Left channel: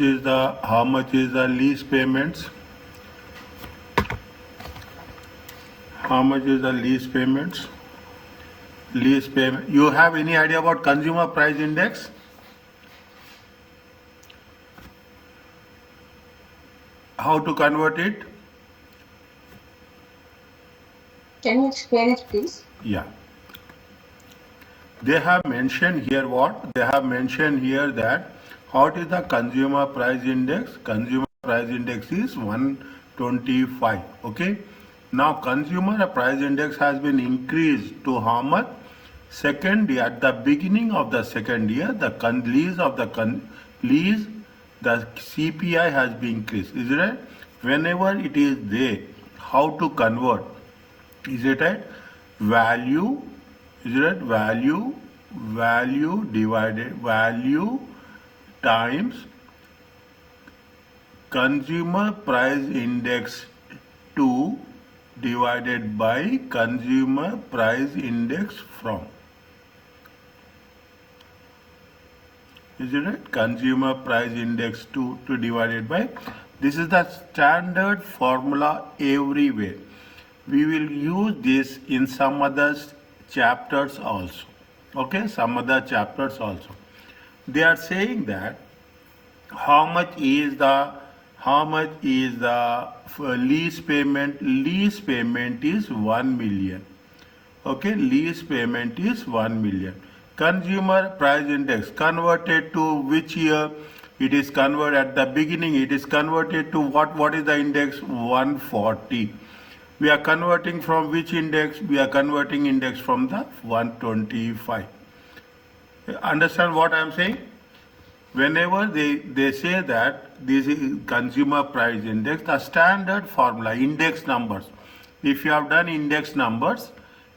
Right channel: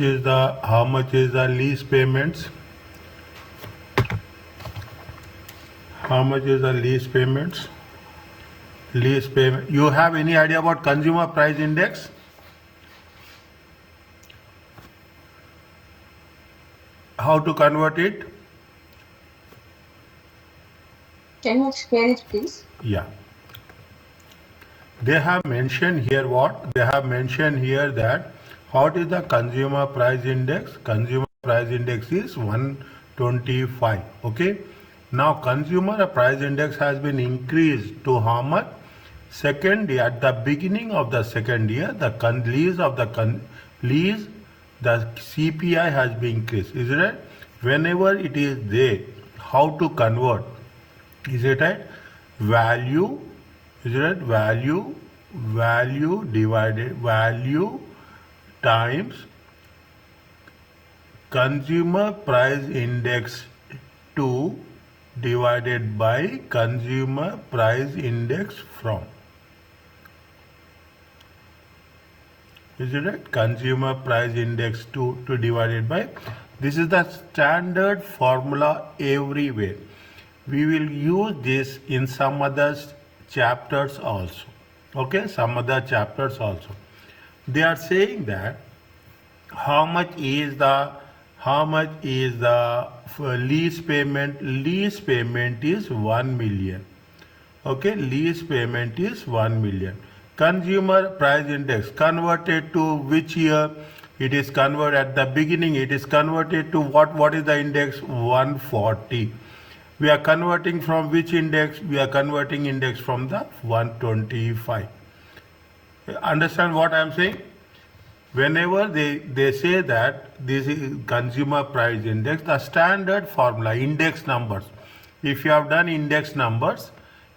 much is the lease payments? How much is the lease payments? Lease payment. You have any idea about consumer price index? How to convert it? Can you explain it, please? Yeah. They have mentioned here what? They have mentioned here that what is the consumer price index? Consumer price index is 125. Okay. Now consumer price index has been increased to how much? Second year, at the beginning of the second year, the CPI has been increased. Is it right? Whenever it is there, how to convert? Is it right? Value, is it right? Value divided, value times consumer price index 2 divided by consumer price index from. Is it right? Consumer price index 2 divided by. This is the standard formula everywhere. We will use this in some other chapters also. Okay, some other chapters also. They are saying that how much is the lease payment? Lease payment is 1 million. Okay, lease payment is 1 million. Consumer price index converted to which year? It is converted at the beginning. It is converted to what is the index? 140. We are converting from which index? We are converting index from the 125. Understand what I am saying? Whenever they say that this is consumer price index, the standard formula, index numbers. If you have done index numbers,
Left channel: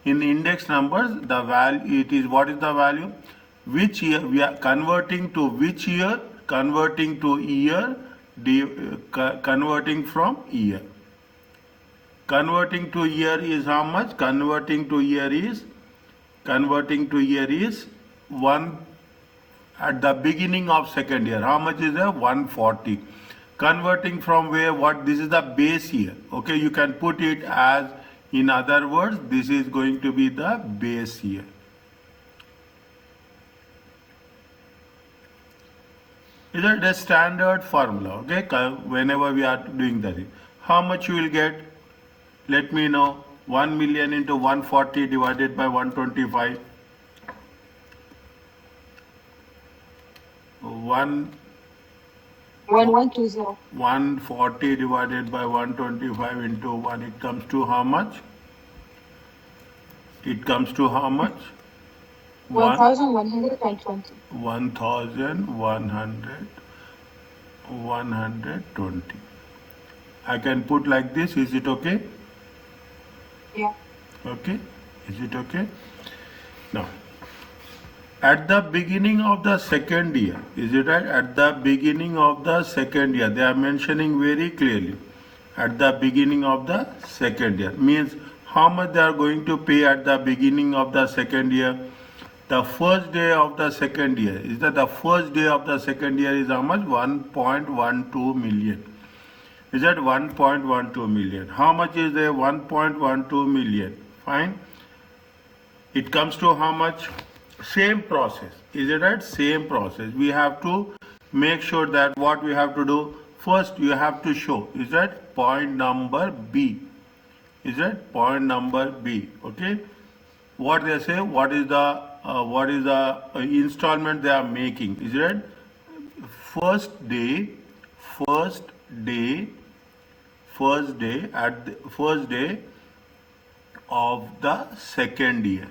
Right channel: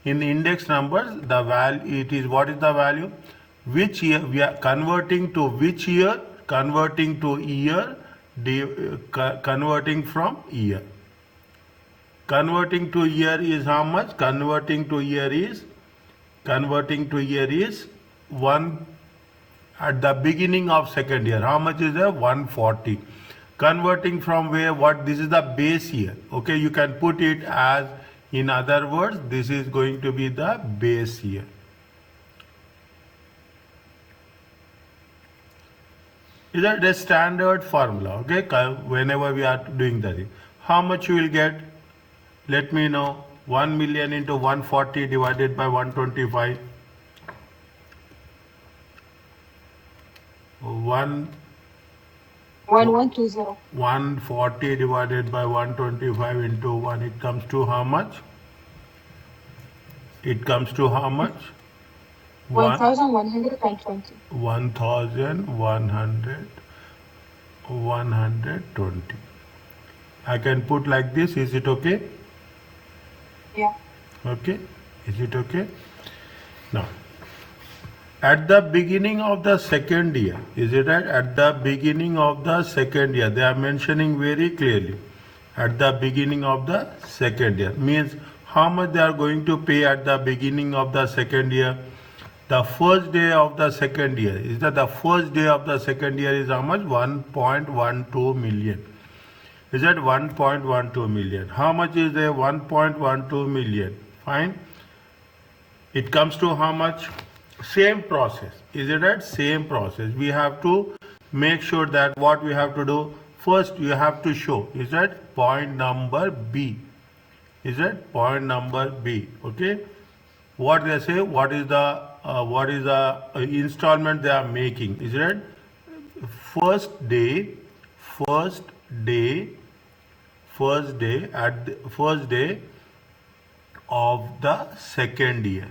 in index numbers, the value, it is what is the value? Which year we are converting to which year? Converting to year, converting from year. Converting to year is how much? Converting to year is 1 at the beginning of second year. How much is there? 140. Converting from where? What? This is the base year. Okay, you can put it as, in other words, this is going to be the base year. Is that the standard formula? Okay, whenever we are doing that. How much you will get? Let me know. 1 million into 140 divided by 125. 1120. 140 divided by 125 into 1. It comes to how much? It comes to how much? 1120. 120. I can put like this. Is it okay? Yeah. Okay. Is it okay? Now, at the beginning of the second year, is it right? At the beginning of the second year, they are mentioning very clearly. At the beginning of the second year means how much they are going to pay at the beginning of the second year. The first day of the second year, is that the first day of the second year is how much? 1.12 million. Is that 1.12 million? How much is there? 1.12 million. Fine. It comes to how much? Same process. Is it right? Same process. We have to make sure that what we have to do, first you have to show, is that point number B. Is that point number B? Okay. What they say, what is the installment they are making? Is it right? First day of the second year.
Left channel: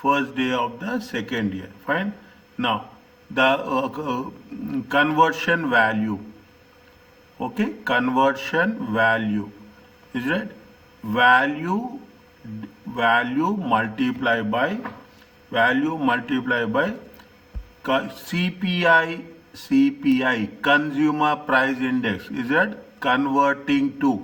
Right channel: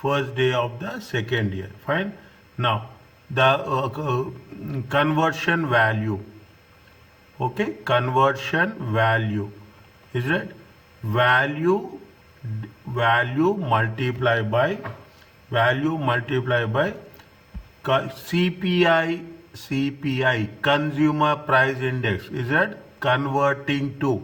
First day of the second year. Fine. Now the conversion value. Okay, conversion value. Is it value multiplied by CPI consumer price index. Is that converting to?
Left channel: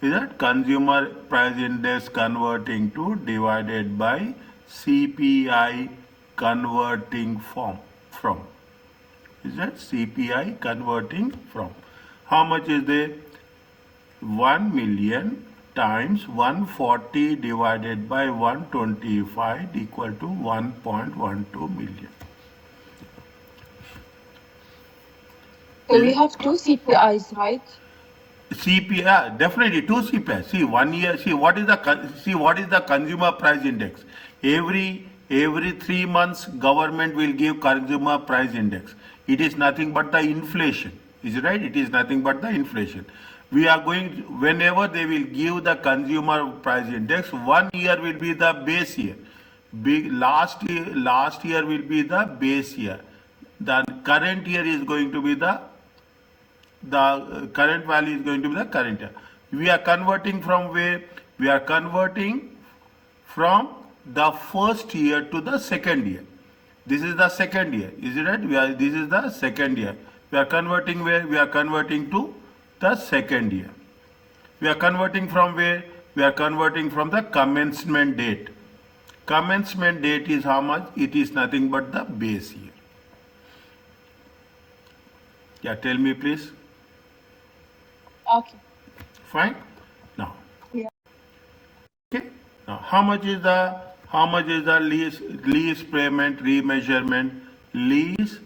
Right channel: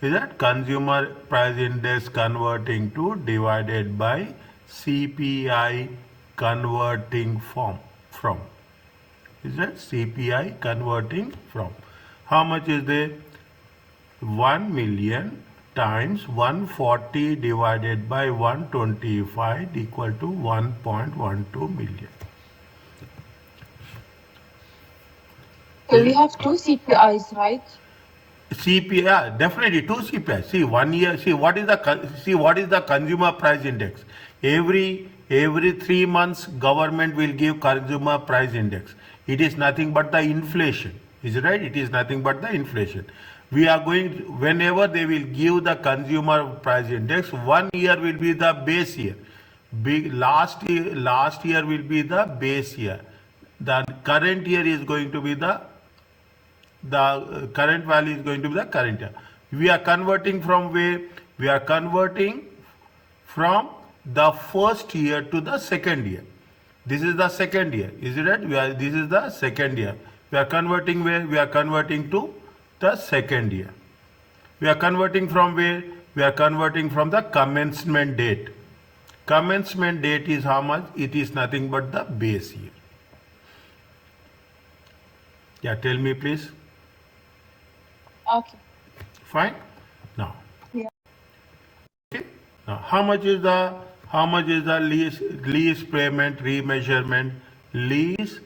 Is that consumer price index converting to divided by CPI converting from. Is that CPI converting from? How much is there? 1 million times 140 divided by 125 equal to 1.12 million. So we have two CPIs, right? CPI, definitely two CPI. See, 1 year. See what is the consumer price index? Every 3 months, government will give consumer price index. It is nothing but the inflation. Is it right? It is nothing but the inflation. We are going whenever they will give the consumer price index. 1 year will be the base year. Last year will be the base year. The current year is going to be the current value is going to be the current year. We are converting from where? We are converting from the first year to the second year. This is the second year. Is it right? This is the second year. We are converting where? We are converting to the second year. We are converting from where? We are converting from the commencement date. Commencement date is how much? It is nothing but the base year. Yeah, tell me please. Okay. Fine. Now. Yeah. Okay. Now, how much is the lease payment remeasurement? Lease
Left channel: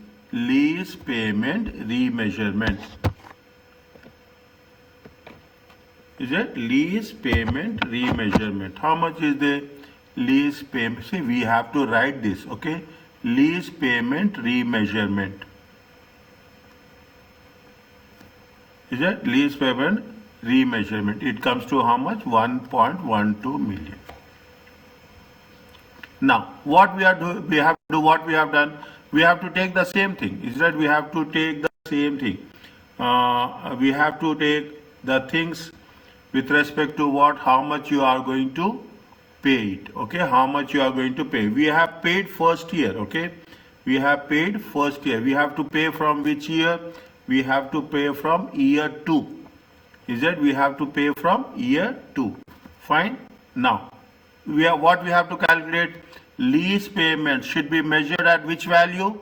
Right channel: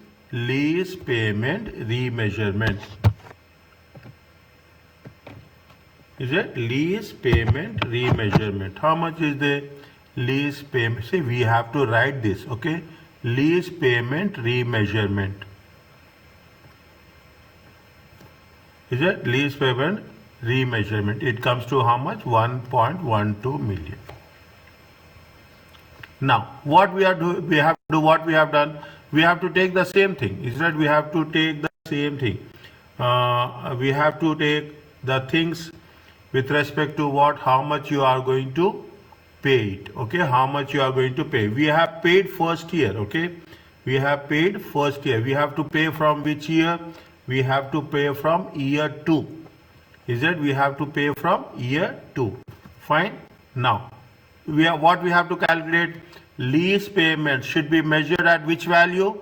payment remeasurement. Is it lease payment remeasurement? How much is the lease payment? See, we have to write this. Okay. Lease payment remeasurement. Is it lease payment remeasurement? It comes to how much? 1.12 million. Now, what we have to do what we have done. We have to take the same thing. Is that we have to take the same thing. We have to take the things with respect to what? How much you are going to pay it. Okay, how much you are going to pay. We have paid first year. Okay, we have paid first year. We have to pay from which year? We have to pay from year 2. Is that we have to pay from year 2. Fine. Now, what we have to calculate? Lease payment should be measured at which value?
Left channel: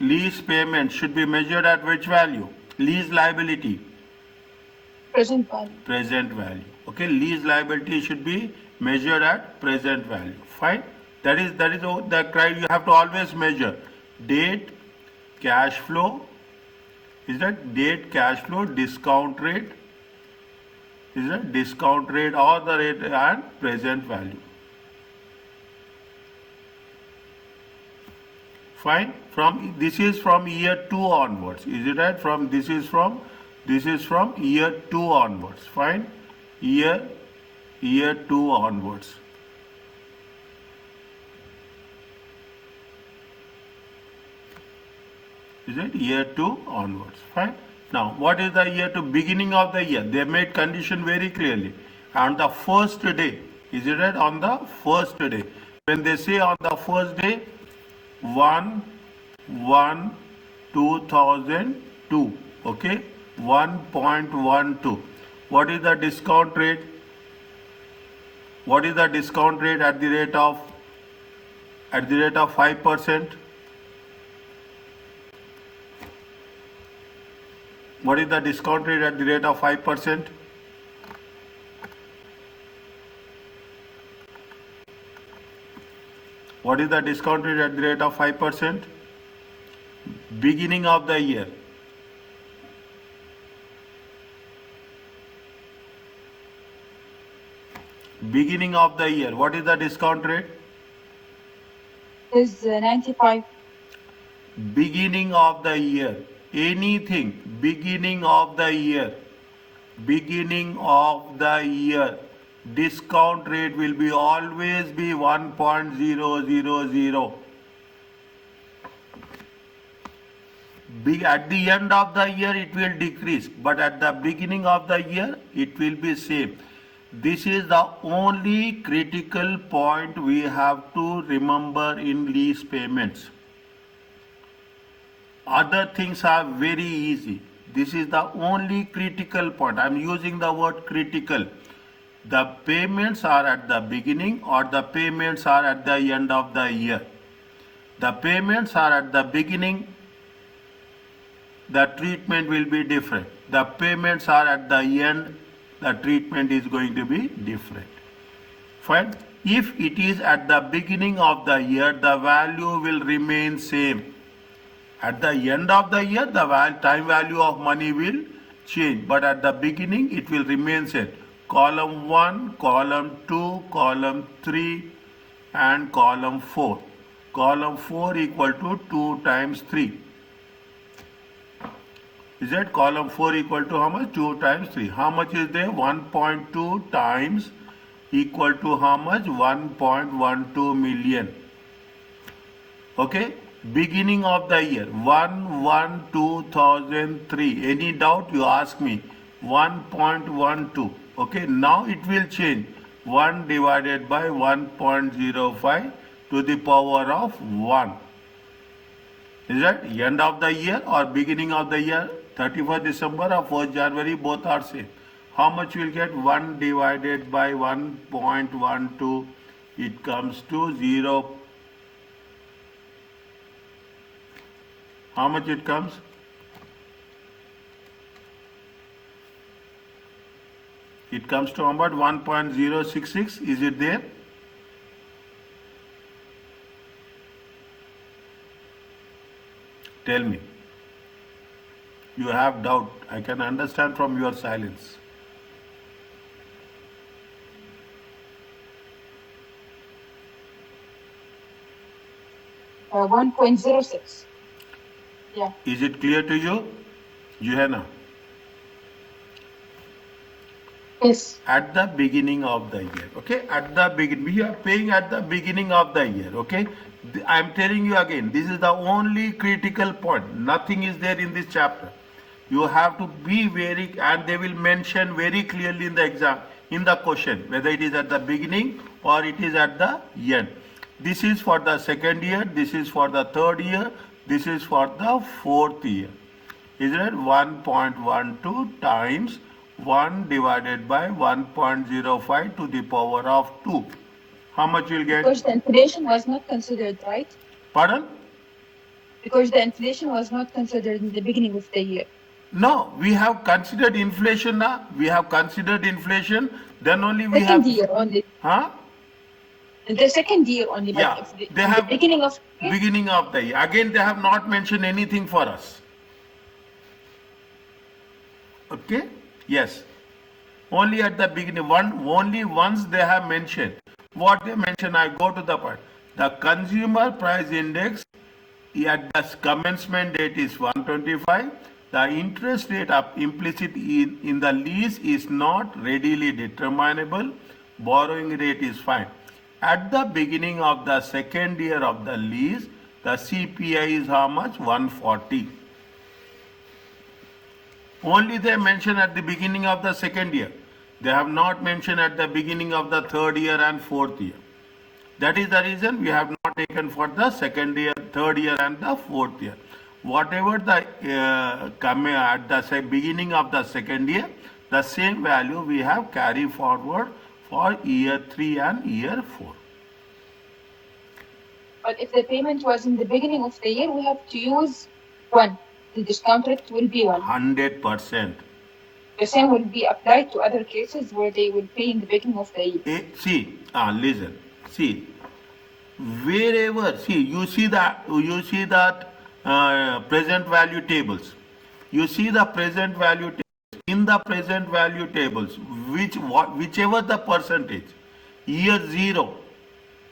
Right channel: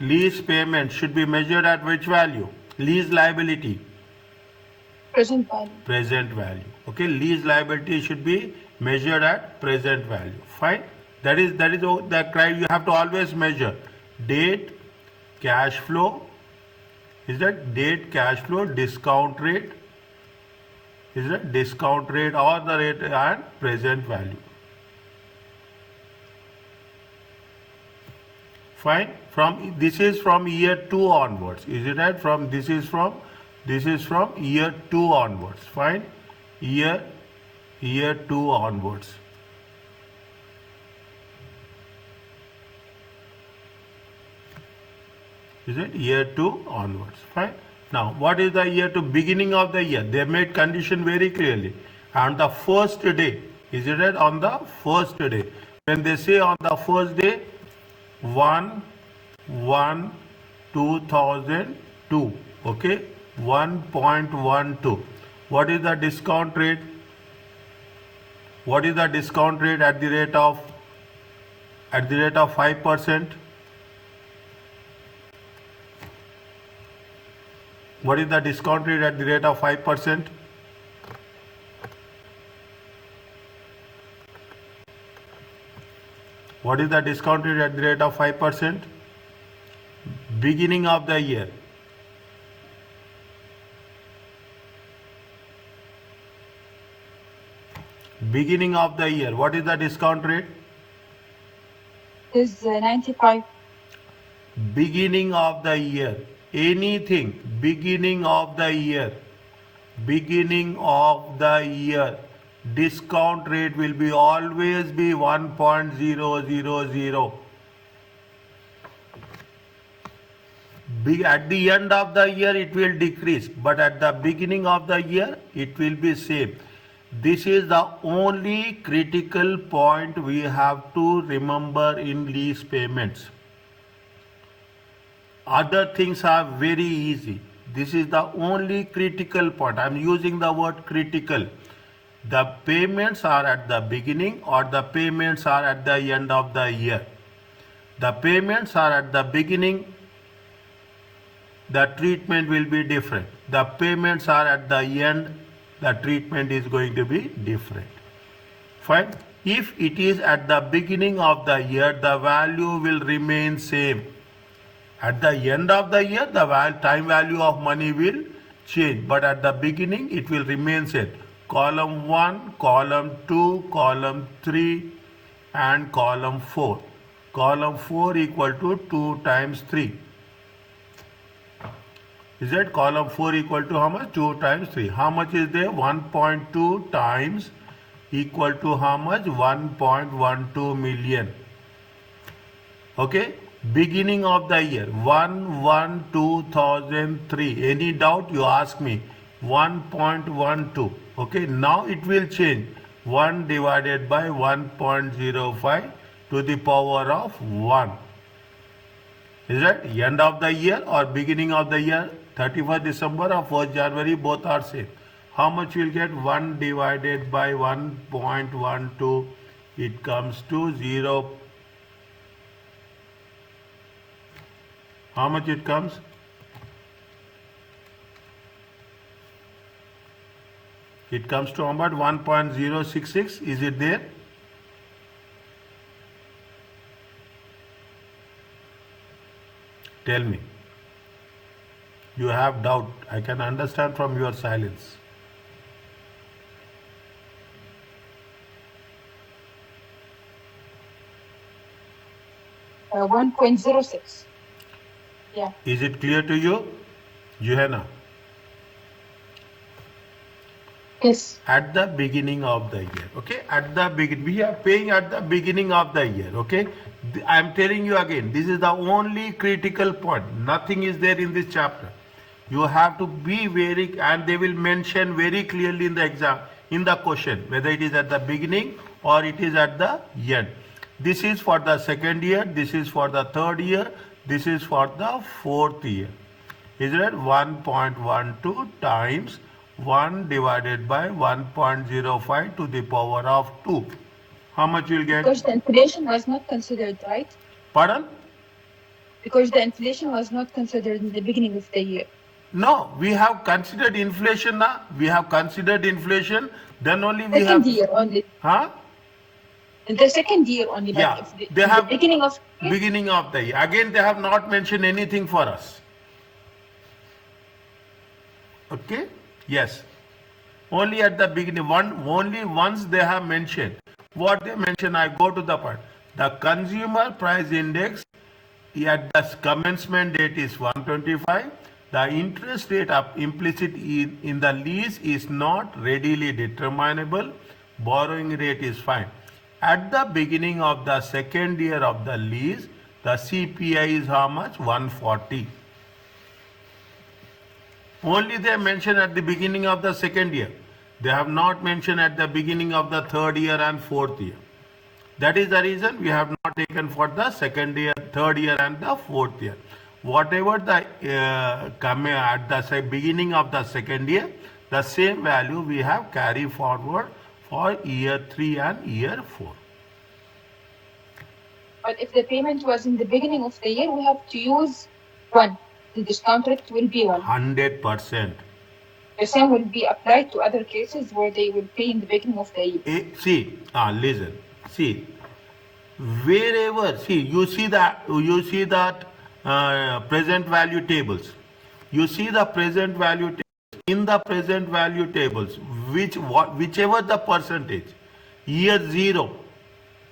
Lease payment should be measured at which value? Lease liability. Present value. Present value. Okay, lease liability should be measured at present value. Fine. That is the criteria you have to always measure. Date, cash flow. Is that date, cash flow, discount rate? Is that discount rate or the rate and present value? Fine. This is from year 2 onwards. Is it right? This is from year 2 onwards. Fine. Year 2 onwards. Is it year 2 onwards? Fine. Now, what is the year 2? Beginning of the year. They made condition very clearly. On the first day. Is it right? On the first day. When they say on the first day, 1/1/2002. Okay. 1.12. What is the discount rate? What is the discount rate at the rate of 5%? What is the discount rate at the rate of 5%? What is the discount rate at the rate of 5%? Beginning of the year. Beginning of the year. What is the discount rate? Is 95. Beginning of the year. Anything. Beginning of the year. Beginning of the year. Discount rate will be always be 1.000. At the end of the year it will decrease, but at the beginning of the year it will be same. This is the only critical point we have to remember in lease payments. Other things are very easy. This is the only critical point. I am using the word critical. the payments are at the beginning or the payments are at the end of the year. The payments are at the beginning, the treatment will be different. The payments are at the end, the treatment is going to be different. Fine. If it is at the beginning of the year, the value will remain same. At the end of the year, the time value of money will change, but at the beginning it will remain same. Column 1, column 2, column 3 and column 4. Column 4 equal to 2 times 3. Is that column 4 equal to how much? 2 times 3. How much is there? 1.2 times equal to how much? 1.12 million. Okay. Beginning of the year 1/1/2003. Any doubt you ask me? 1.12. Okay. Now it will change. 1 divided by 1.05 to the power of 1. Is that end of the year or beginning of the year? 31st December or 1st January, both are same. How much will get? 1 divided by 1.12, it comes to 0. How much it comes? It comes to about 1.066. Is it there? Tell me. You have doubt. I can understand from your silence. Uh, 1.06. Yeah. Is it clear to you, Johanna? Yes. At the beginning of the year, okay? At the beginning, we are paying at the beginning of the year, okay? I am telling you again, this is the only critical point. Nothing is there in this chapter. You have to be very, and they will mention very clearly in the exam, in the question, whether it is at the beginning or it is at the end. This is for the second year, this is for the third year, this is for the fourth year. Is it 1.12 times 1 divided by 1.05 to the power of 2. How much you will get? Because the inflation was not considered, right? Pardon? Because the inflation was not considered in the beginning of the year. No, we have considered inflation now. We have considered inflation. Then only we Second have. year only. Huh? In the second year only. Yeah. But if They in have the beginning of the year, beginning of the year. Again, they have not mentioned anything for us. Okay? Yes. Only at the beginning. Only once they have mentioned. What they mention, I go to the part. The consumer price index at the commencement date is 125. The interest rate of implicit in the lease is not readily determinable. Borrowing rate is fine. At the beginning of the second year of the lease, the CPI is how much? 140. Only they mention at the beginning of the second year. They have not mentioned at the beginning of the third year and fourth year. That is the reason we have not taken for the second year, third year and the fourth year. Whatever the at the beginning of the second year, the same value we have carry forward for year 3 and year 4. but if the payment was in the beginning of the year, we have to use 1. The discount rate will be 1. 100%. The same will be applied to other cases where they will pay in the beginning of the year. Listen. See, wherever you see that present value tables. You see the present value tables. In the present value tables, whichever the percentage, year 0,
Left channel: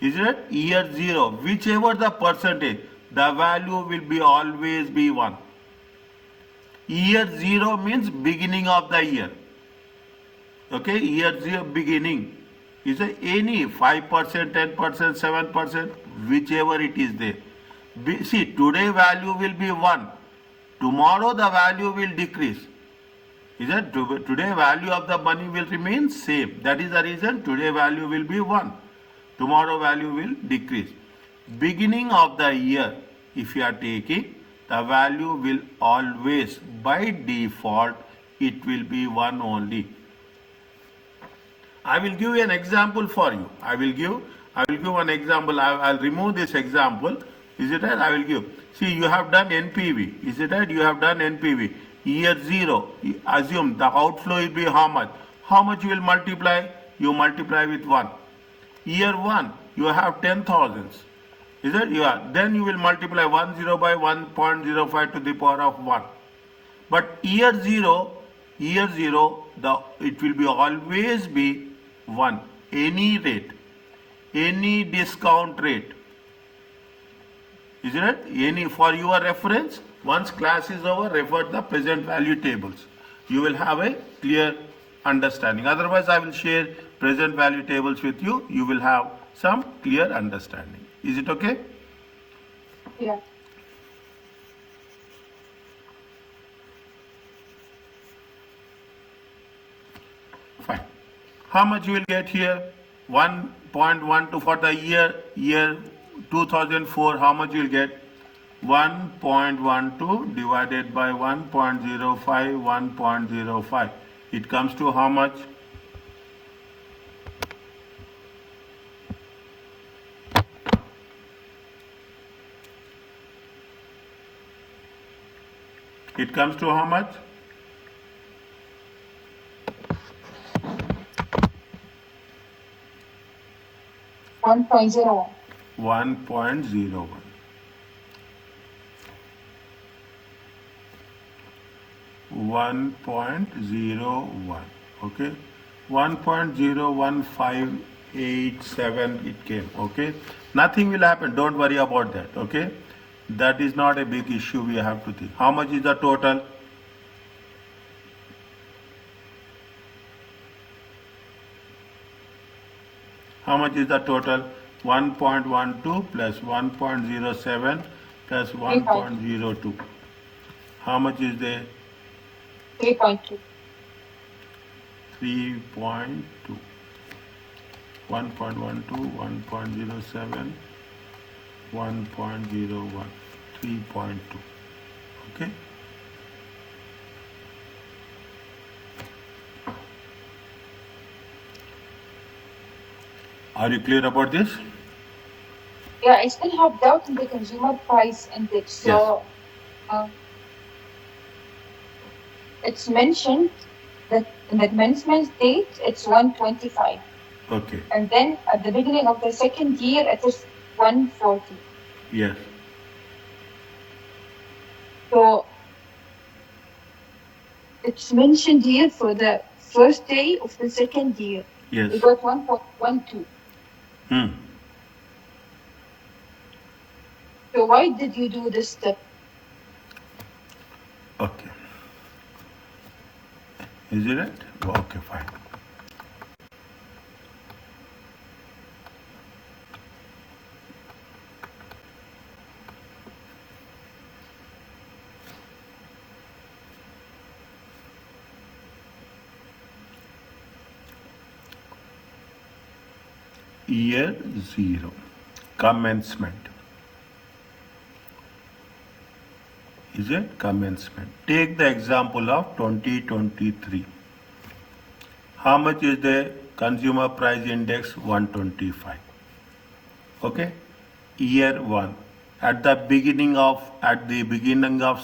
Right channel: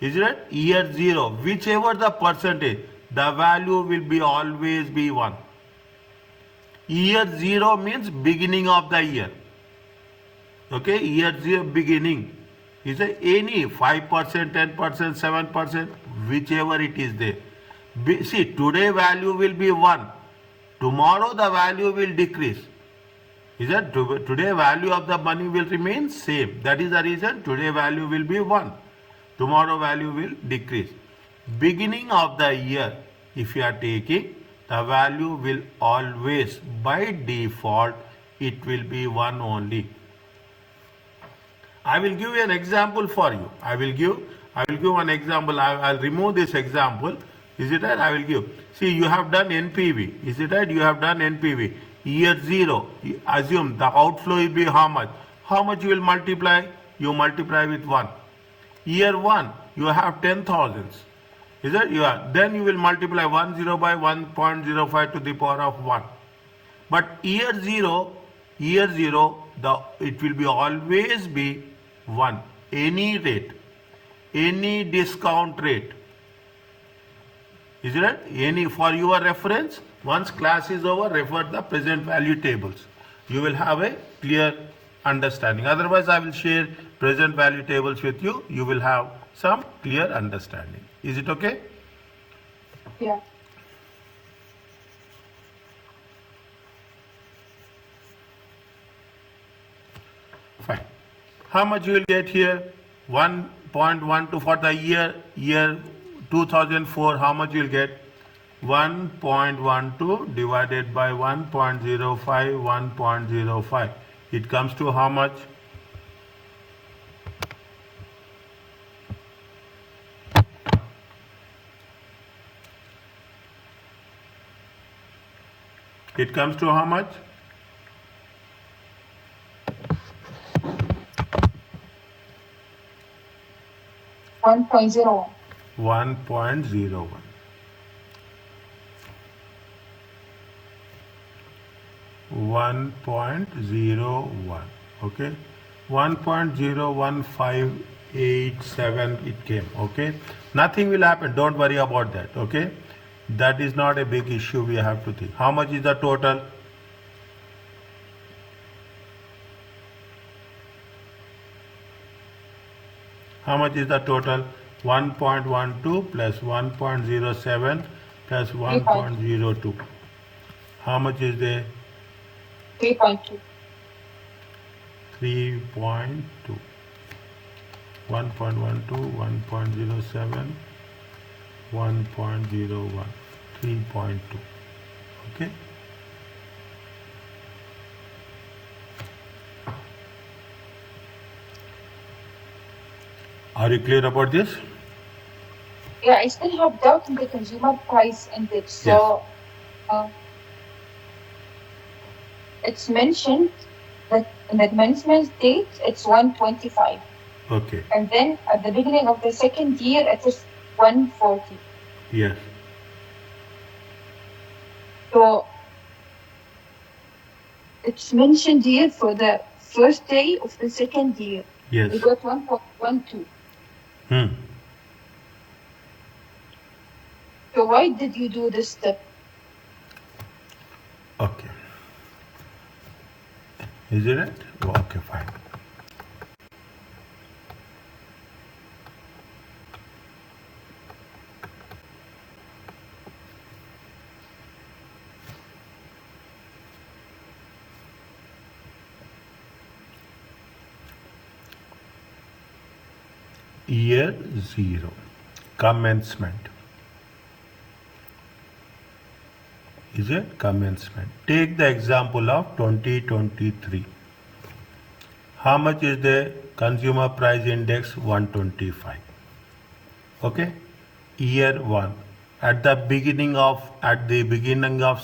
is it? Year 0, whichever the percentage, the value will be always be 1. Year 0 means beginning of the year. Okay, year 0 beginning. Is it any 5%, 10%, 7%, whichever it is there. See, today value will be 1. Tomorrow the value will decrease. Is that today value of the money will remain same. That is the reason today value will be 1. Tomorrow value will decrease. Beginning of the year, if you are taking, the value will always, by default, it will be 1 only. I will give you an example for you. I will give an example. I'll remove this example. Is it right? I will give. See, you have done NPV. Is it right? You have done NPV. Year 0, assume the outflow will be how much? How much you will multiply? You multiply with 1. Year 1, you have 10,000. Is it? Then you will multiply 10 by 1.05 to the power of 1. But year 0, it will be always be 1. Any rate, any discount rate. Is it right? For your reference, once class is over, refer the present value tables. You will have a clear understanding. Otherwise, I will share present value tables with you. You will have some clear understanding. Is it okay? Yeah. Fine. How much you will get here? 1.12 for the year 2004. How much you will get? 1.12 divided by 1.05, 1.05. It comes to how much? It comes to how much? $1.01. 1.01. 1.01. Okay. 1.01587 it came. Okay. Nothing will happen. Don't worry about that. Okay. That is not a big issue we have to think. How much is the total? How much is the total? 1.12 plus 1.07 plus 1.02. How much is there? 3.2. 3.2. 1.12, 1.07, 1.01, 3.2. Okay. Are you clear about this? Yeah, I still have doubt in the consumer price index. So it's mentioned that in the commencement date it's 125. Okay. And then at the beginning of the second year it is 140. Yes. So it's mentioned here for the first day of the second year. Yes. We got 1.12. So why did you do this step? Okay. Is it right? Okay, fine. Year 0, commencement. Is it commencement? Take the example of 2023. How much is the consumer price index? 125. Okay. Year 1. At the beginning of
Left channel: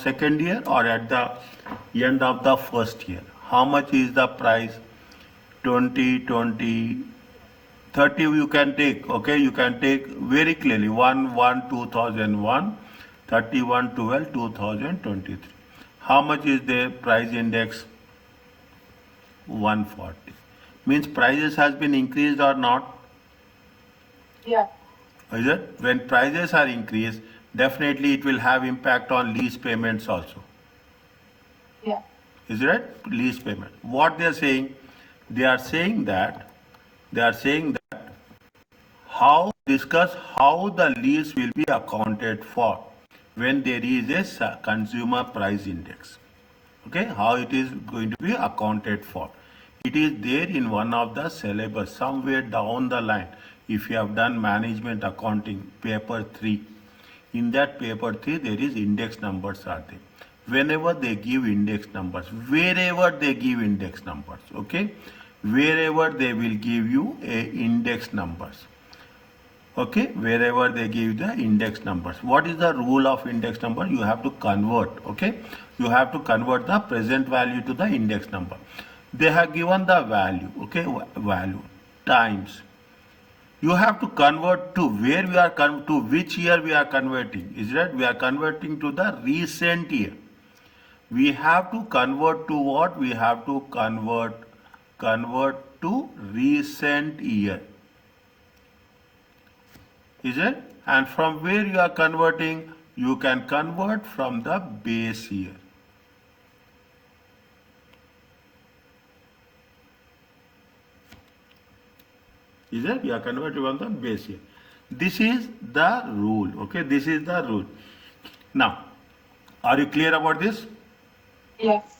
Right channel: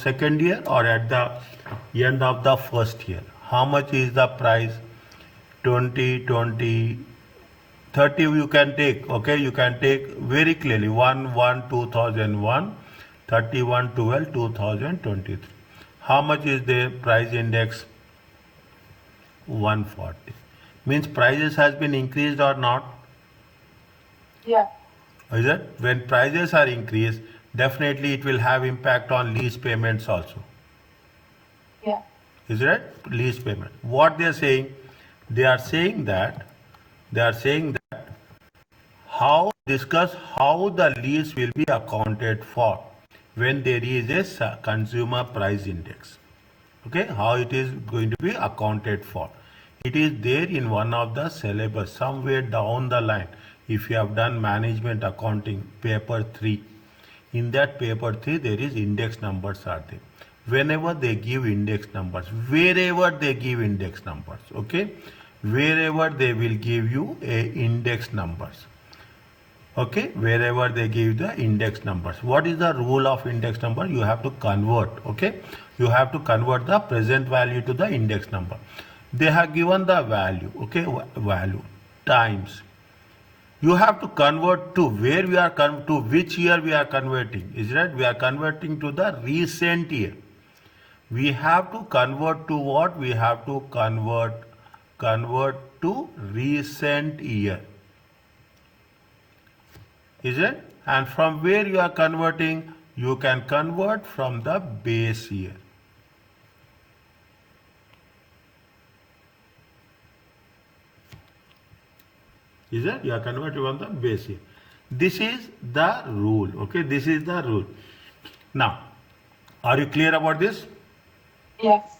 second year or at the end of the first year? How much is the price? 2020. 30 you can take. Okay, you can take very clearly. 1/1/2001, 31/12/2023. How much is the price index? 140. Means prices has been increased or not? Yeah. Is it? When prices are increased, definitely it will have impact on lease payments also. Yeah. Is it right? Lease payment. What they are saying? They are saying that discuss how the lease will be accounted for when there is a consumer price index. Okay, how it is going to be accounted for. It is there in one of the syllabus somewhere down the line. If you have done management accounting paper 3, in that paper 3 there is index numbers are there. Whenever they give index numbers, wherever they give index numbers, okay, wherever they will give you a index numbers. Okay, wherever they give the index numbers. What is the rule of index number? You have to convert. Okay, you have to convert the present value to the index number. They have given the value. Okay, value times. You have to convert to where we are to which year we are converting. Is that we are converting to the recent year. We have to convert to what? We have to convert to recent year. Is it? And from where you are converting? You can convert from the base year. Is it? You are converting from the base year. This is the rule. Okay, this is the rule. Now, are you clear about this? Yes.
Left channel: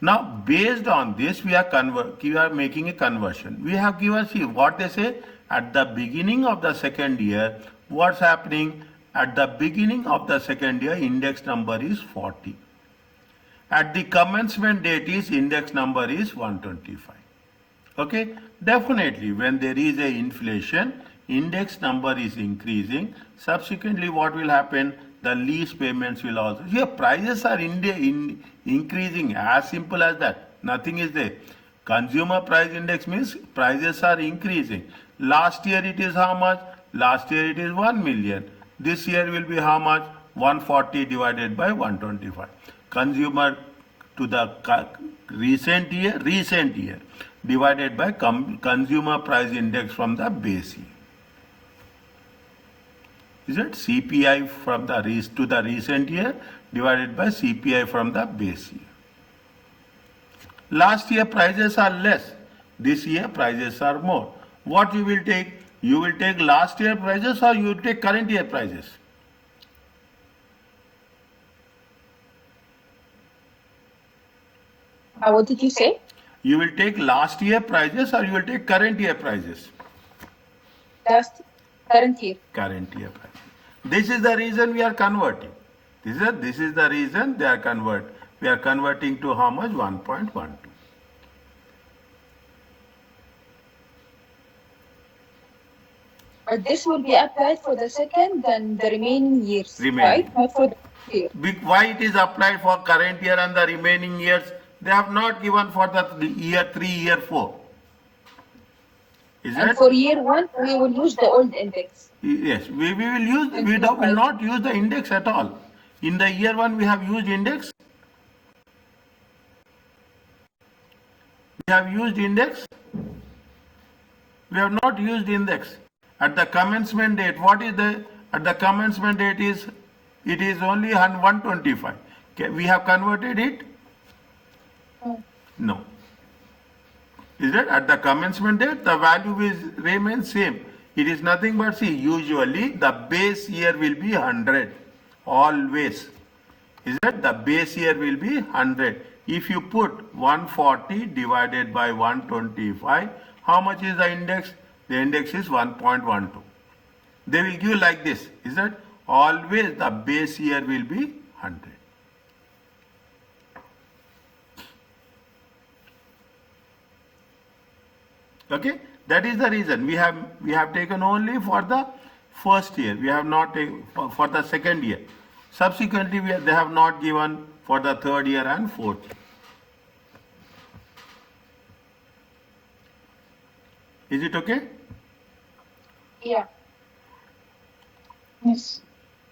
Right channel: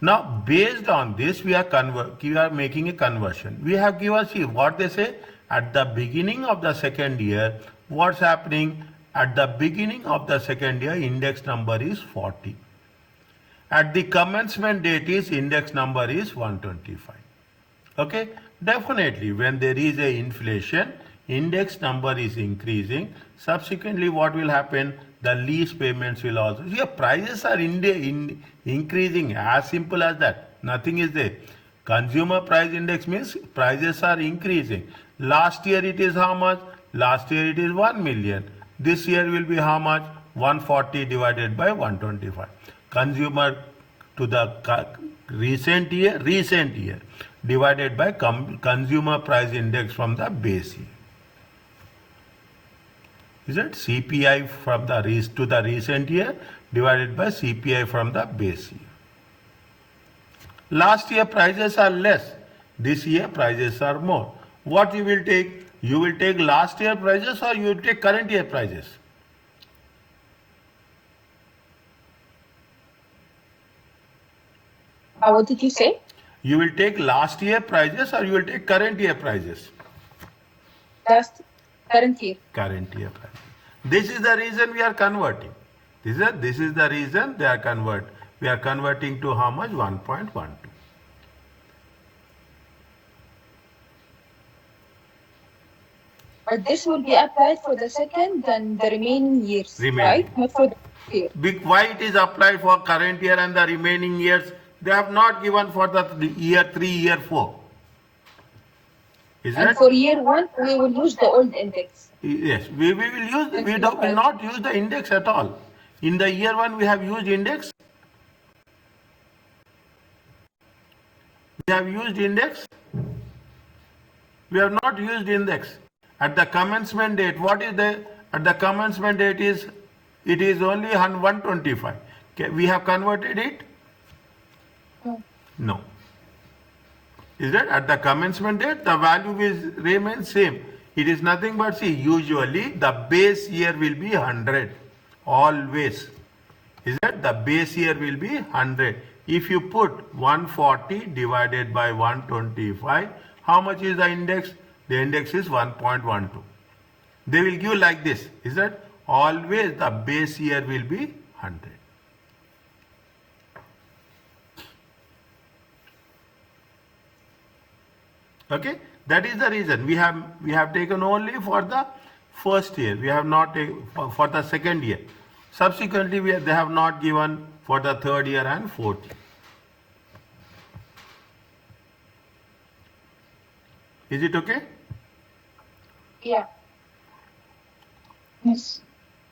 Now based on this, we are making a conversion. We have given, see what they say at the beginning of the second year. What's happening at the beginning of the second year? Index number is 40. At the commencement date is index number is 125. Okay, definitely when there is a inflation, index number is increasing. Subsequently, what will happen? The lease payments will also. Here, prices are increasing, as simple as that. Nothing is there. Consumer price index means prices are increasing. Last year it is how much? Last year it is 1 million. This year will be how much? 140 divided by 125. Consumer to the recent year divided by consumer price index from the base year. Is it? CPI from the to the recent year divided by CPI from the base year. Last year prices are less. This year prices are more. What you will take? You will take last year prices or you will take current year prices? What did you say? You will take last year prices or you will take current year prices? Current year. Current year prices. This is the reason we are converting. This is the reason they are converting. We are converting to how much? 1.12. But this will be applied for the second and the remaining years, right? Not for the year. Why it is applied for current year and the remaining years? They have not given for the year 3, year 4. And for year 1, we will use the old index. Yes, we will use. We will not use the index at all. In the year 1, we have used index. We have used index. We have not used index. At the commencement date, what is the, at the commencement date is, it is only 125. Okay, we have converted it? No. Is that at the commencement date, the value will remain same. It is nothing but, see, usually the base year will be 100. Always. Is that the base year will be 100. If you put 140 divided by 125, how much is the index? The index is 1.12. They will give like this. Is that always the base year will be 100. Okay, that is the reason we have taken only for the first year. We have not taken for the second year. Subsequently, they have not given for the third year and fourth year. Is it okay? Yeah. Yes.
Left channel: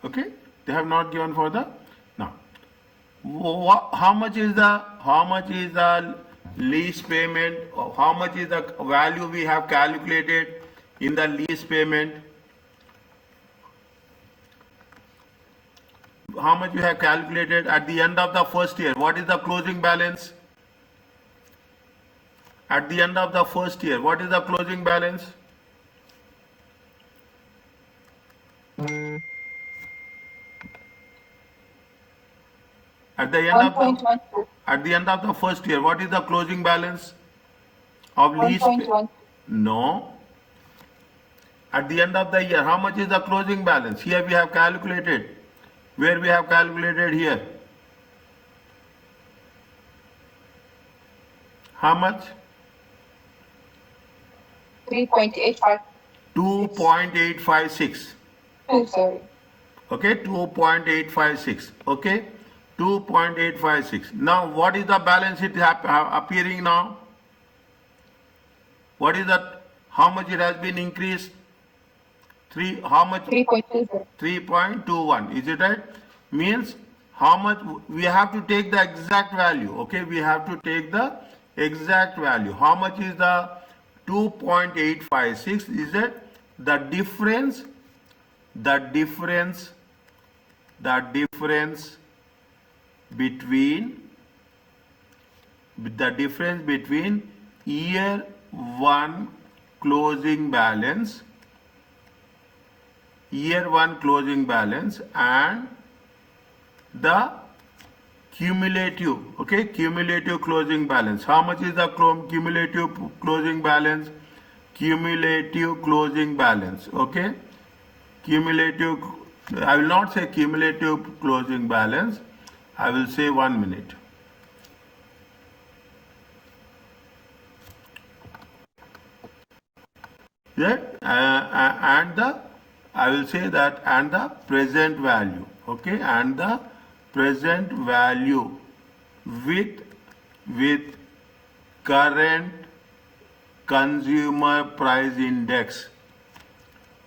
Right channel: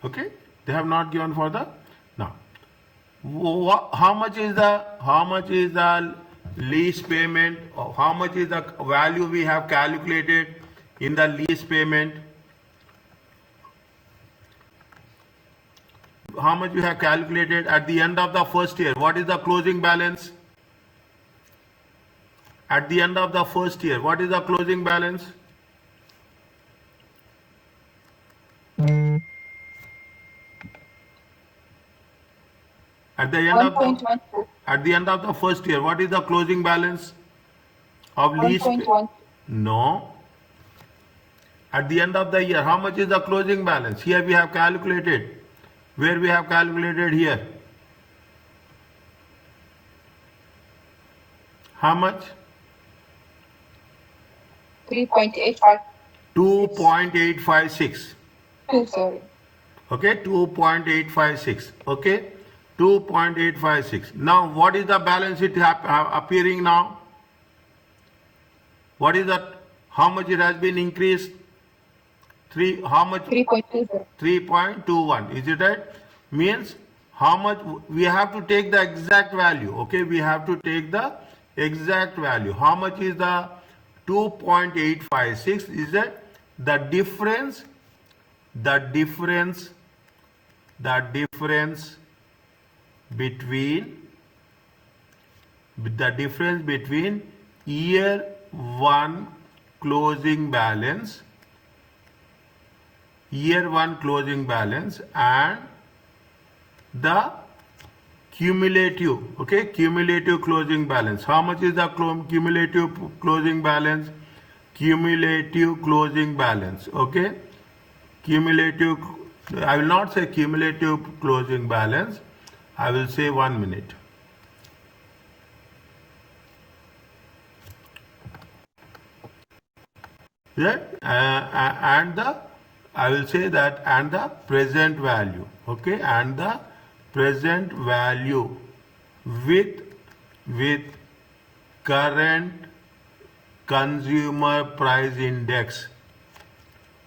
Okay, they have not given for the now. How much is the lease payment? How much is the value we have calculated in the lease payment? How much you have calculated at the end of the first year? What is the closing balance? At the end of the first year, what is the closing balance? At the end 1.12. At the end of the first year, what is the closing balance of lease? 1.1. No. At the end of the year, how much is the closing balance? Here we have calculated. Where we have calculated here? How much? 3.85. 2.856. 2, sorry. Okay, 2.856. Okay, 2.856. Now, what is the balance sheet appearing now? What is that? How much it has been increased? How much? 3.20. 3.21. Is it right? Means how much we have to take the exact value. Okay, we have to take the exact value. How much is the 2.856? Is it the difference? The difference between year 1 closing balance and the cumulative, okay, cumulative closing balance. How much is the cumulative closing balance? Cumulative closing balance, okay. Cumulative, I will not say cumulative closing balance, I will say 1 minute. Yeah, and the, I will say that, and the present value, okay, and the present value with current consumer price index.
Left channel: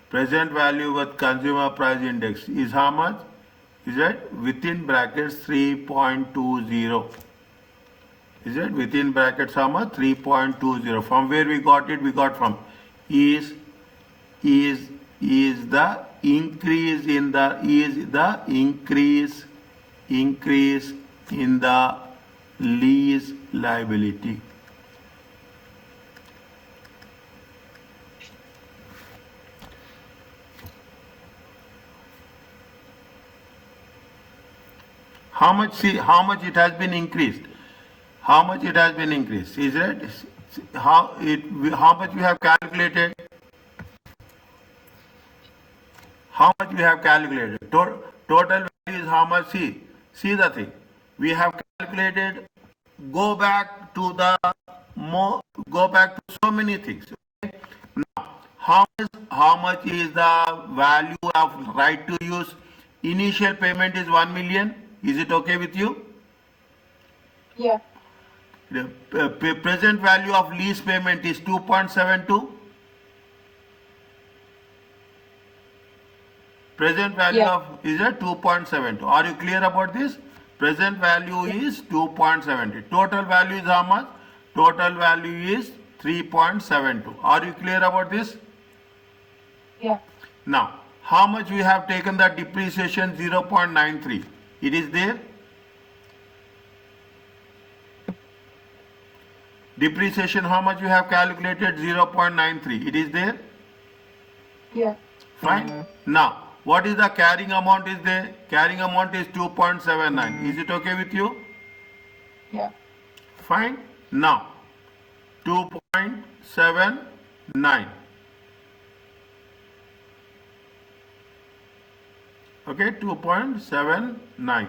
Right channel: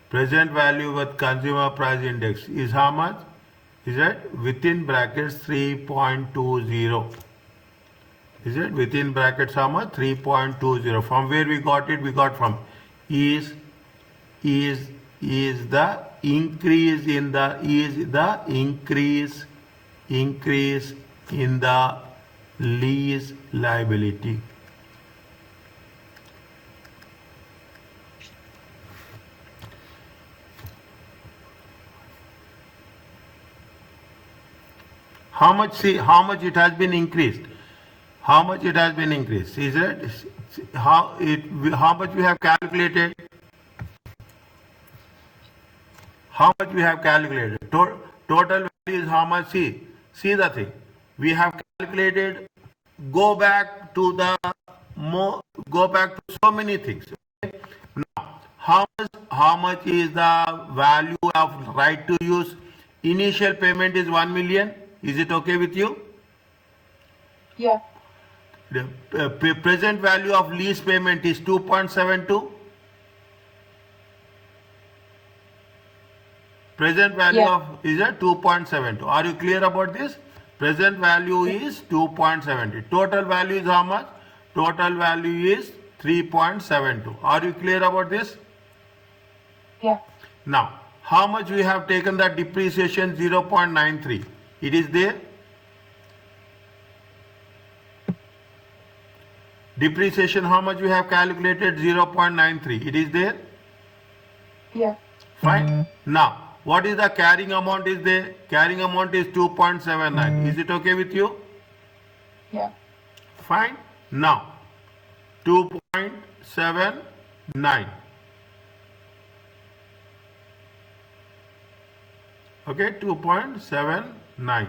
Present value with consumer price index is how much? Is it within brackets 3.20? Is it within brackets how much? 3.20. From where we got it? We got from is the increase in the increase in the lease liability. How much? See how much it has been increased. How much it has been increased? Is it how much we have calculated? How much we have calculated? Total value is how much? See the thing. We have calculated. Go back to so many things. Okay? Now, how much is the value of right to use? Initial payment is 1 million. Is it okay with you? Yeah. The present value of lease payment is 2.72. Present value of is a 2.72. Are you clear about this? Present value is 2.70. Total value is how much? Total value is 3.72. Are you clear about this? Yeah. Now, how much we have taken the depreciation? 0.93. It is there. Depreciation, how much we have calculated? 0.93. It is there. Yeah. Fine. Now, what is the carrying amount is there? Carrying amount is 2.79. Is it okay with you? Yeah. Fine. Now, 2.79. Okay, 2.79.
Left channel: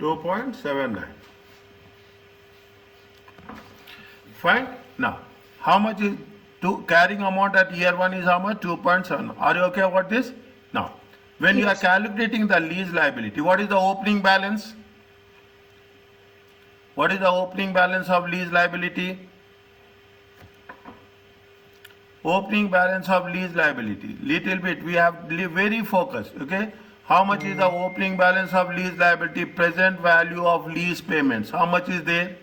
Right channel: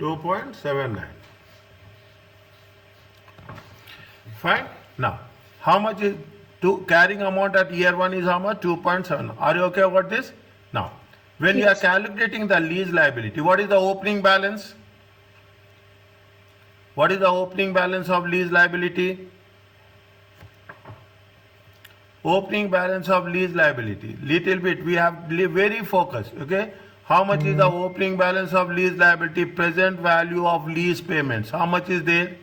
$2.79. Fine. Now, how much is carrying amount at year 1 is how much? 2.7. Are you okay about this? Now, when you are calculating the lease liability, what is the opening balance? What is the opening balance of lease liability? Opening balance of lease liability. Little bit we have very focused. Okay. How much is the opening balance of lease liability? Present value of lease payments. How much is there?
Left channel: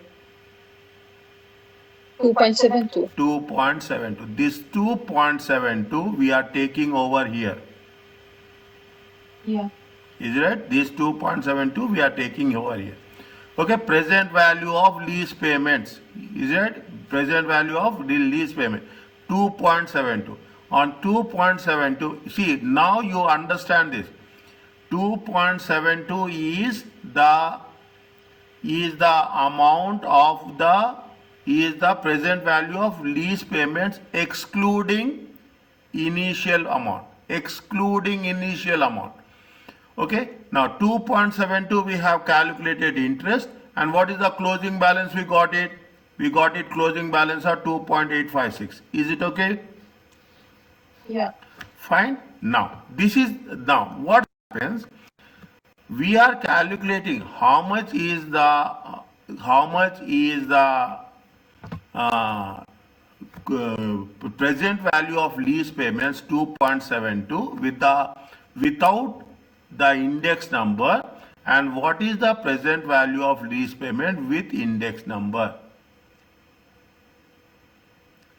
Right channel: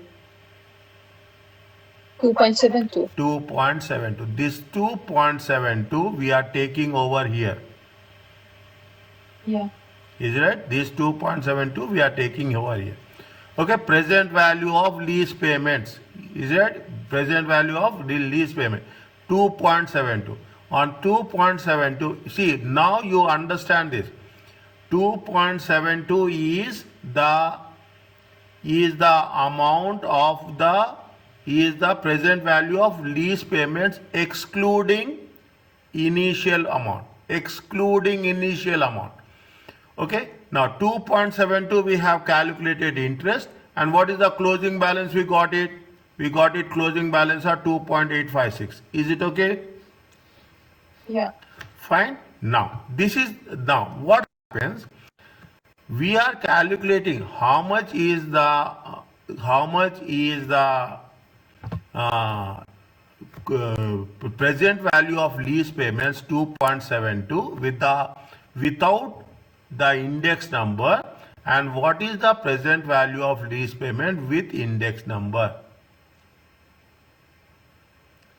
2.72. 2.72. This 2.72 we are taking over here. Yeah. Is it right? This 2.72 we are taking over here. Okay. Present value of lease payments. Is it? Present value of the lease payment. 2.72. On 2.72, see now you understand this. 2.72 is the is the amount of the present value of lease payments excluding initial amount. Okay. Now 2.72 we have calculated interest, and what is the closing balance we got it? We got it closing balance of 2.856. Is it okay? Yeah. Fine. Now what happens? We are calculating how much is the present value of lease payments 2.72 without the index number, and what is the present value of lease payment with index number.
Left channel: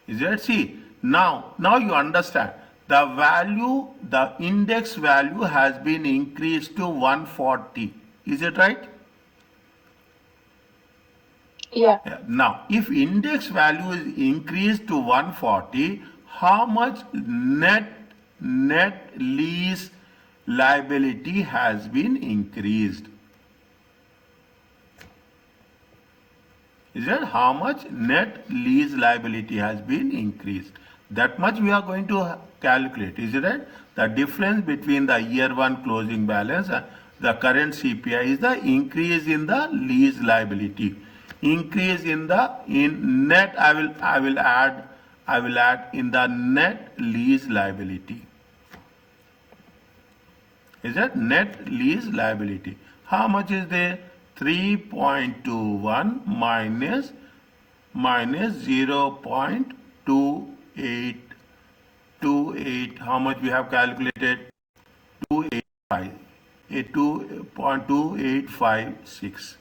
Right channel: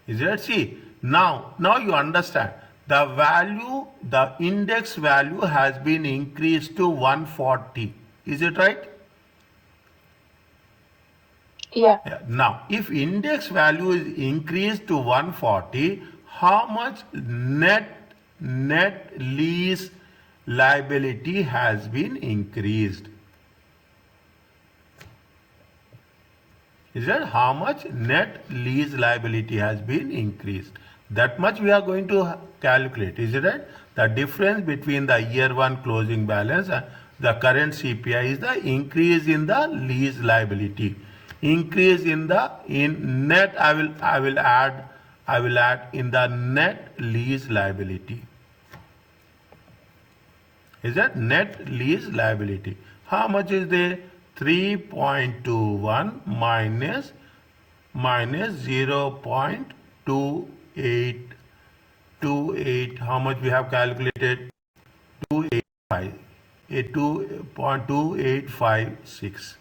Is it? See, now you understand. The index value has been increased to 140. Is it right? Yeah. Now, if index value is increased to 140, how much net lease liability has been increased? Is that how much net lease liability has been increased? That much we are going to calculate. Is it right? The difference between the year 1 closing balance and the current CPI is the increase in the lease liability. Increase in net, I will add in the net lease liability. Is that net lease liability? How much is there? 3.21 minus 0.2828. How much we have calculated? 285. 2.2856.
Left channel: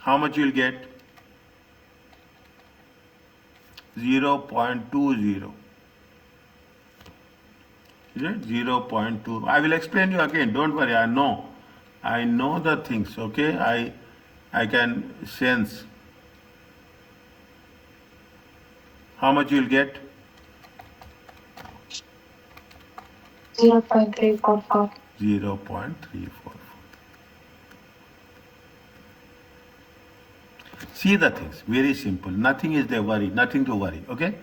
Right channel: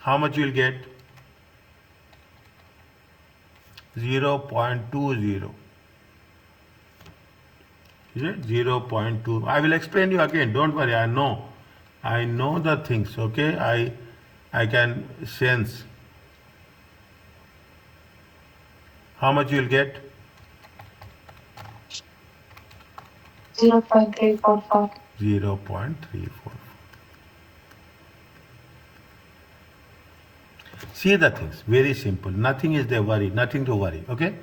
How much you will get? 0.20. Is it 0.2? I will explain you again. Don't worry. I know the things. Okay. I can sense. How much you will get? 0.344. 0.344. See the things, very simple. Nothing is there nothing to worry. Okay.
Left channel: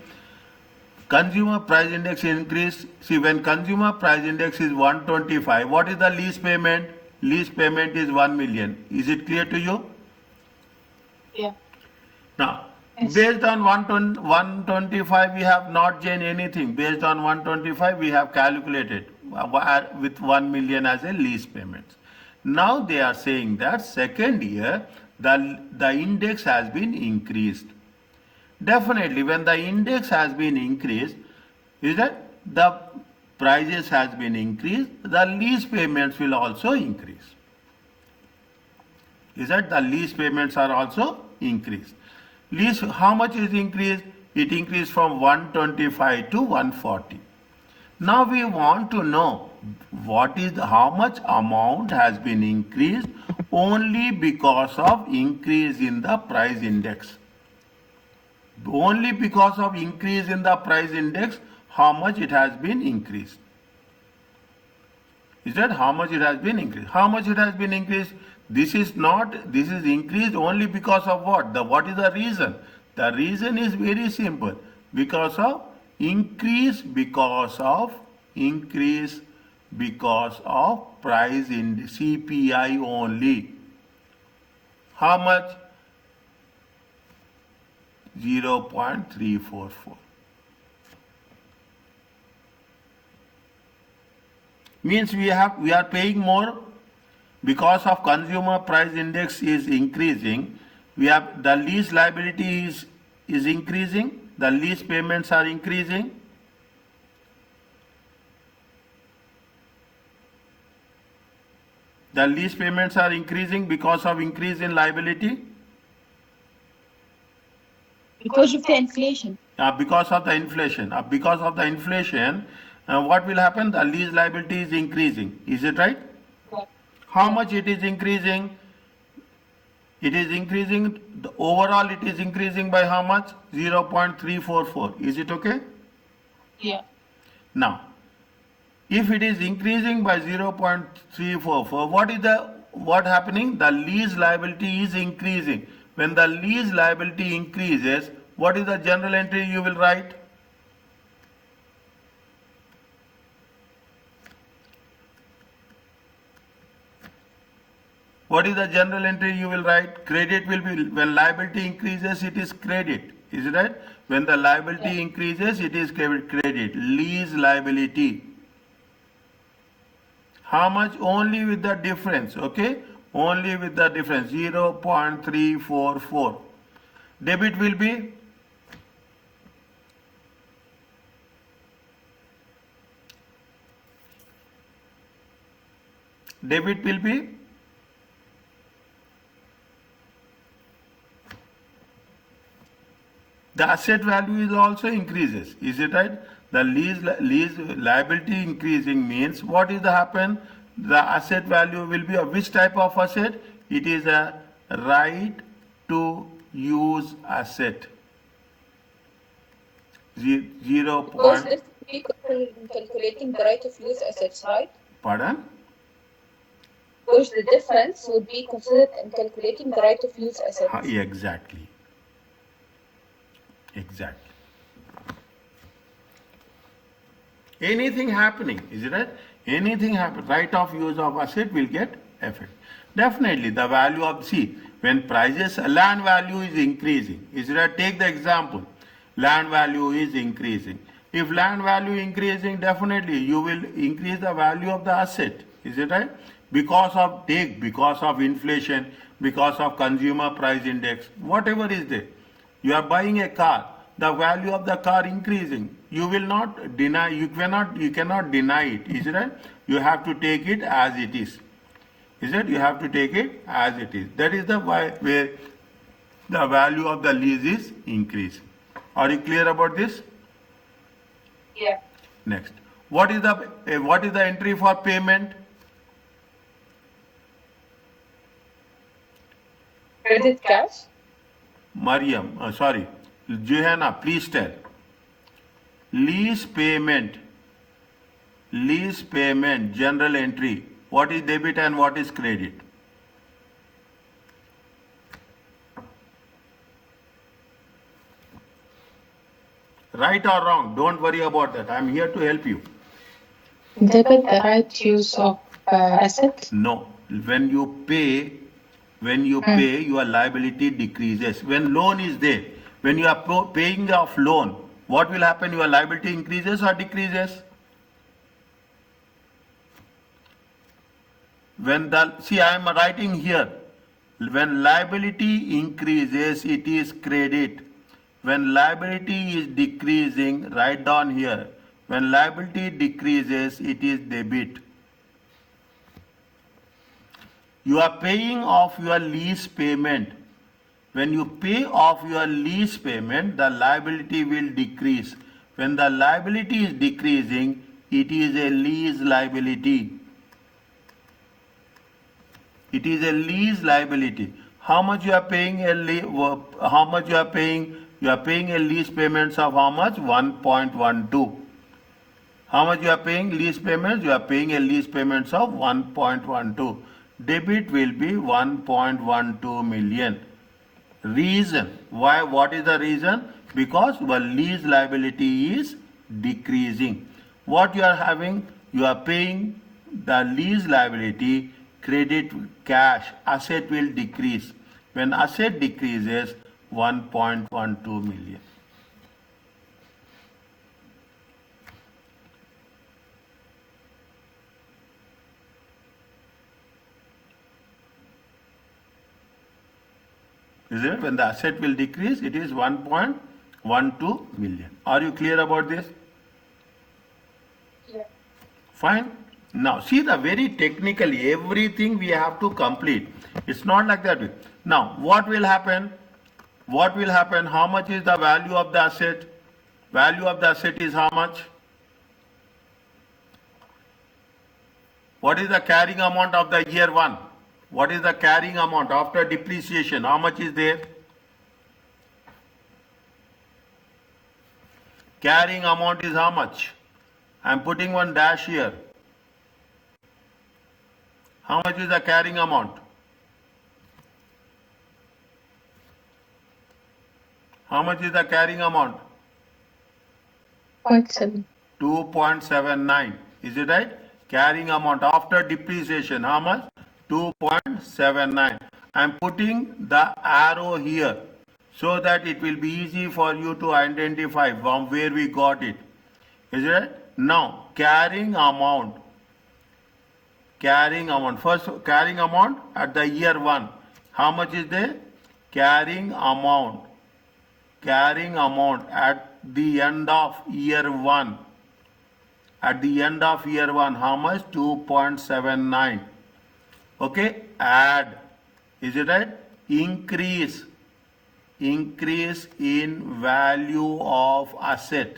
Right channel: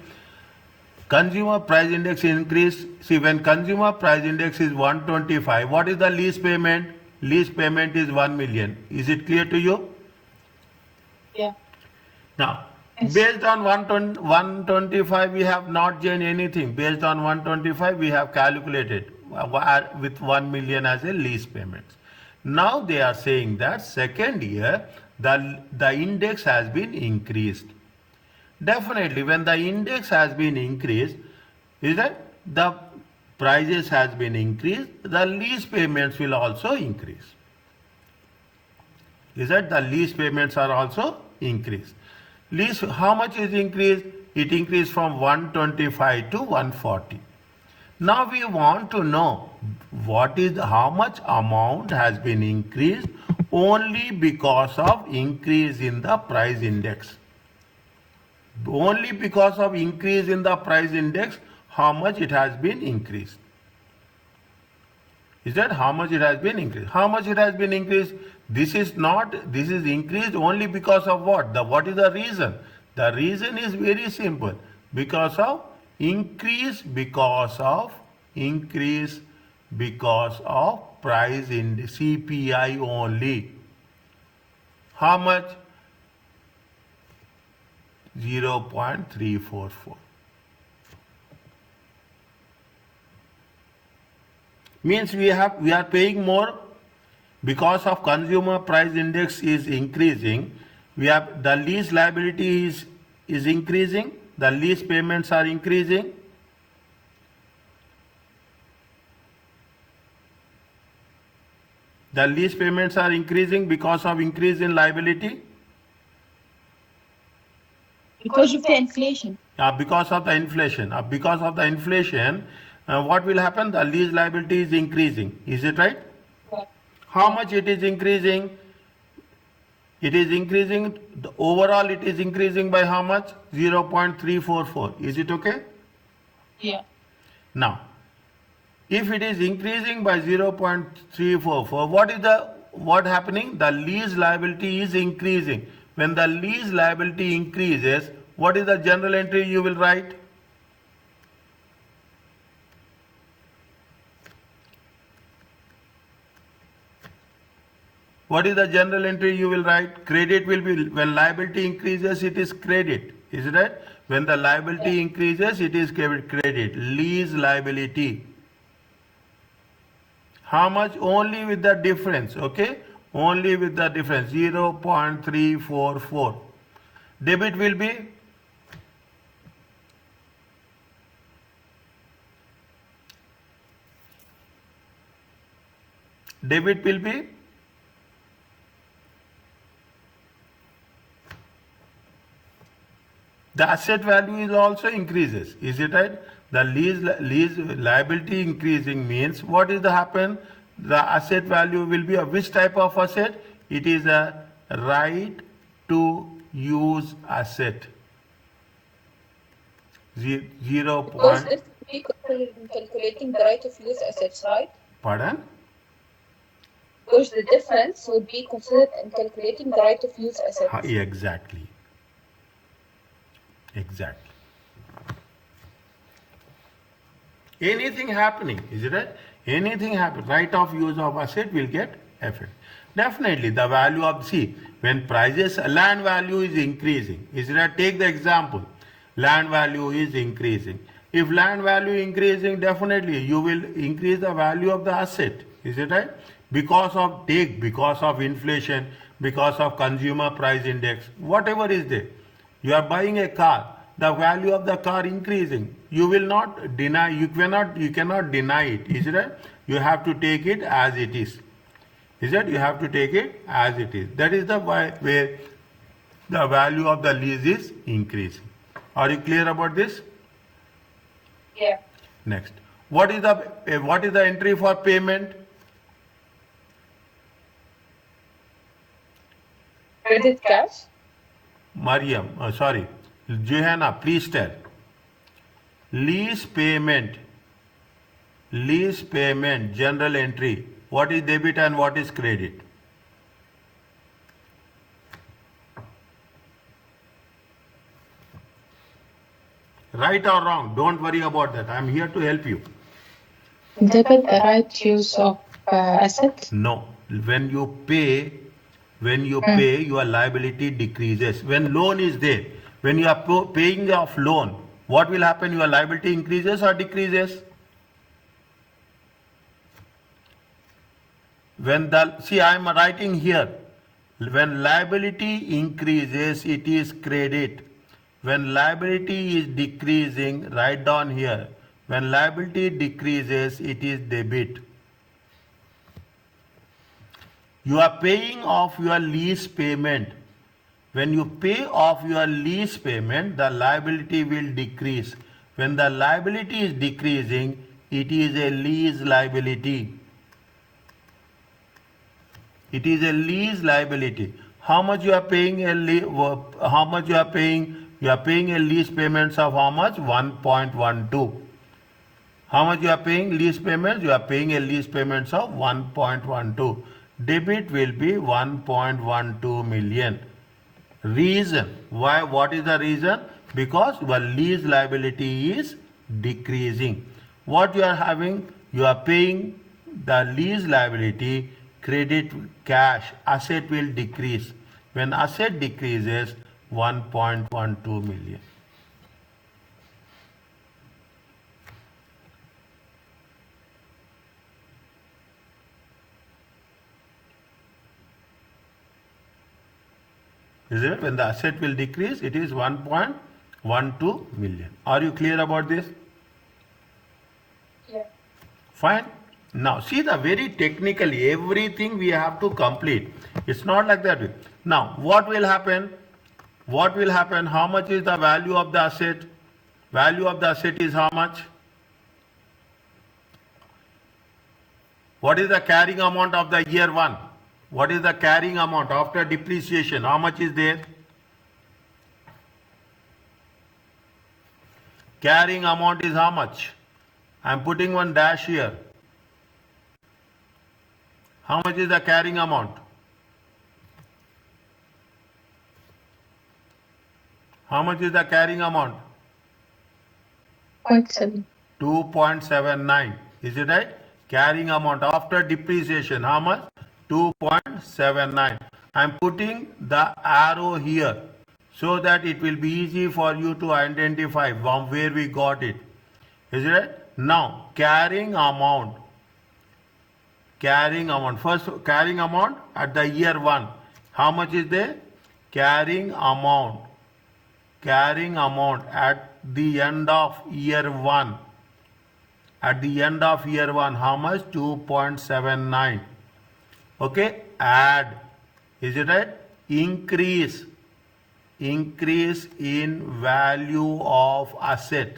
Consumer price index increase. See, when consumer price index is 125, what is the lease payment? Lease payment is 1 million. Is it clear to you? Yeah. Now, Yes. based on 125, we have not changed anything. Based on 125, we have calculated with 1 million as a lease payment. Now they are saying that second year, the index has been increased. Definitely, when the index has been increased, is that the prices has been increased, the lease payments will also increase. Is that the lease payments are also increased. Lease, how much is increased? It increased from 125 to 140. Now we want to know how much amount has been increased only because of increase in the price index. Only because of increase in the price index, how much it has been increased. Is that how much it has been increased? How much it has been increased? This is increased only because of what? What is the reason? The reason is very simple. Because of increase because of price in CPI only. How much? 0.344. Means we are paying more because of consumer price index is increasing. We have the lease liability is increasing. The lease payments are increasing. The lease payments are increasing because of increase in liability. Because of the inflation. Because of the inflation. What will happen? The lease liability is increasing. Is it right? Yeah. How much it is increasing? It is increasing. Overall, it is increasing by how much? 0.344. Is it okay? Yeah. Now, if it is increasing by 0.344, what is the what happening? The lease liability is increasing. When the lease liability increases, what is the general entry you will write? What is the general entry you will write? Credit will be, when liability increases, it is credit. Is it right? When the liability increases, it is credit. Lease liability. How much? Only with the difference, okay? Only with the difference, 0.344. Debit will be? Debit will be? The asset value is also increases. Is it right? The lease liability increasing means what is the happen? The asset value will be of which type of asset? It is a right to use asset. 0. Because this will be considered in calculating the right of use assets, right? Pardon? Because the difference would be considered in calculating the right of use assets. Exactly. Exactly. Anything happening, is it right? Anything happen, right of use of asset will get affected. Definitely the value of, see, when prices, land value is increasing, is it right? Take the example, land value is increasing. If land value increasing, definitely you will increase the value of the asset, is it right? Because of inflation, because of consumer price index, whatever is there. You are buying a car, the value of the car increasing. You will not deny, you cannot deny it, is it right? You have to take it as it is. Is it? You have to take it as it is. That is the where the value of the lease is increasing. Are you clear about this? Yeah. Next. What is the entry for payment? Credit cash. Mariam, sorry, Johanna, please tell. Lease payment, general entry. What is debit and what is credit? Right or wrong? Don't worry about that. I'm here to help you. Debit the right use of asset? No. When you pay, your liability decreases. When loan is there, when you are paying off loan, what will happen? Your liability increases or decreases? I am writing here, when liability increases, it is credit. When liability is decreasing, write down here, when liability decreases, it is debit. You are paying off your lease payment. When you pay off your lease payment, the liability will decrease. When the liability is decreasing, it is a lease liability. It is a lease liability. How much you are paying how much you are paying? You are paying a lease payments of how much? 1.12. How much you are paying lease payments? You are paying a lease payments of 1.12. Debit will be 1.12 million. Reason why? What is the reason? Because the lease liability is decreasing. What you are having? You are paying the lease liability, credit cash, asset will decrease. When asset decreases, 1.12 million. Is it? When the asset will decrease, it is 1.12 million. Are you clear about this? Yeah. Fine. Now, see the very technically, everything we have to complete. It's not like that. Now, what will happen? What will happen? How much is the value of the asset? Value of the asset is how much? What is the carrying amount of the year 1? What is the carrying amount after depreciation? How much is there? Carrying amount is how much? I am putting one dash here. How much is the carrying amount? How much is the carrying amount? 0.7. 2.79. Is it right? Carrying amount after depreciation, how much? 2.79. I am putting the arrow here so that it will be easy for you to identify from where we got it. Is it right? Now, carrying amount. Carrying amount. First, carrying amount at the year 1. How much is there? Carrying amount. Carrying amount at the end of year 1. At the end of year 1, how much? 2.79. Okay, add. Is it right? Increase. Increase in value of asset.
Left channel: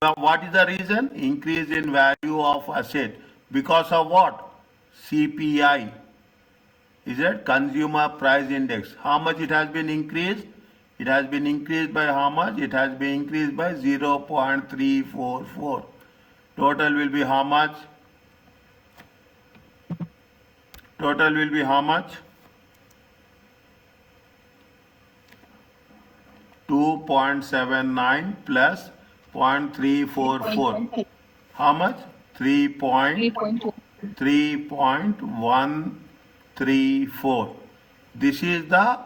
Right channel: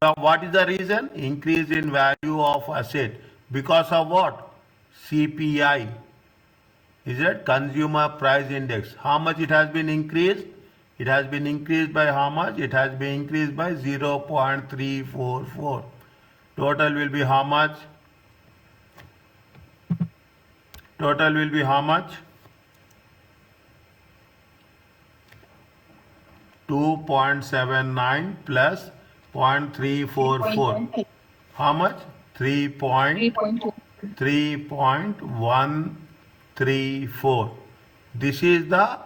What is the reason? Increase in value of asset. Because of what? CPI. Is it? Consumer Price Index. How much it has been increased? It has been increased by how much? It has been increased by 0.344. Total will be how much? Total will be how much? 2.79 plus 0.344. How much? 3.2. 3.134. This is the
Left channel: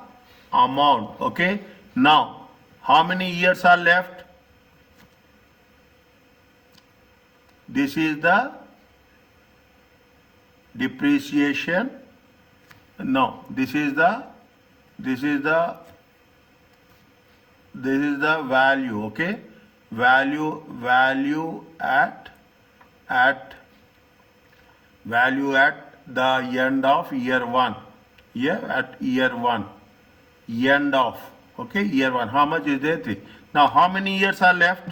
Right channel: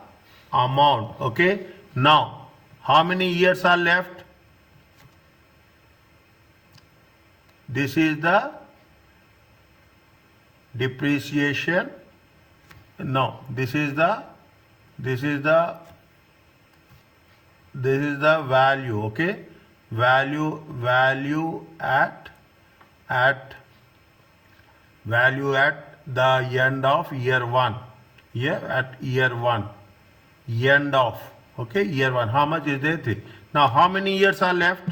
amount. Okay. Now, how many years are left? This is the depreciation. No, this is the value. Okay, value at the end of year 1. Here at year 1, end of. Okay, year 1. How much is there? 3. Now, how many years are left?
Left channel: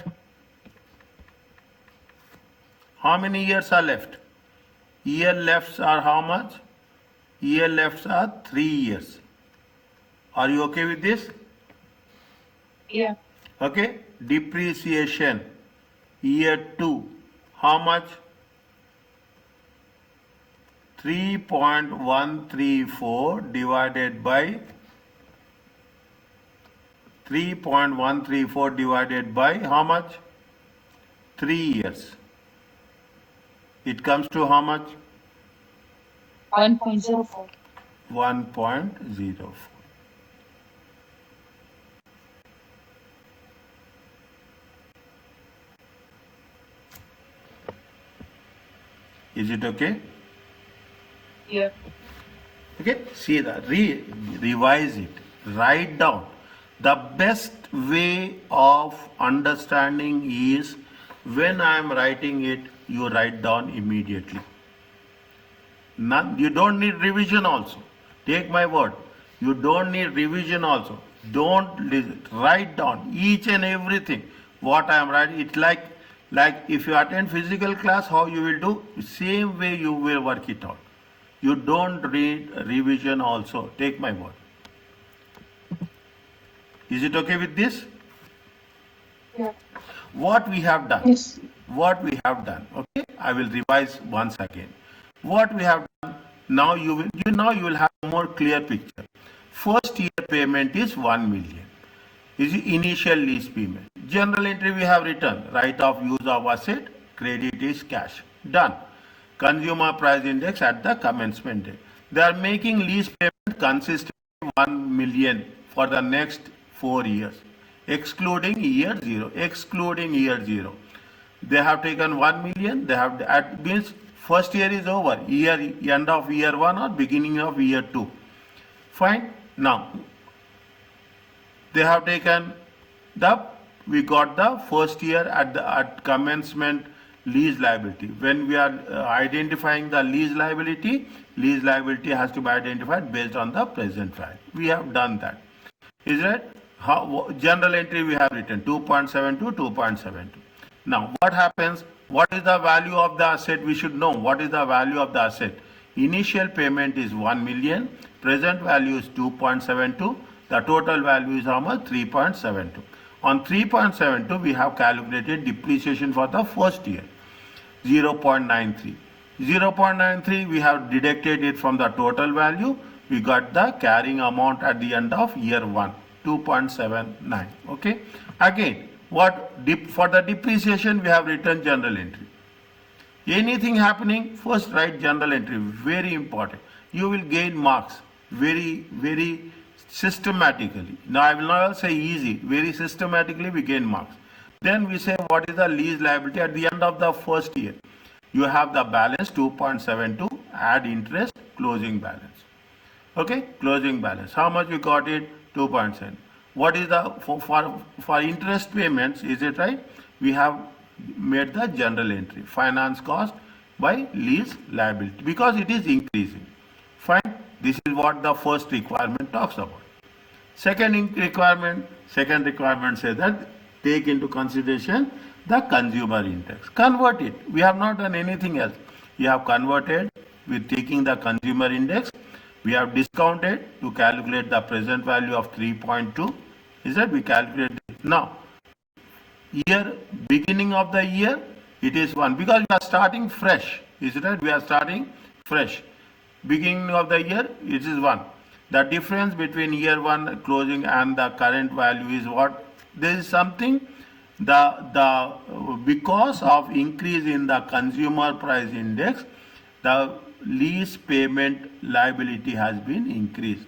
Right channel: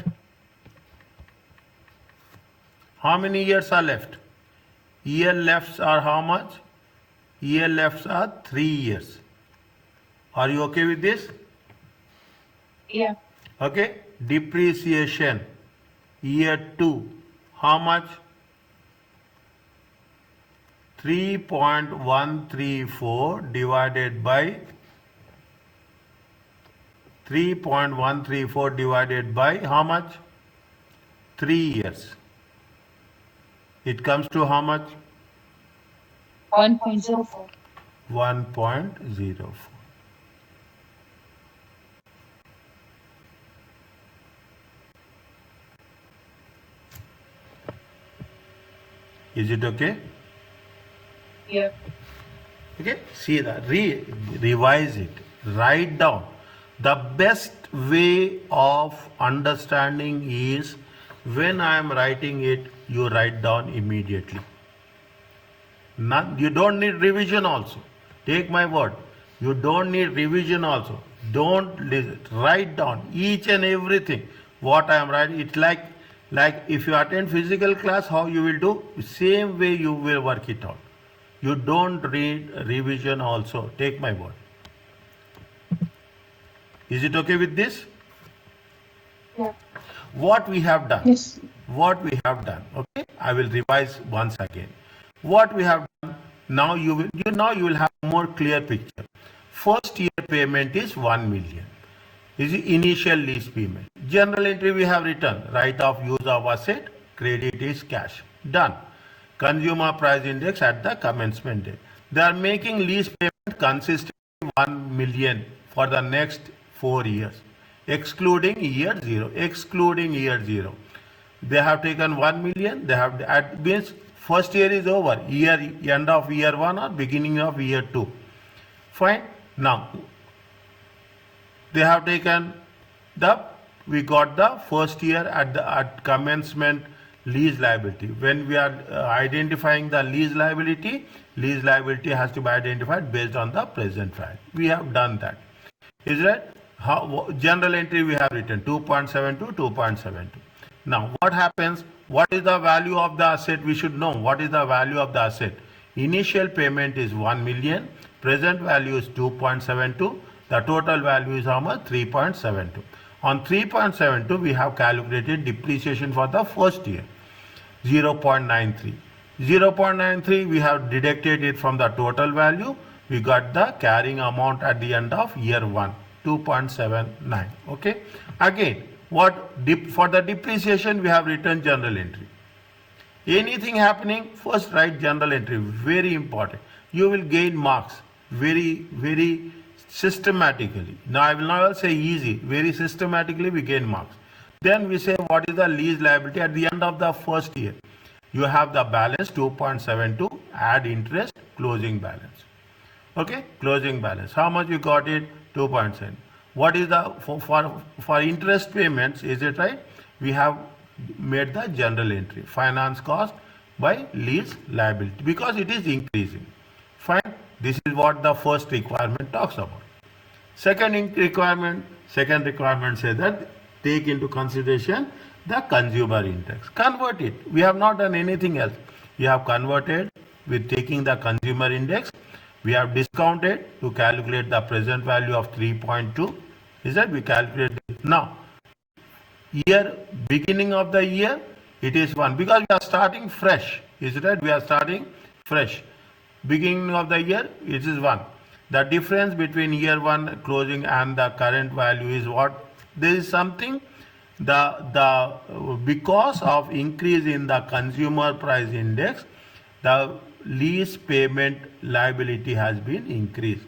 How many years are left? Year lefts are how much? Year lefts are 3 years. Are you okay with this? Yeah. Okay. Depreciation. Year 2. How much? 3.134 divided by 3.134 divided by how much? 3 years. It comes to how much? 1.04. 1.04. Is it okay? Yeah. Okay, see that, revise it, write down. The best way of understanding is when I am writing it, you write down immediately. You don't need revision also. Take my word. You don't need revision also. Don't listen. Write down each and everything. What I am writing, it's like if you attend physical class, how you will do, same way you will work it out. You don't read revision also. Take my word. Is it okay with this? Yeah. What we have done. Yes. What we have done. Okay. I will revise once again. What we have done. Now you will have a more clear picture. First year payment is 1 million. Is the initial lease payment. General entry we have written. Right of use of asset. Credit is cash. Done. Consumer price index at the commencement date. They are making lease payment consisting of 1 million for the next 4 years, excluding year 0. Excluding year 0, they have taken 1 million. They have means first year is over. End of year 1 or beginning of year 2. Fine. Now they have taken we got the first year at commencement lease liability. When we are identifying the lease liability has to be identified based on the present value. We have done that. Is that general entry we have written 2.72, 2.72. Now what happens? What is the value of the asset? We should know what is the value of the asset. Initial payment is 1 million. Present value is 2.72. The total value is how much? 3.72. On 3.72, we have calculated depreciation for the first year, 0.93. 0.93 we have deducted it from the total value. We got the carrying amount at the end of year 1, 2.79. Okay. Again, for the depreciation we have written journal entry. Anything happening, first write journal entry, very important. You will gain marks very systematically. Now I will not say easy, very systematically we gain marks. Then we say what is the lease liability at the end of the first year. You have the balance 2.72, add interest, closing balance. Okay, closing balance. How much you got it? 2.7. What is the, for interest payments, is it right? We have made the general entry, finance cost by lease liability, because it is increasing. Fine, this is what the first requirement talks about. Second requirement says that take into consideration the consumer index. Convert it. We have not done anything else. We have converted with taking the consumer index. We have discounted to calculate the present value of 3.2. Is that we calculate it. Now, year beginning of the year, it is 1 because we are starting fresh. Is it right? We are starting fresh. Beginning of the year, it is 1. The difference between year 1 closing and the current value is what? There is something, because of increase in the consumer price index, the lease payment liability has been increased.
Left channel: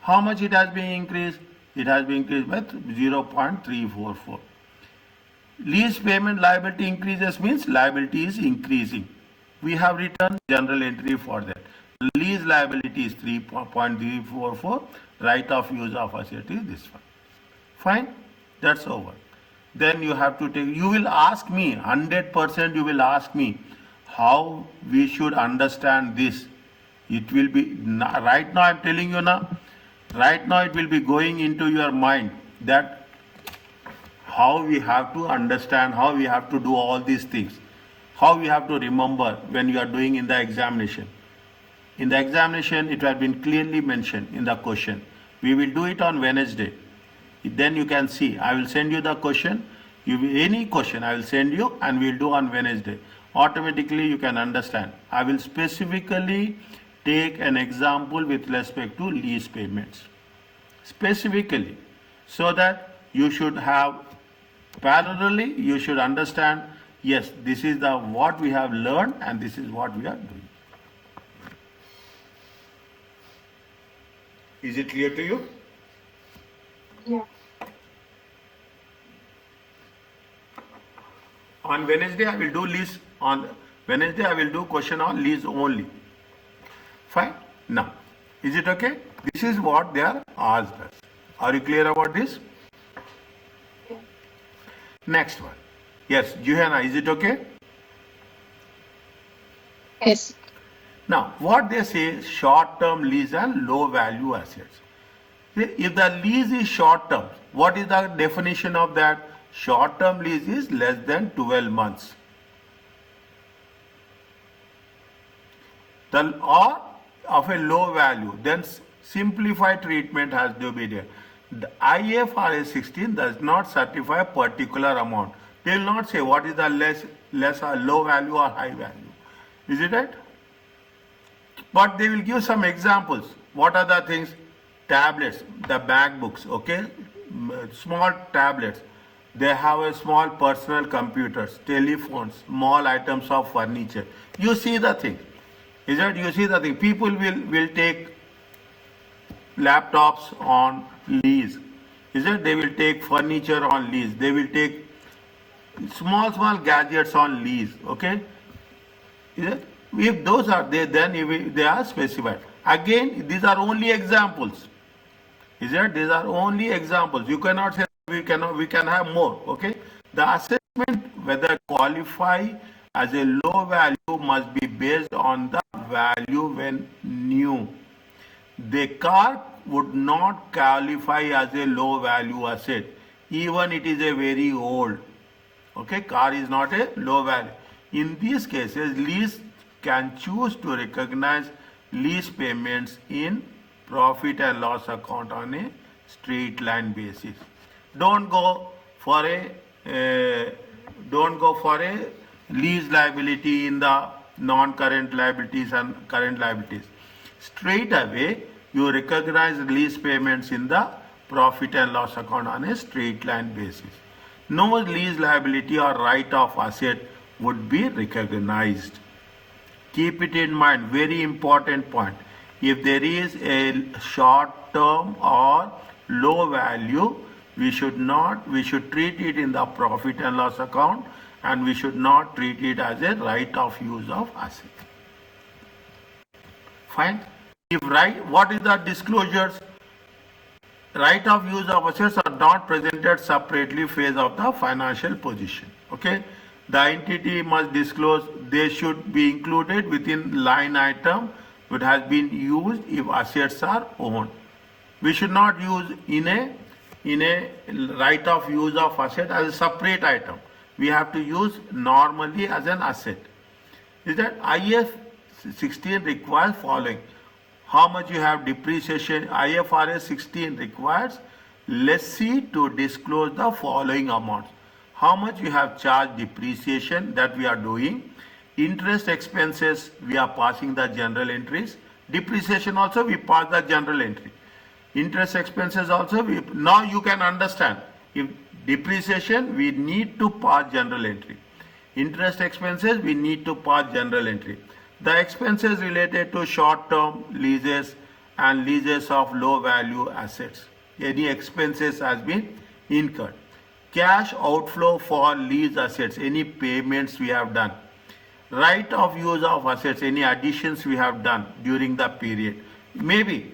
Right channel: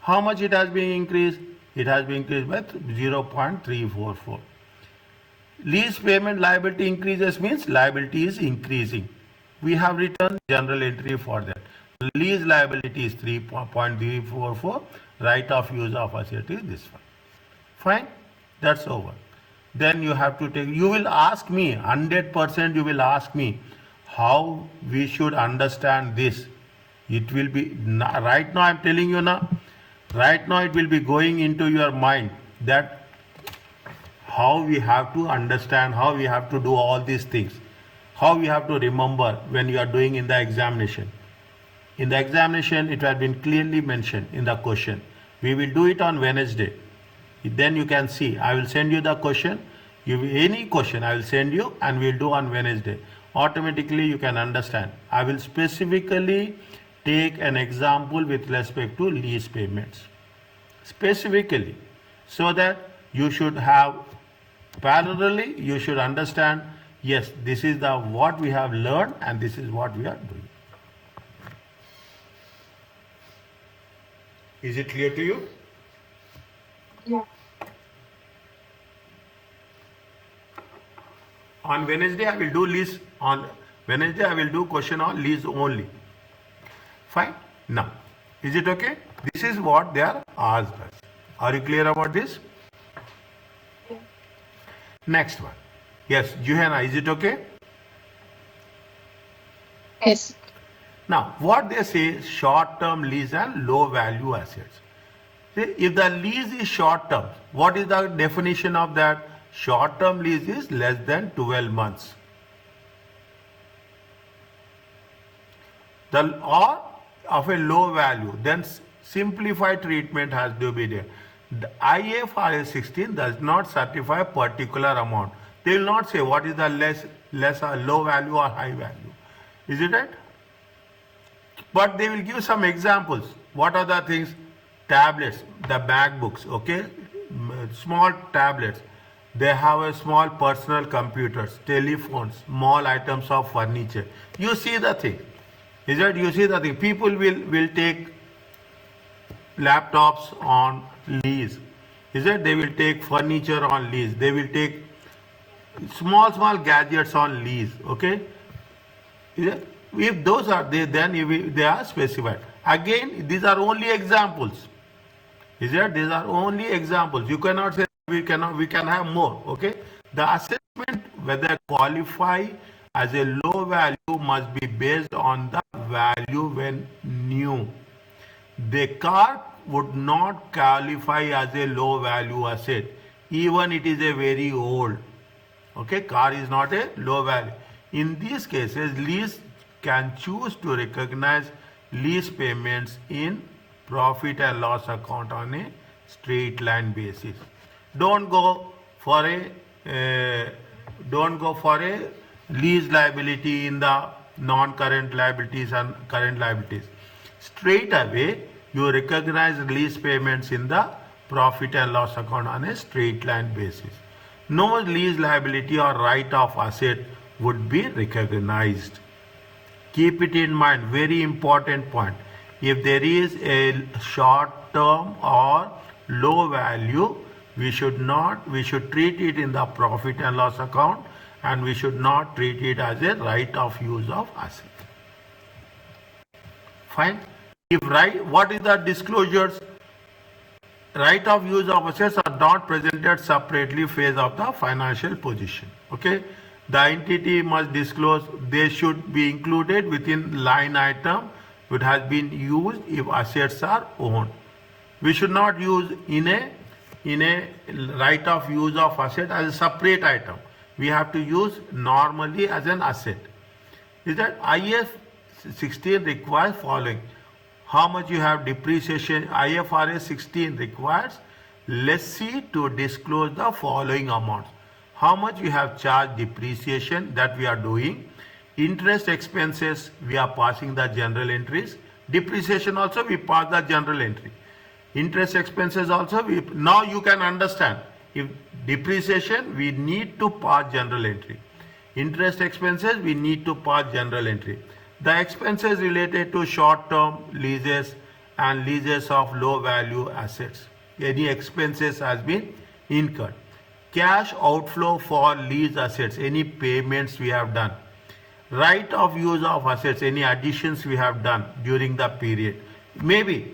How much it has been increased? It has been increased by 0.344. Lease payment liability increases means liability is increasing. We have written general entry for that. Lease liability is 3.344. Right of use of asset is this one. Fine, that's over. Then you have to take, you will ask me, 100% you will ask me how we should understand this. It will be, right now I am telling you now, right now it will be going into your mind that how we have to understand, how we have to do all these things, how we have to remember when you are doing in the examination. In the examination, it has been clearly mentioned in the question. We will do it on Wednesday. Then you can see, I will send you the question. Any question I will send you and we will do on Wednesday. Automatically you can understand. I will specifically take an example with respect to lease payments. Specifically. So that you should have, parallelly, you should understand, yes, this is the what we have learned and this is what we are doing. Is it clear to you? Yeah. On Wednesday I will do lease. On Wednesday I will do question on lease only. Fine. Now, is it okay? This is what they are asked us. Are you clear about this? Yeah. Next one. Yes, Johanna, is it okay? Yes. Now, what they say, short-term lease and low-value assets. See, if the lease is short-term, what is the definition of that? Short-term lease is less than 12 months. Or of a low value, then simplified treatment has to be there. The IFRS 16 does not certify a particular amount. They will not say what is the less or low value or high value. Is it right? But they will give some examples. What are the things? Tablets, the MacBooks, okay? Small tablets. They have a small personal computers, telephones, small items of furniture. You see the thing. Is it? You see the thing. People will take laptops on lease. Is it? They will take furniture on lease. They will take small gadgets on lease. Okay? Is it? If those are there, then they are specified. Again, these are only examples. Is it? These are only examples. You cannot say we can have more. Okay? The assessment whether qualify as a low value must be based on the value when new. The car would not qualify as a low value asset, even it is a very old. Okay, car is not a low value. In these cases, lease can choose to recognize lease payments in profit and loss account on a straight line basis. Don't go for a lease liability in the non-current liabilities and current liabilities. Straight away, you recognize lease payments in the profit and loss account on a straight line basis. No lease liability or right of asset would be recognized. Keep it in mind, very important point. If there is a short term or low value, we should treat it in the profit and loss account, and we should not treat it as a right of use of asset. Fine. If right, what is the disclosures? Right of use of assets are not presented separately phase of the financial position. Okay. The entity must disclose, they should be included within line item which has been used if assets are owned. We should not use in a right of use of asset as a separate item. We have to use normally as an asset. Is that IFRS 16 requires following. How much you have depreciation? IFRS 16 requires lessee to disclose the following amounts. How much you have charged depreciation, that we are doing. Interest expenses, we are passing the general entries. Depreciation also we pass the general entry. Interest expenses also now you can understand. If depreciation, we need to pass general entry. Interest expenses, we need to pass general entry. The expenses related to short-term leases and leases of low value assets. Any expenses has been incurred. Cash outflow for lease assets, any payments we have done. Right of use of assets, any additions we have done during the period. Maybe,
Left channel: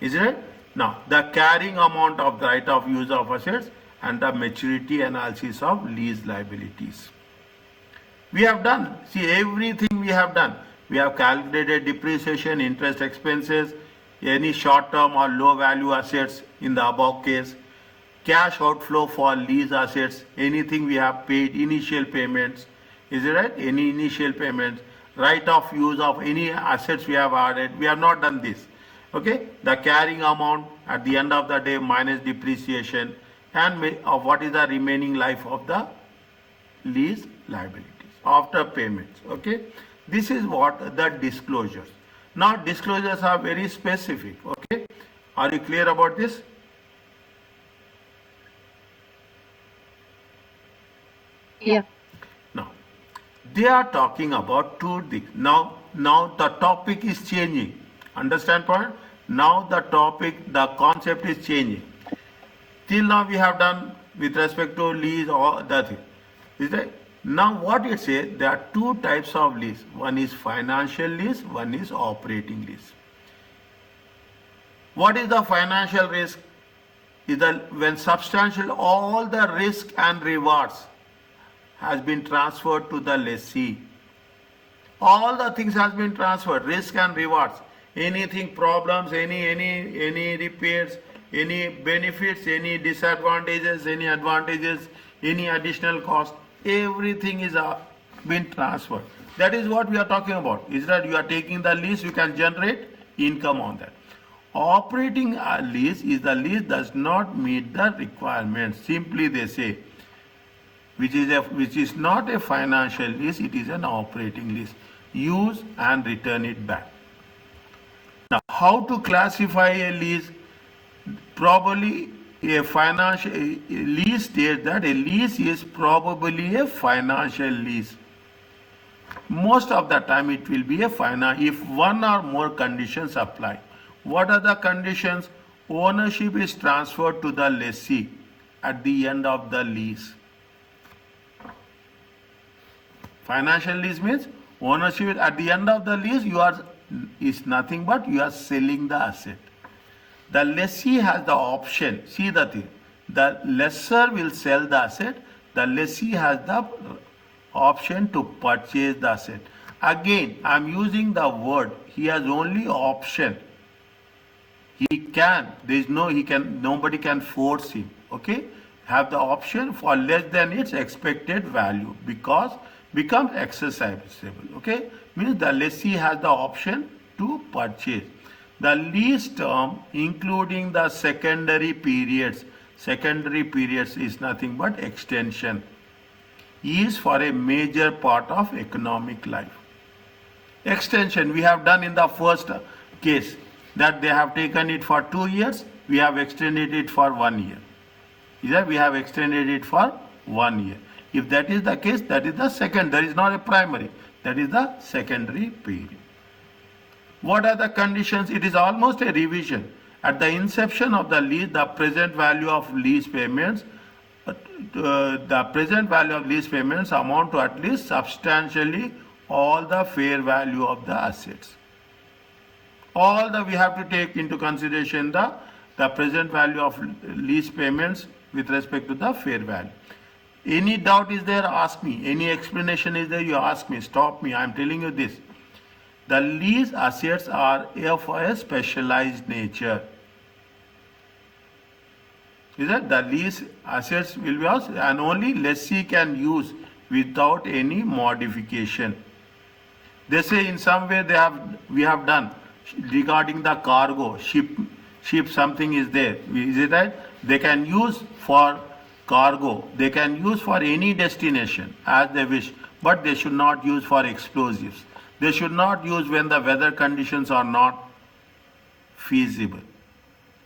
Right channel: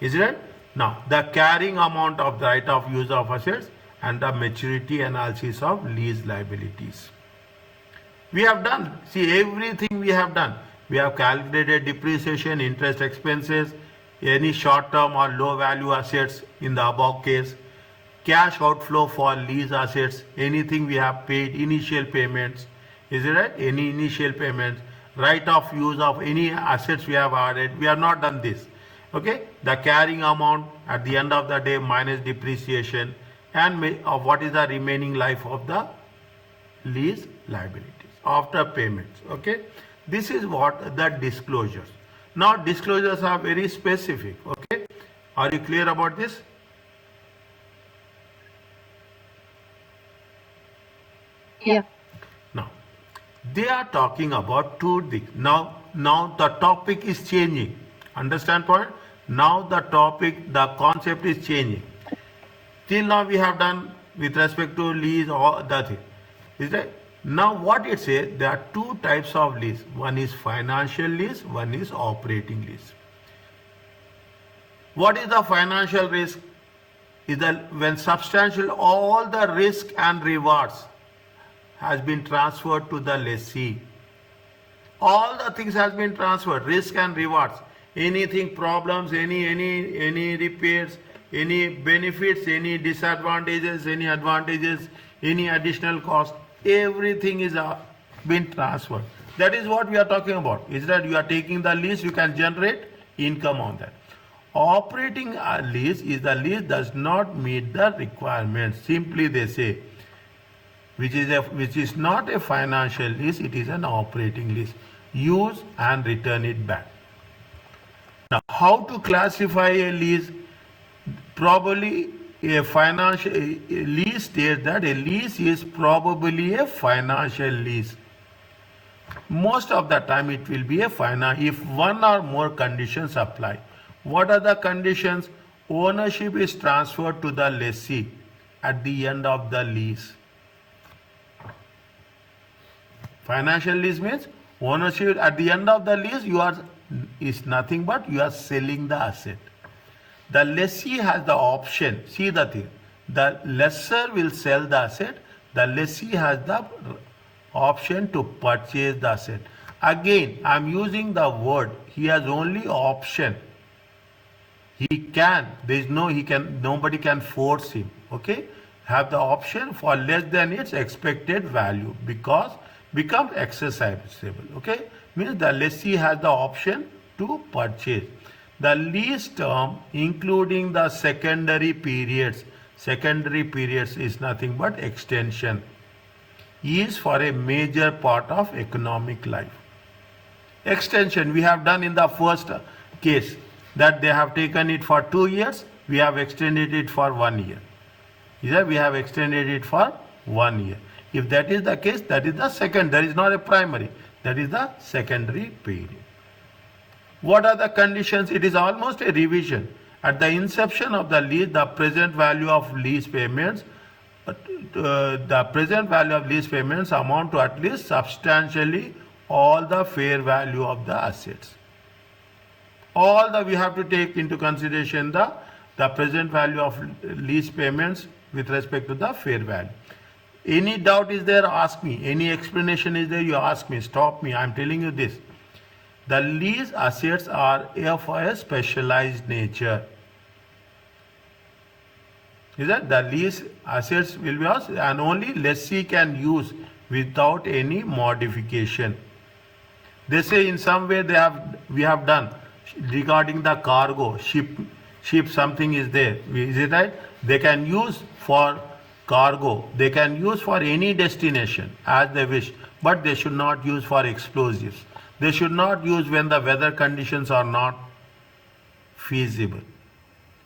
is it? Now, the carrying amount of the right of use of assets and the maturity analysis of lease liabilities. We have done, see, everything we have done. We have calculated depreciation, interest expenses, any short-term or low-value assets in the above case, cash outflow for lease assets, anything we have paid, initial payments, is it right? Any initial payments, right of use of any assets we have added, we have not done this. Okay, the carrying amount at the end of the day minus depreciation, and what is the remaining life of the lease liabilities after payments. Okay, this is what the disclosures. Now disclosures are very specific. Okay, are you clear about this? Yeah. Now they are talking about two things. Now the topic is changing. Understand point? Now the topic, the concept is changing. Till now we have done with respect to lease or the thing. Is that? Now what it says, there are two types of lease. One is financial lease, one is operating lease. What is the financial risk? Is that when substantial all the risk and rewards has been transferred to the lessee. All the things has been transferred, risk and rewards. Anything problems, any repairs, any benefits, any disadvantages, any advantages, any additional cost, everything is been transferred. That is what we are talking about. Is that you are taking the lease, you can generate income on that. Operating lease is the lease does not meet the requirements. Simply they say, which is not a financial lease, it is an operating lease. Use and return it back. Now, how to classify a lease? Probably a financial lease states that a lease is probably a financial lease. Most of the time it will be a if one or more conditions apply. What are the conditions? Ownership is transferred to the lessee at the end of the lease. Financial lease means ownership at the end of the lease is nothing but you are selling the asset. The lessee has the option. See the thing. The lessor will sell the asset. The lessee has the option to purchase the asset. Again, I am using the word. He has only option. He can. Nobody can force him. Okay. Have the option for less than its expected value because becomes exercisable. Okay. Means the lessee has the option to purchase. The lease term including the secondary periods is nothing but extension, is for a major part of economic life. Extension we have done in the first case, that they have taken it for 2 years, we have extended it for 1 year. Either we have extended it for 1 year. If that is the case, that is the second, that is not a primary, that is the secondary period. What are the conditions? It is almost a revision. At the inception of the lease, the present value of lease payments amount to at least substantially all the fair value of the assets. We have to take into consideration the present value of lease payments with respect to the fair value. Any doubt is there, ask me. Any explanation is there, you ask me. Stop me, I am telling you this. The lease assets are of a specialized nature. Is that the lease assets will be ours and only lessee can use without any modification. They say in some way we have done regarding the cargo, ship something is there. Is it right? They can use for cargo. They can use for any destination as they wish, but they should not use for explosives. They should not use when the weather conditions are not feasible.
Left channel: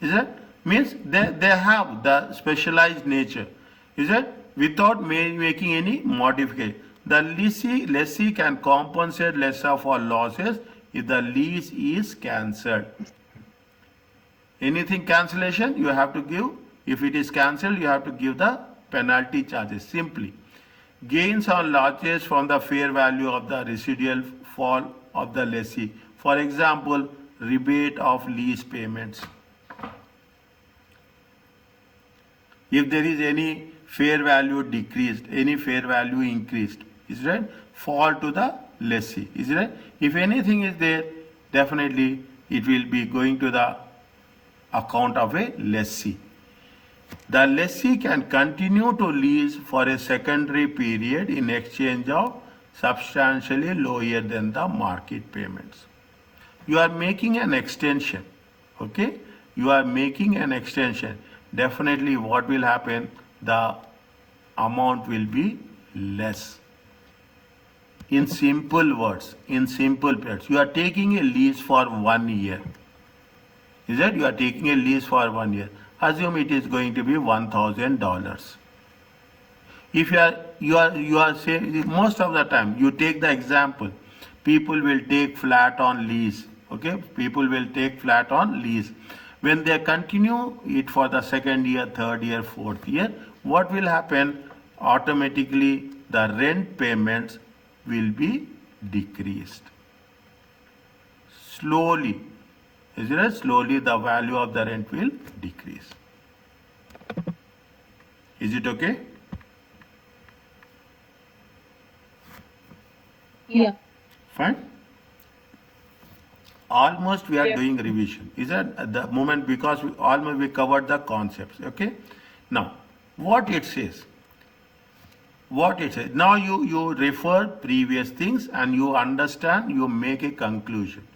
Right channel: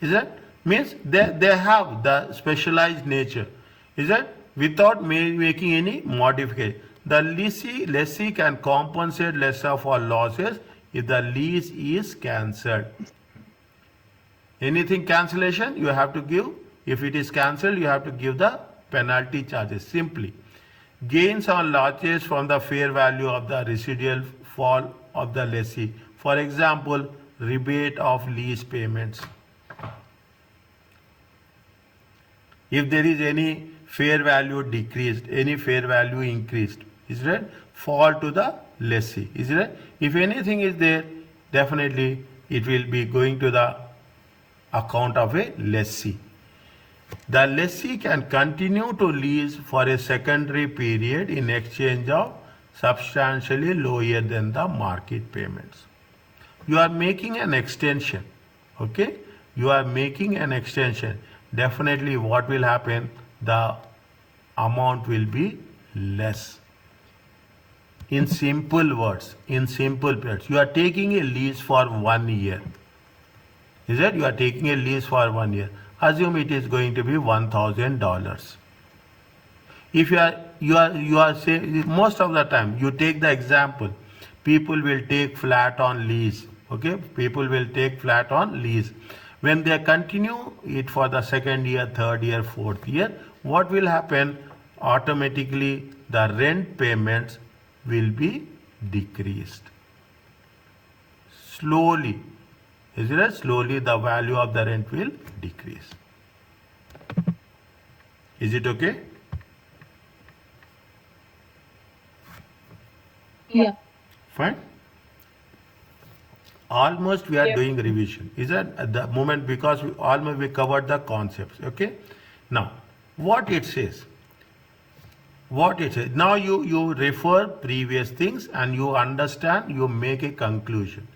Is it? Means they have the specialized nature. Is it? Without making any modification. The lessee can compensate lessor for losses if the lease is cancelled. Anything cancellation you have to give. If it is cancelled, you have to give the penalty charges simply. Gains on losses from the fair value of the residual fall of the lessee. For example, rebate of lease payments. If there is any fair value decreased, any fair value increased, is it right? Fall to the lessee, is it right? If anything is there, definitely it will be going to the account of a lessee. The lessee can continue to lease for a secondary period in exchange of substantially lower than the market payments. You are making an extension, okay? You are making an extension. Definitely what will happen? The amount will be less. In simple words, you are taking a lease for 1 year. Is it? You are taking a lease for 1 year. Assume it is going to be $1,000. If you are saying, most of the time you take the example, people will take flat on lease. Okay, people will take flat on lease. When they continue it for the second year, third year, fourth year, what will happen? Automatically the rent payments will be decreased. Slowly, is it? Slowly the value of the rent will decrease. Is it okay? Yeah. Fine. Almost we are Yeah. doing revision. Is that at the moment, because we covered the concepts. Okay. Now, what it says. Now you refer previous things and you understand, you make a conclusion.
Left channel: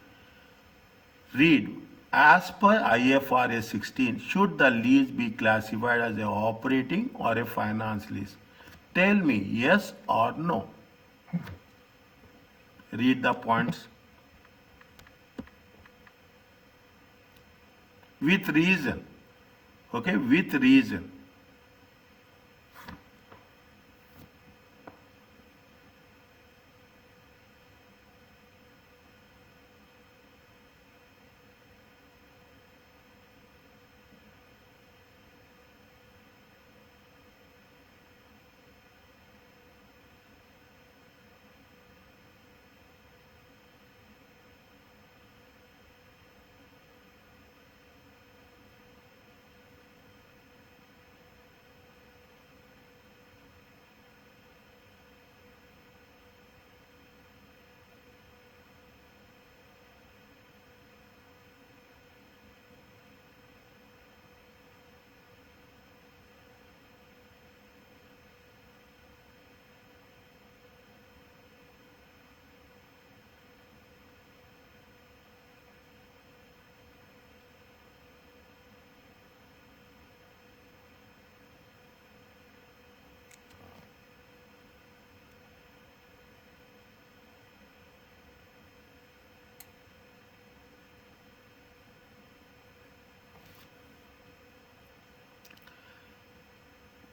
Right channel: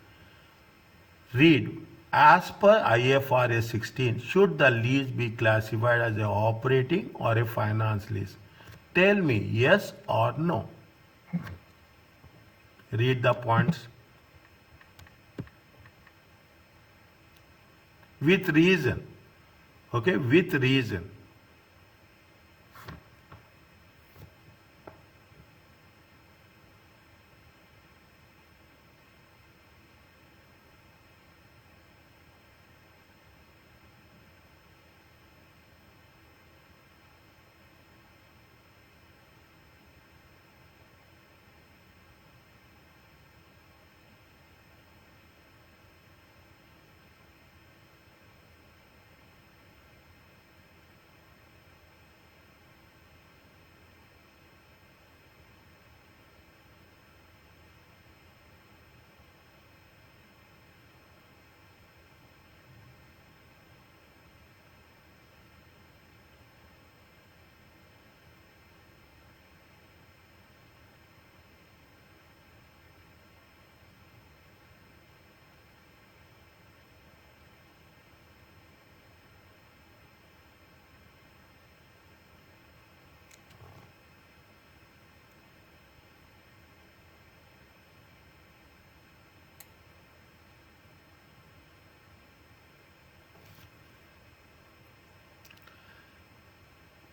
Read. As per IFRS 16, should the lease be classified as an operating or a finance lease? Tell me yes or no. Read the points. With reason. Okay, with reason.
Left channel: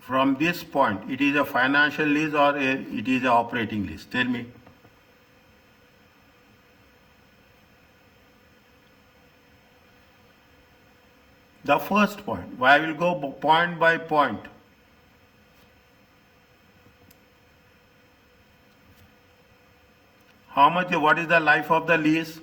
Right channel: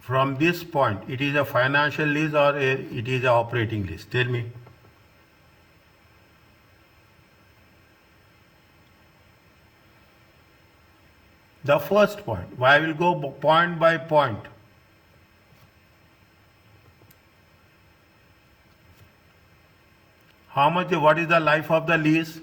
From this point, it is a financial lease or it is a operating lease? Tell me. The first point. I will go point by point. How much? What is the life of the lease?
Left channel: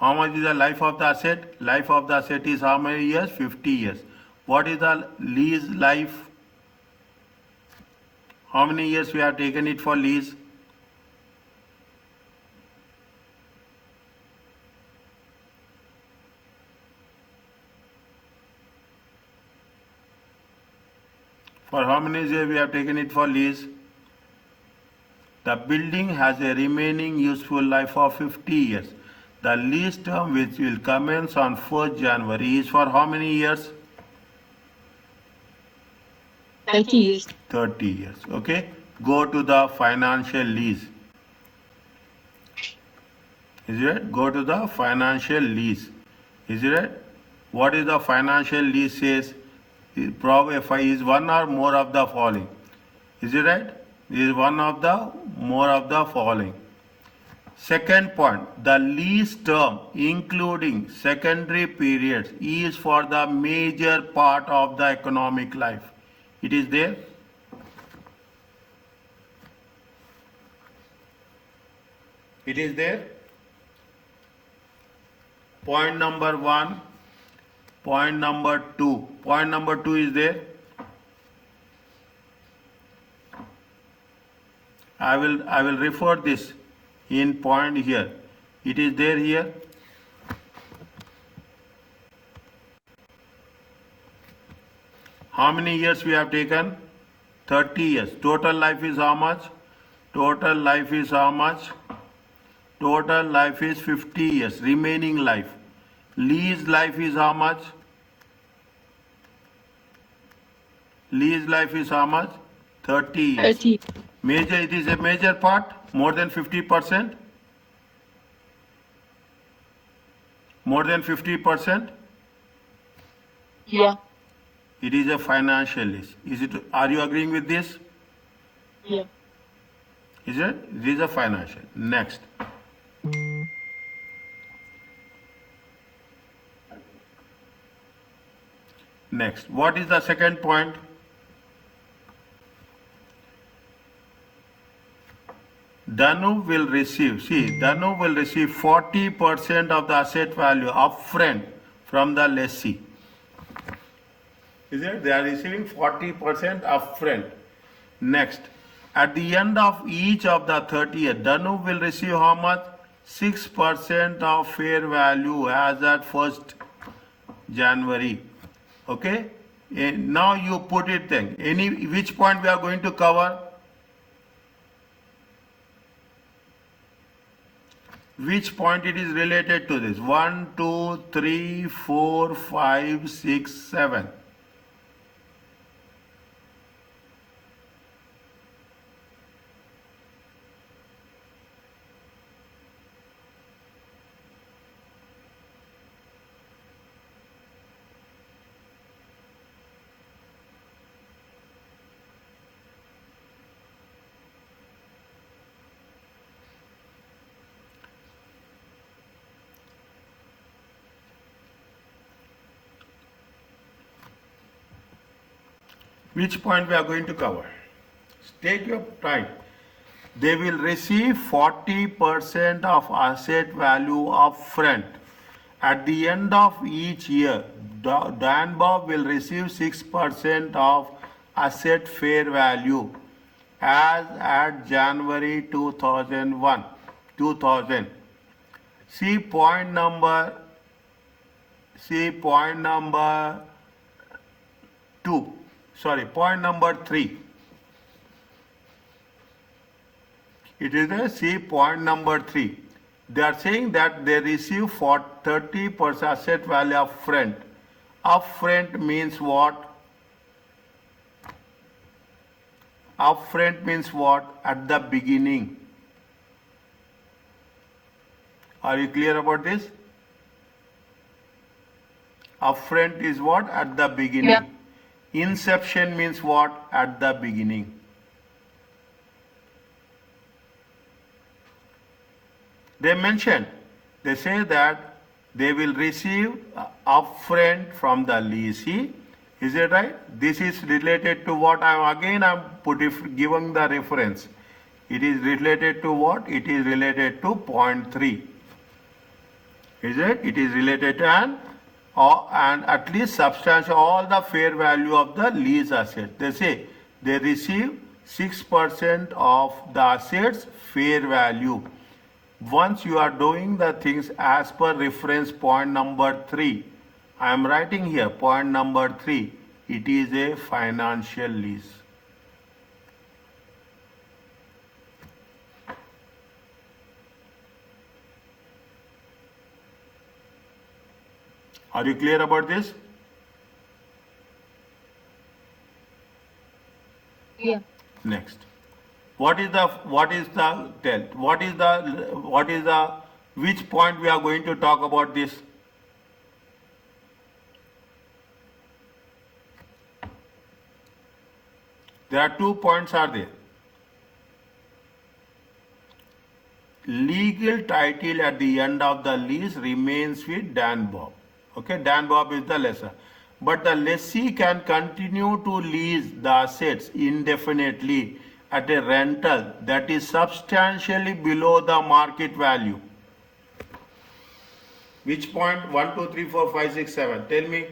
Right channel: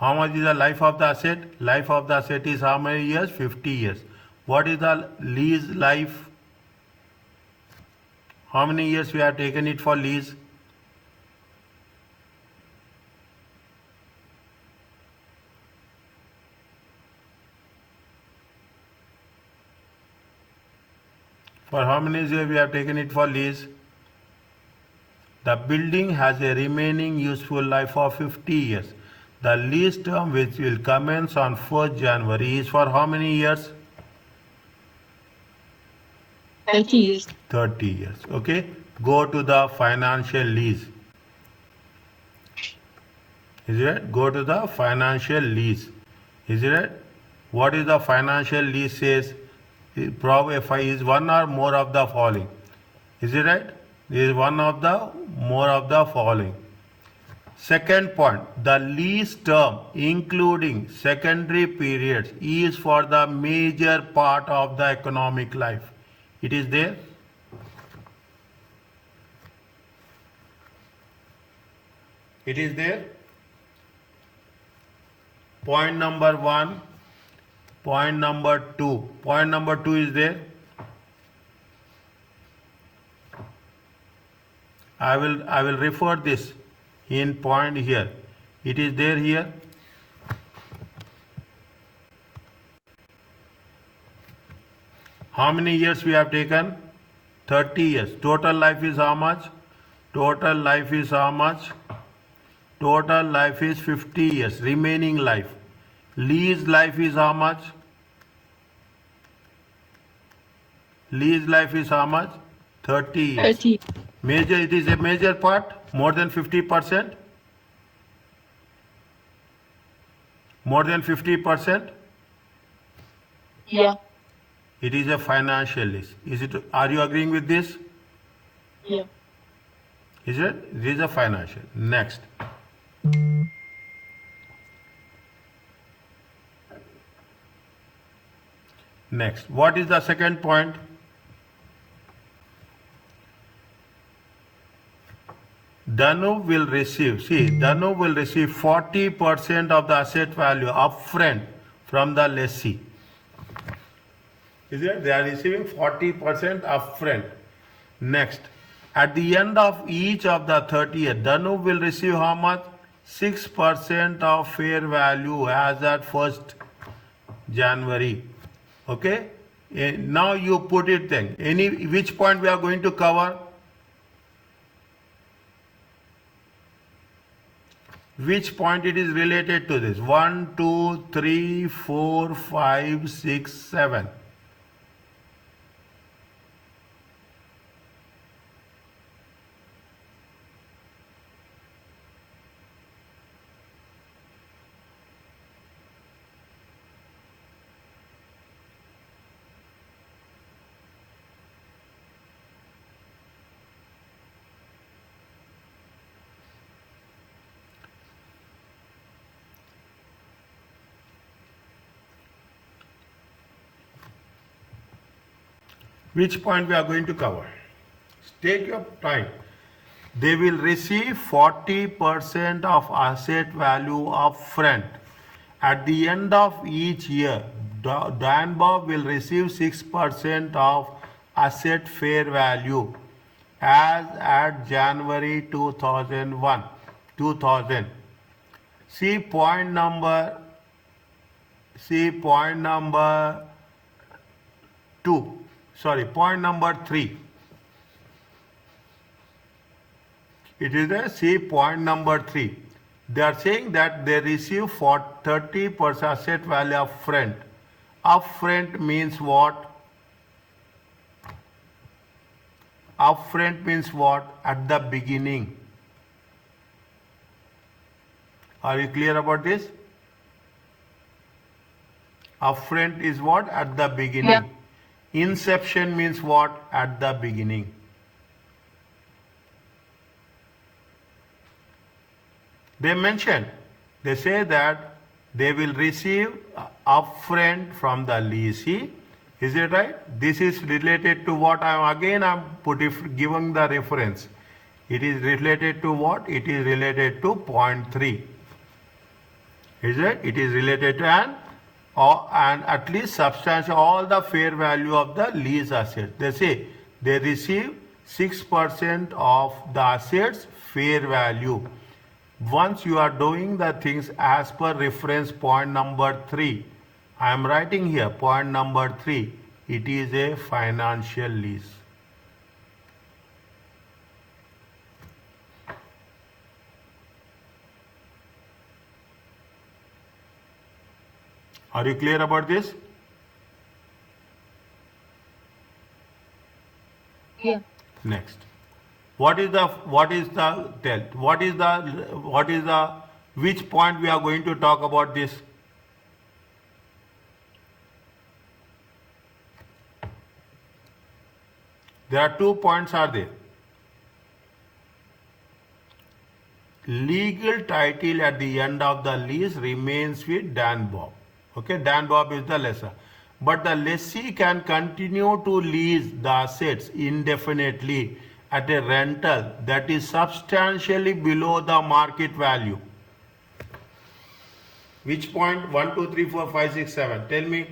How much is the life of the asset? Life of the asset is how many years? 50 years. What is the lease life? How many years we have taken it for lease? For how many years we have taken it for lease? The building has a remaining useful life of 50 years. The lease term which will commence on 1st January is for how many years? 30 years. 30 years. Okay. Go to the financial lease. Is it right? Go to the financial lease. Is it right? What is the financial lease says? Probably is one or more of the following. Is it right? Is one of the more of the following. Second point, the lease term including secondary periods is for the major part of the economic life. It is there. It is there. Point number 1, point number 2. Point number 2 is there. I will refer this in point here. It is there here. How many years we have taken? 30 years. Total life is how much? Total life is how much? Total life is 50 years. Remaining life. Lease life is how much? Lease life is how much? 30 years. 30. Major, it is a major part, more than 50%. More than 50%. Yeah. It is a financial lease. Is it? Are you agreeing with this? Yeah. Is it? It is a financial. Next. Next. What is the second point? Danu will receive, Danu will receive 40% of the asset value upfront from the lessee. Is it? They are receiving 40% upfront. Next, at the end of each of the 30 years, Danu will receive how much? 6% of fair value as at 1st January. Okay? And now you put it then. Which point we are going to cover? Which point it is related to this? 1, 2, 3, 4, 5, 6, 7. Which point we are going to cover? Take your time. They will receive 40% of asset value upfront. At the end of each year, Dan Bob will receive 6% of asset fair value as at January 2000. See point number 2. Sorry, point number 3. It is a see point number 3. They are saying that they receive for 30% asset value upfront. Upfront means what? Upfront means what? At the beginning. Are you clear about this? Upfront is what? At the beginning. Yeah. Inception means what? At the beginning. They mention, they say that they will receive upfront from the leasee. Is it right? This is related to what? I'm giving the reference. It is related to what? It is related to point 3. Is it? It is related to and at least substantial all the fair value of the lease asset. They say they receive 6% of the assets fair value. Once you are doing the things as per reference point number 3, I am writing here point number 3, it is a financial lease. Are you clear about this? Yeah. Next. Which point we are going to talk about this? There are 2 points are there. Legal title at the end of the lease remains with Dan Bob. Okay, Dan Bob is the lessor. But the lessee can continue to lease the assets indefinitely at a rental that is substantially below the market value. Which point? 1, 2, 3, 4, 5, 6, 7. Tell me.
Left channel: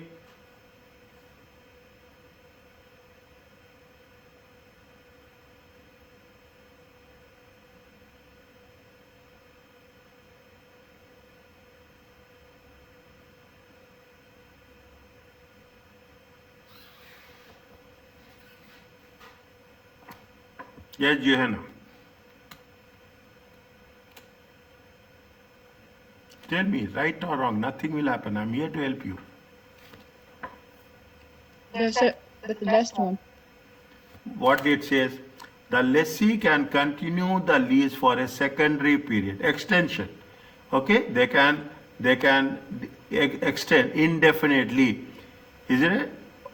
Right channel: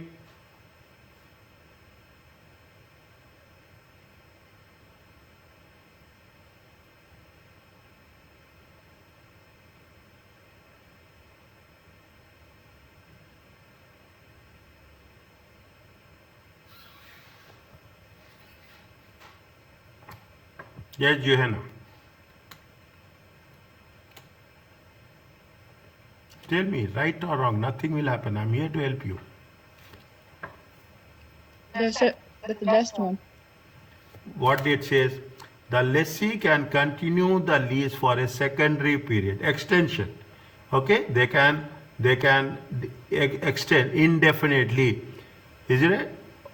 Yes, Johanna. Tell me, right or wrong, nothing will happen. I'm here to help you. That's the last one. What it says, the lessee can continue the lease for a secondary period, extension. Okay, they can extend indefinitely, isn't it?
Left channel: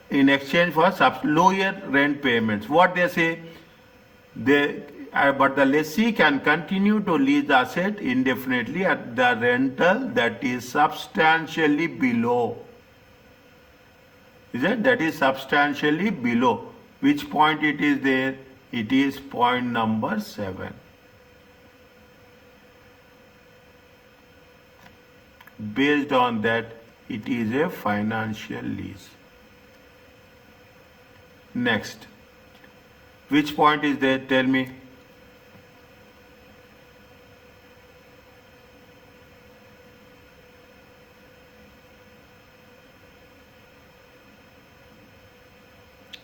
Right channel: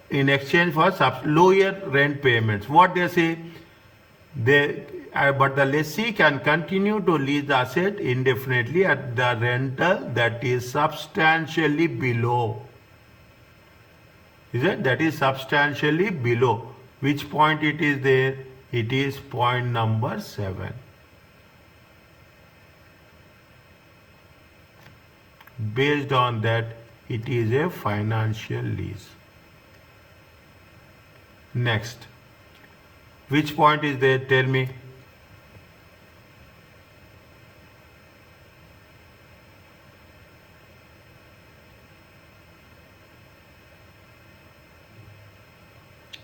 In exchange for lower rent payments. What they say, but the lessee can continue to lease the asset indefinitely at the rental that is substantially below. Is it? That is substantially below. Which point it is there? It is point number 7. Based on that, it is a financial lease. Next. Which point is there? Tell me.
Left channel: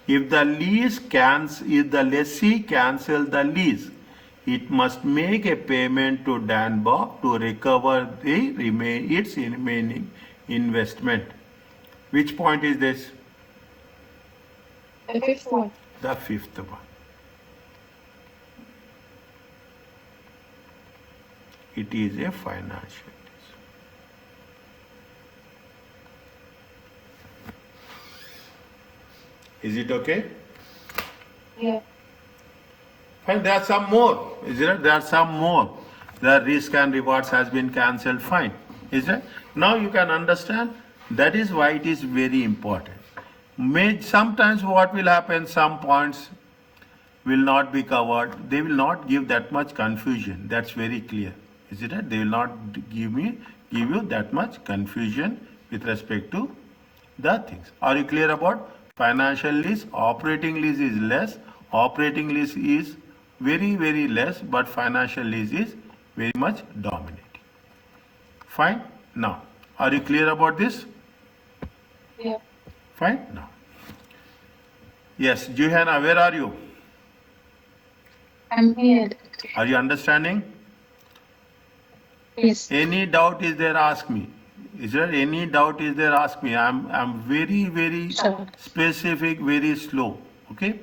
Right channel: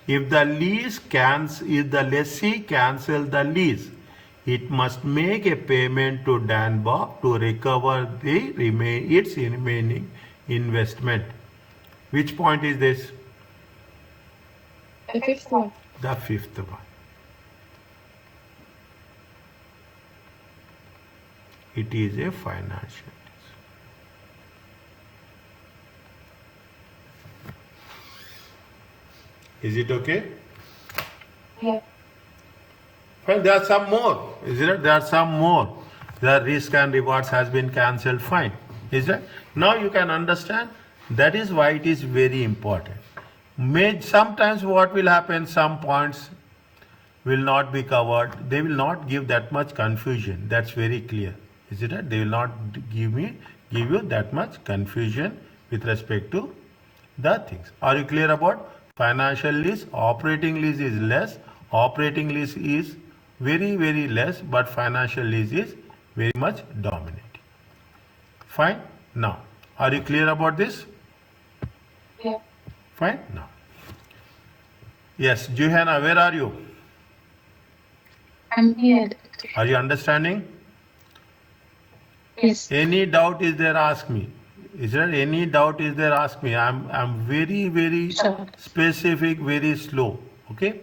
If the lessee cancels the lease, it must make a payment to Dan Bob to recover its remaining investment. Which point is this? The 5th one. The 5th one. It is a financial lease. Is it okay? Yeah. Fine, there are some more. Is it? There are some more. The risk and rewards has been cancelled. Fine. Is that? Now you can understand. That is why it is very important. Sometimes what will happen, some points will not be covered. They will not give that much confusion. That's very clear. Is it right? They will not give you that much confusion with respect to the things. Are you clear about financial lease? Operating lease is less. Operating lease is very, very less, but financial lease is very much dominating. Fine. Now, are you clear about this? Yeah. Fine. Now. Yes, Johanna, where are you? I'm here. Are you understanding? Yes. Any doubt is there? Ask me. Is there any doubt is there? Ask me. I'm very, very Sure. specific, very slow. Okay.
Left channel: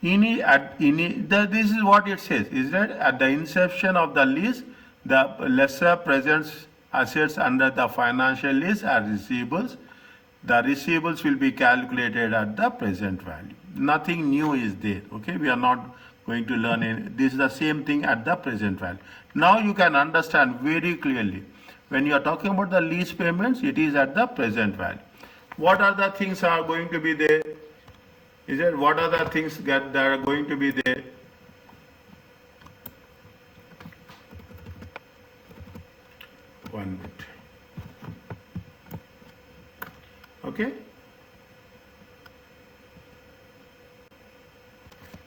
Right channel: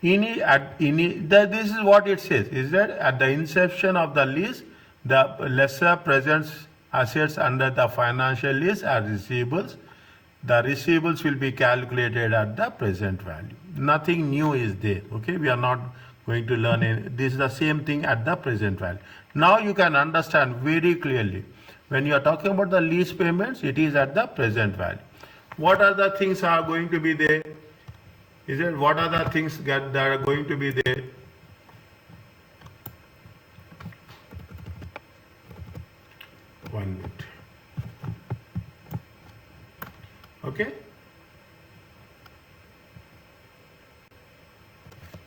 This is what it says. Is that at the inception of the lease, the lessor presents assets under the financial lease as receivables. the receivables will be calculated at the present value. Nothing new is there. Okay, we are not going to learn any. This is the same thing at the present value. Now you can understand very clearly. When you are talking about the lease payments, it is at the present value. What are the things are going to be there? Is it what are the things that are going to be there? One minute. Okay.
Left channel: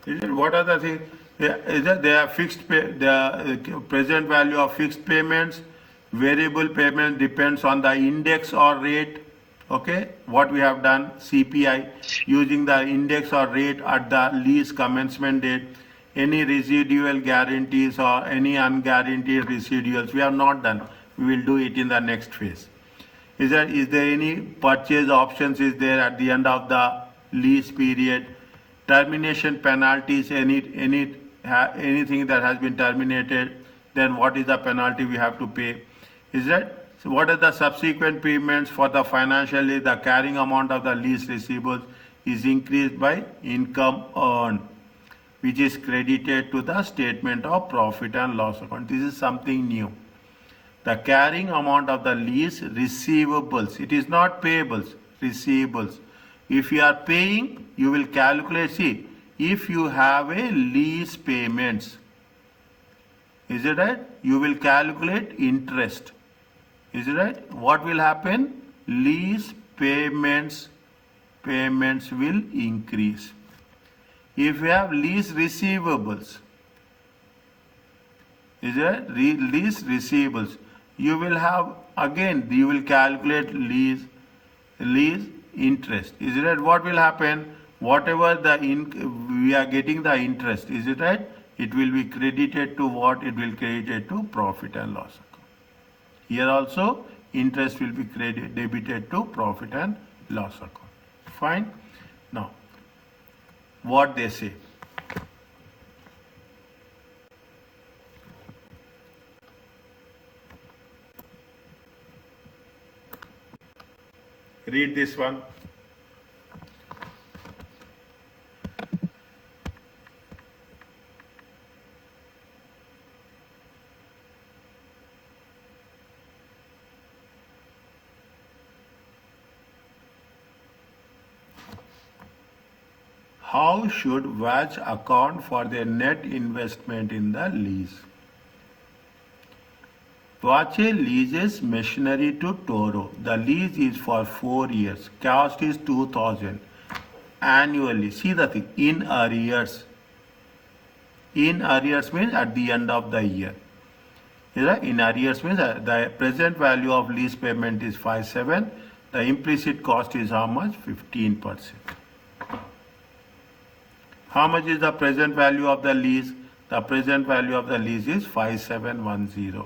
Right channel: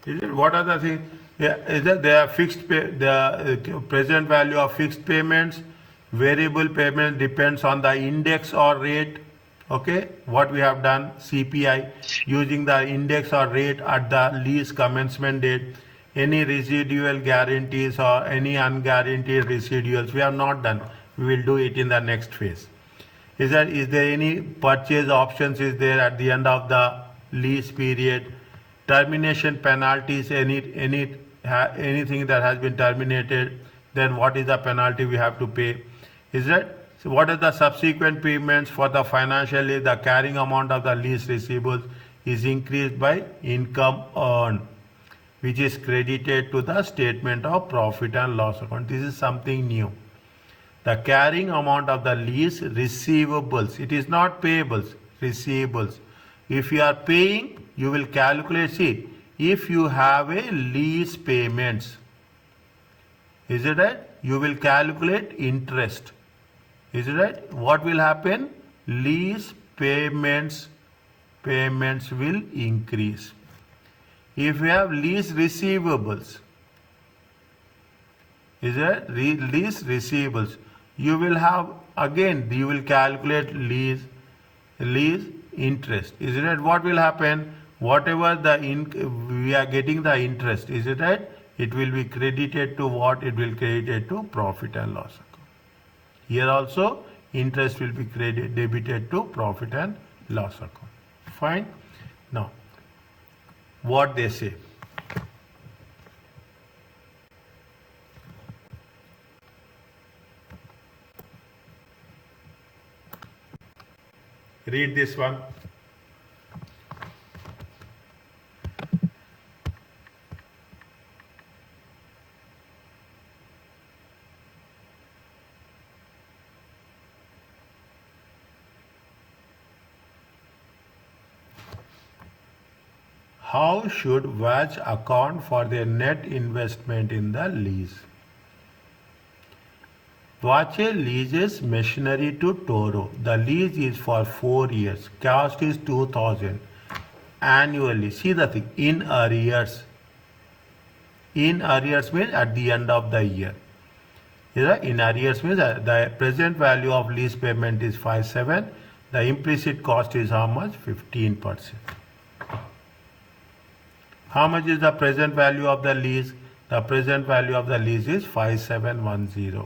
Is it what are the things? Yeah, is that they are fixed pay, the present value of fixed payments, variable payment depends on the index or rate. Okay, what we have done, CPI, using the index or rate at the lease commencement date. Any residual guarantees or any unguaranteed residuals, we have not done. We will do it in the next phase. Is there any purchase options is there at the end of the lease period? Termination penalties, anything that has been terminated, then what is the penalty we have to pay? Is that so? What are the subsequent payments for the financial year? The carrying amount of the lease receivables is increased by income earned, which is credited to the statement of profit and loss account. This is something new. The carrying amount of the lease receivables, it is not payables, receivables. If you are paying, you will calculate, see, if you have a lease payments, is it right? You will calculate interest. Is it right? What will happen? Lease payments will increase. If you have lease receivables, is it lease receivables? You will have, again, you will calculate lease interest. Is it right? What will happen? Whatever we are getting the interest, is it right? It will be credited to what? It will credited to profit and loss account. Here also interest will be debited to profit and loss account. Fine. Now, what they say. Read this one. How should WACH account for their net investment in the lease? WACH leases machinery to Toro. The lease is for 4 years. Cost is 2,000 annually. See the thing, in arrears. In arrears means at the end of the year. In arrears means the present value of lease payment is 5,700. The implicit cost is how much? 15%. How much is the present value of the lease? The present value of the lease is 5,710.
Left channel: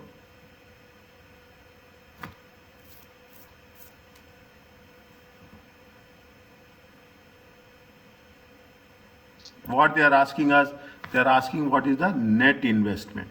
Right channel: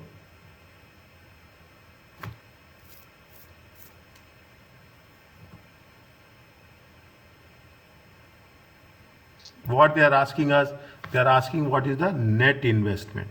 What they are asking us, they are asking what is the net investment.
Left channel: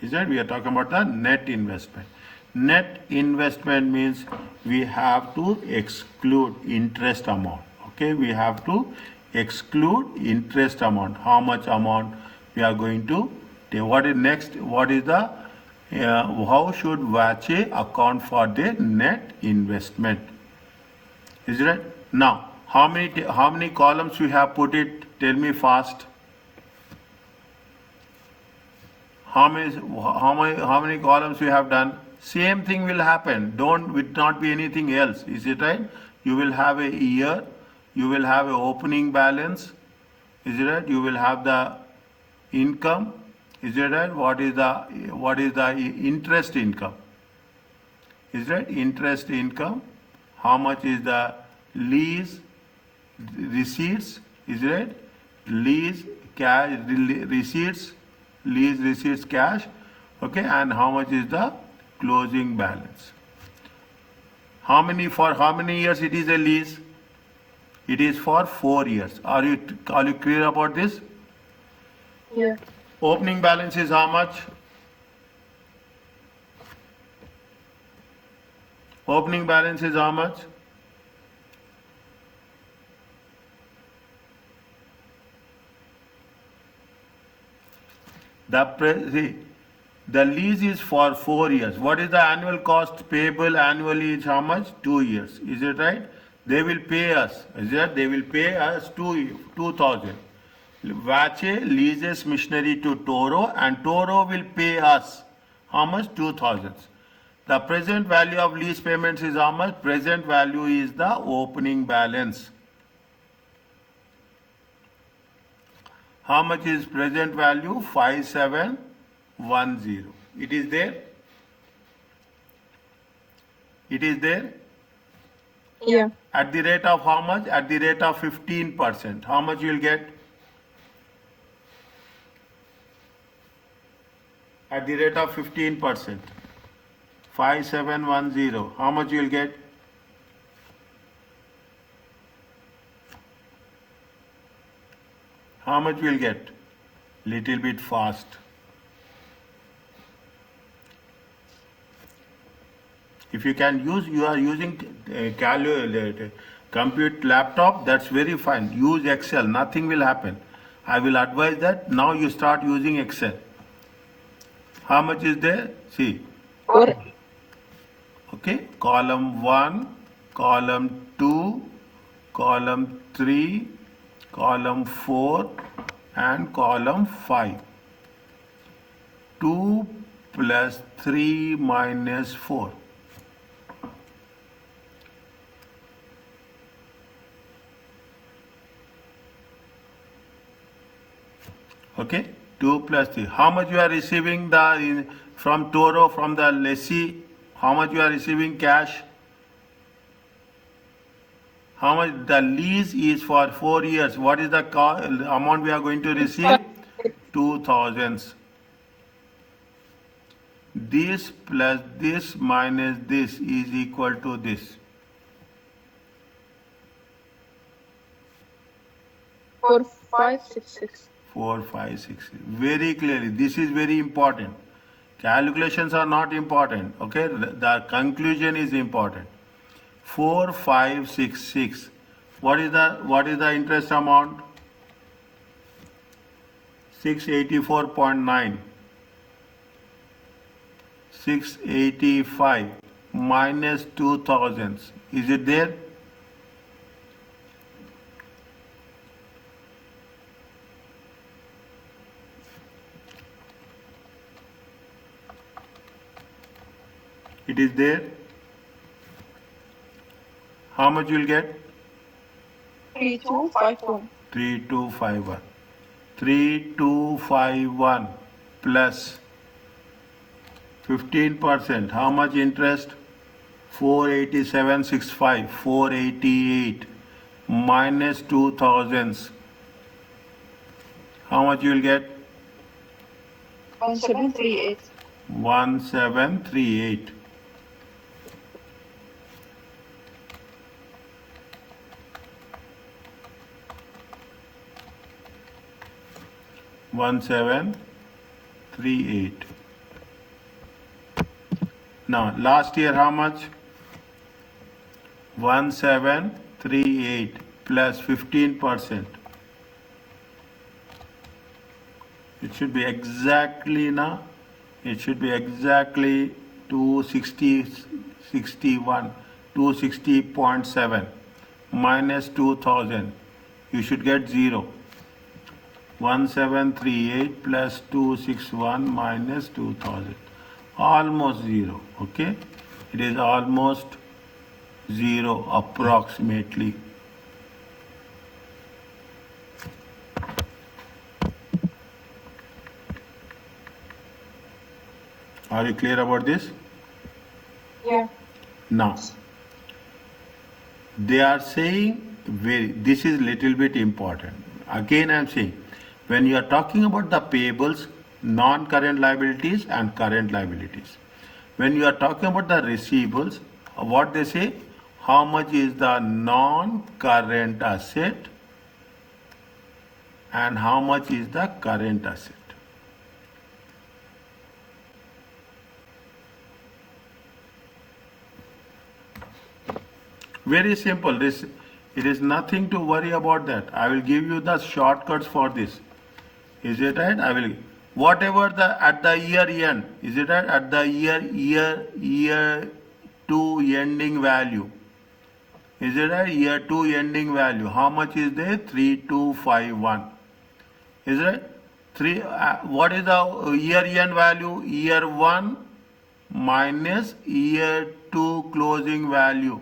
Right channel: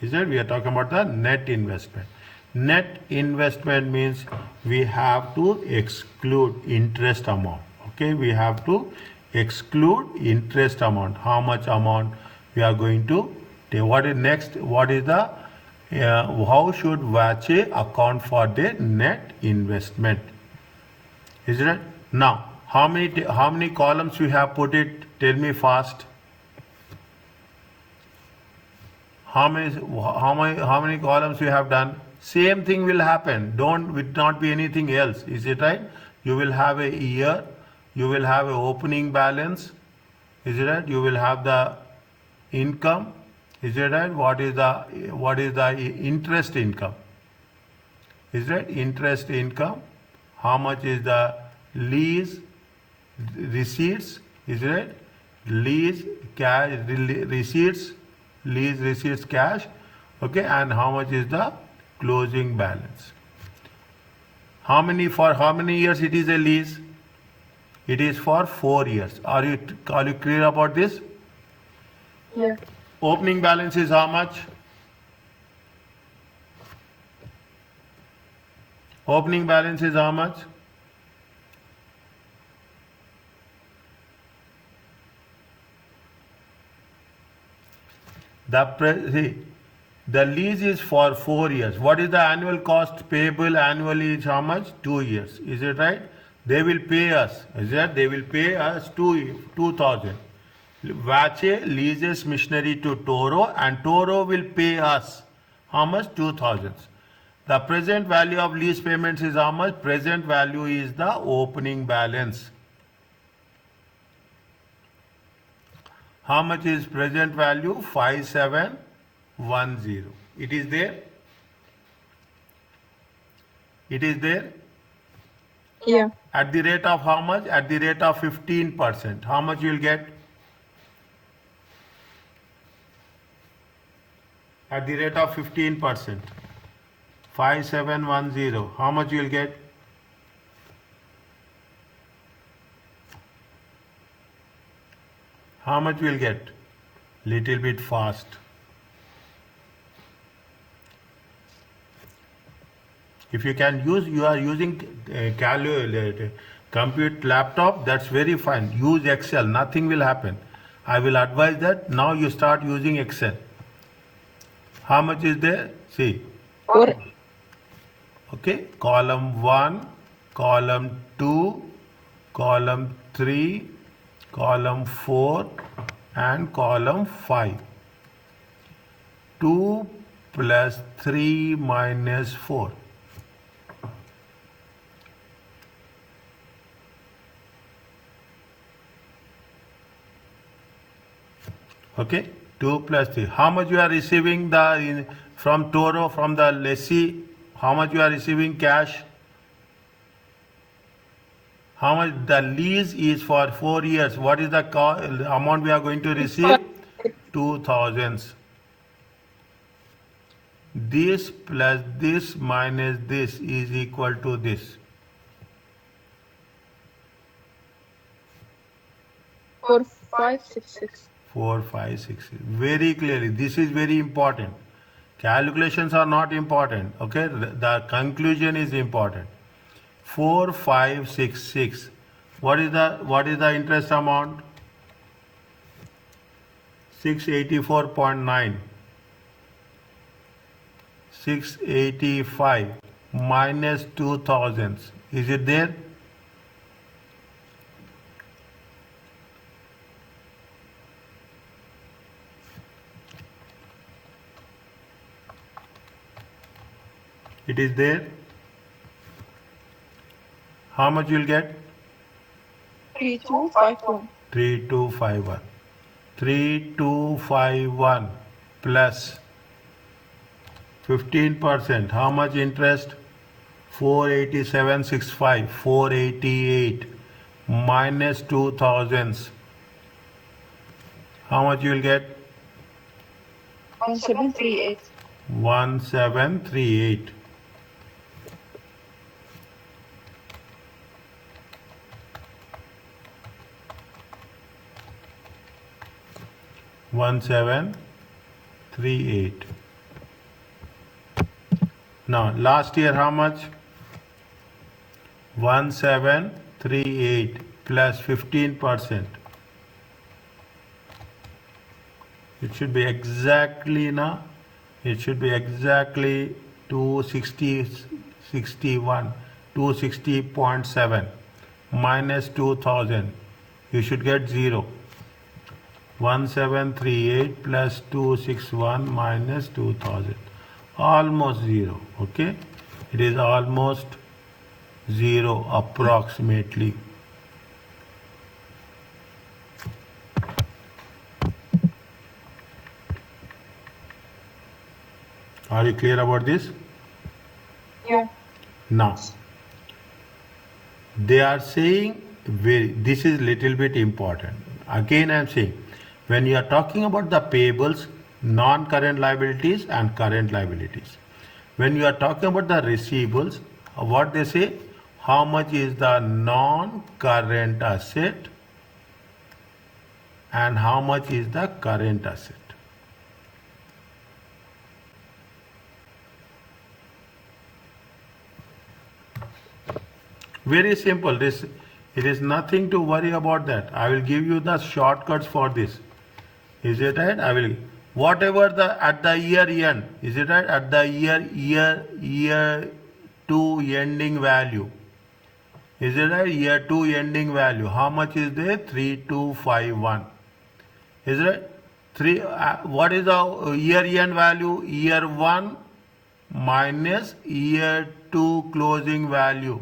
Is that we are talking about the net investment. Net investment means we have to exclude interest amount. Okay, we have to exclude interest amount. How much amount we are going to take? What is next? What is the how should WACH account for the net investment? Is it right? Now, how many columns we have put it? Tell me fast. How many columns we have done? Same thing will happen. Will not be anything else. Is it right? You will have a year. You will have a opening balance. Is it right? You will have the income. Is it right? What is the interest income? Is that interest income? How much is the lease receipts? Is it right? Lease cash receipts. Lease receipts cash. Okay, and how much is the closing balance? For how many years it is a lease? It is for 4 years. Are you clear about this? Yeah. Opening balance is how much? Opening balance is how much? The lease is for 4 years. What is the annual cost payable annually is how much? 2 years. Is it right? They will pay us. Is that? They will pay us 2,000. Vache leases machinery to Toro and Toro will pay us how much? 2,000. The present value of lease payments is how much? Present value is the opening balance. How much is present value? 5710. It is there? It is there? Yeah. At the rate of how much? At the rate of 15%. How much you will get? At the rate of 15%. 5710. How much you will get? How much will get? Little bit fast. If you can use, you are using compute laptop, that's very fine. Use Excel, nothing will happen. I will advise that now you start using Excel. How much is there? See. Or Okay, column 1, column 2, column 3, column 4 and column 5. 2 plus 3 minus 4. Okay, 2 plus 3. How much you are receiving from Toro, from the lessee? How much you are receiving cash? How much the lease is for 4 years? What is the amount we are going to receive? 2,000. This plus this minus this is equal to this. four, 5, 6, 6. 4, 5, 6. Very clearly, this is very important. Calculations are not important. Okay, the conclusion is important. 4, 5, 6, 6. What is the interest amount? 684.9. 685 minus 2,000. Is it there? It is there. How much you will get? 3251. 3251. 3251 plus 15%. How much interest? 487.65. 488 minus 2,000. How much you will get? 1738. 1738. One 738. Now last year how much? 1738 plus 15%. It should be exactly now. It should be exactly 260.61, 260.7 minus 2,000. You should get 0. 1738 plus 261 minus 2000. Almost 0. Okay. It is almost 0 approximately. Are you clear about this? Yeah. Now, they are saying, this is little bit important. Again, I am saying, when you are talking about the payables, non-current liabilities and current liabilities. When you are talking about the receivables, what they say, how much is the non-current asset and how much is the current asset. Very simple. It is nothing to worry about that. I will give you the shortcuts for this. Is it right? I will. Whatever at the year end. Is it right? At the year 2 ending value. Is it right? Year 2 ending value. How much is there? 3251. Is it? What is the year end value? Year 1 minus year 2 closing value.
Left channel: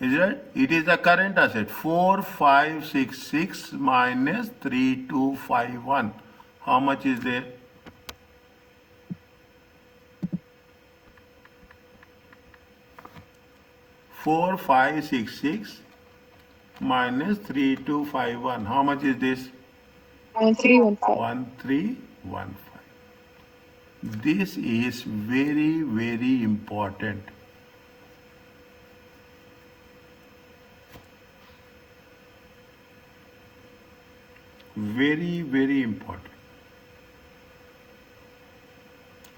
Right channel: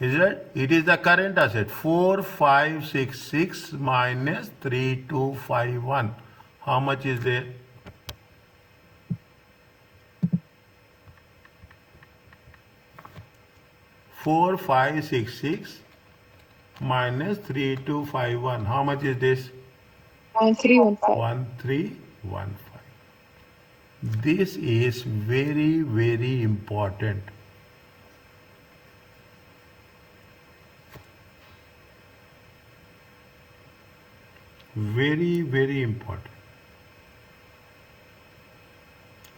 Is it? It is the current asset. 4566 minus 3251. How much is there? Four five six six minus 3251. How much is this? 1315. 1315. This is very, very important. Very, very important.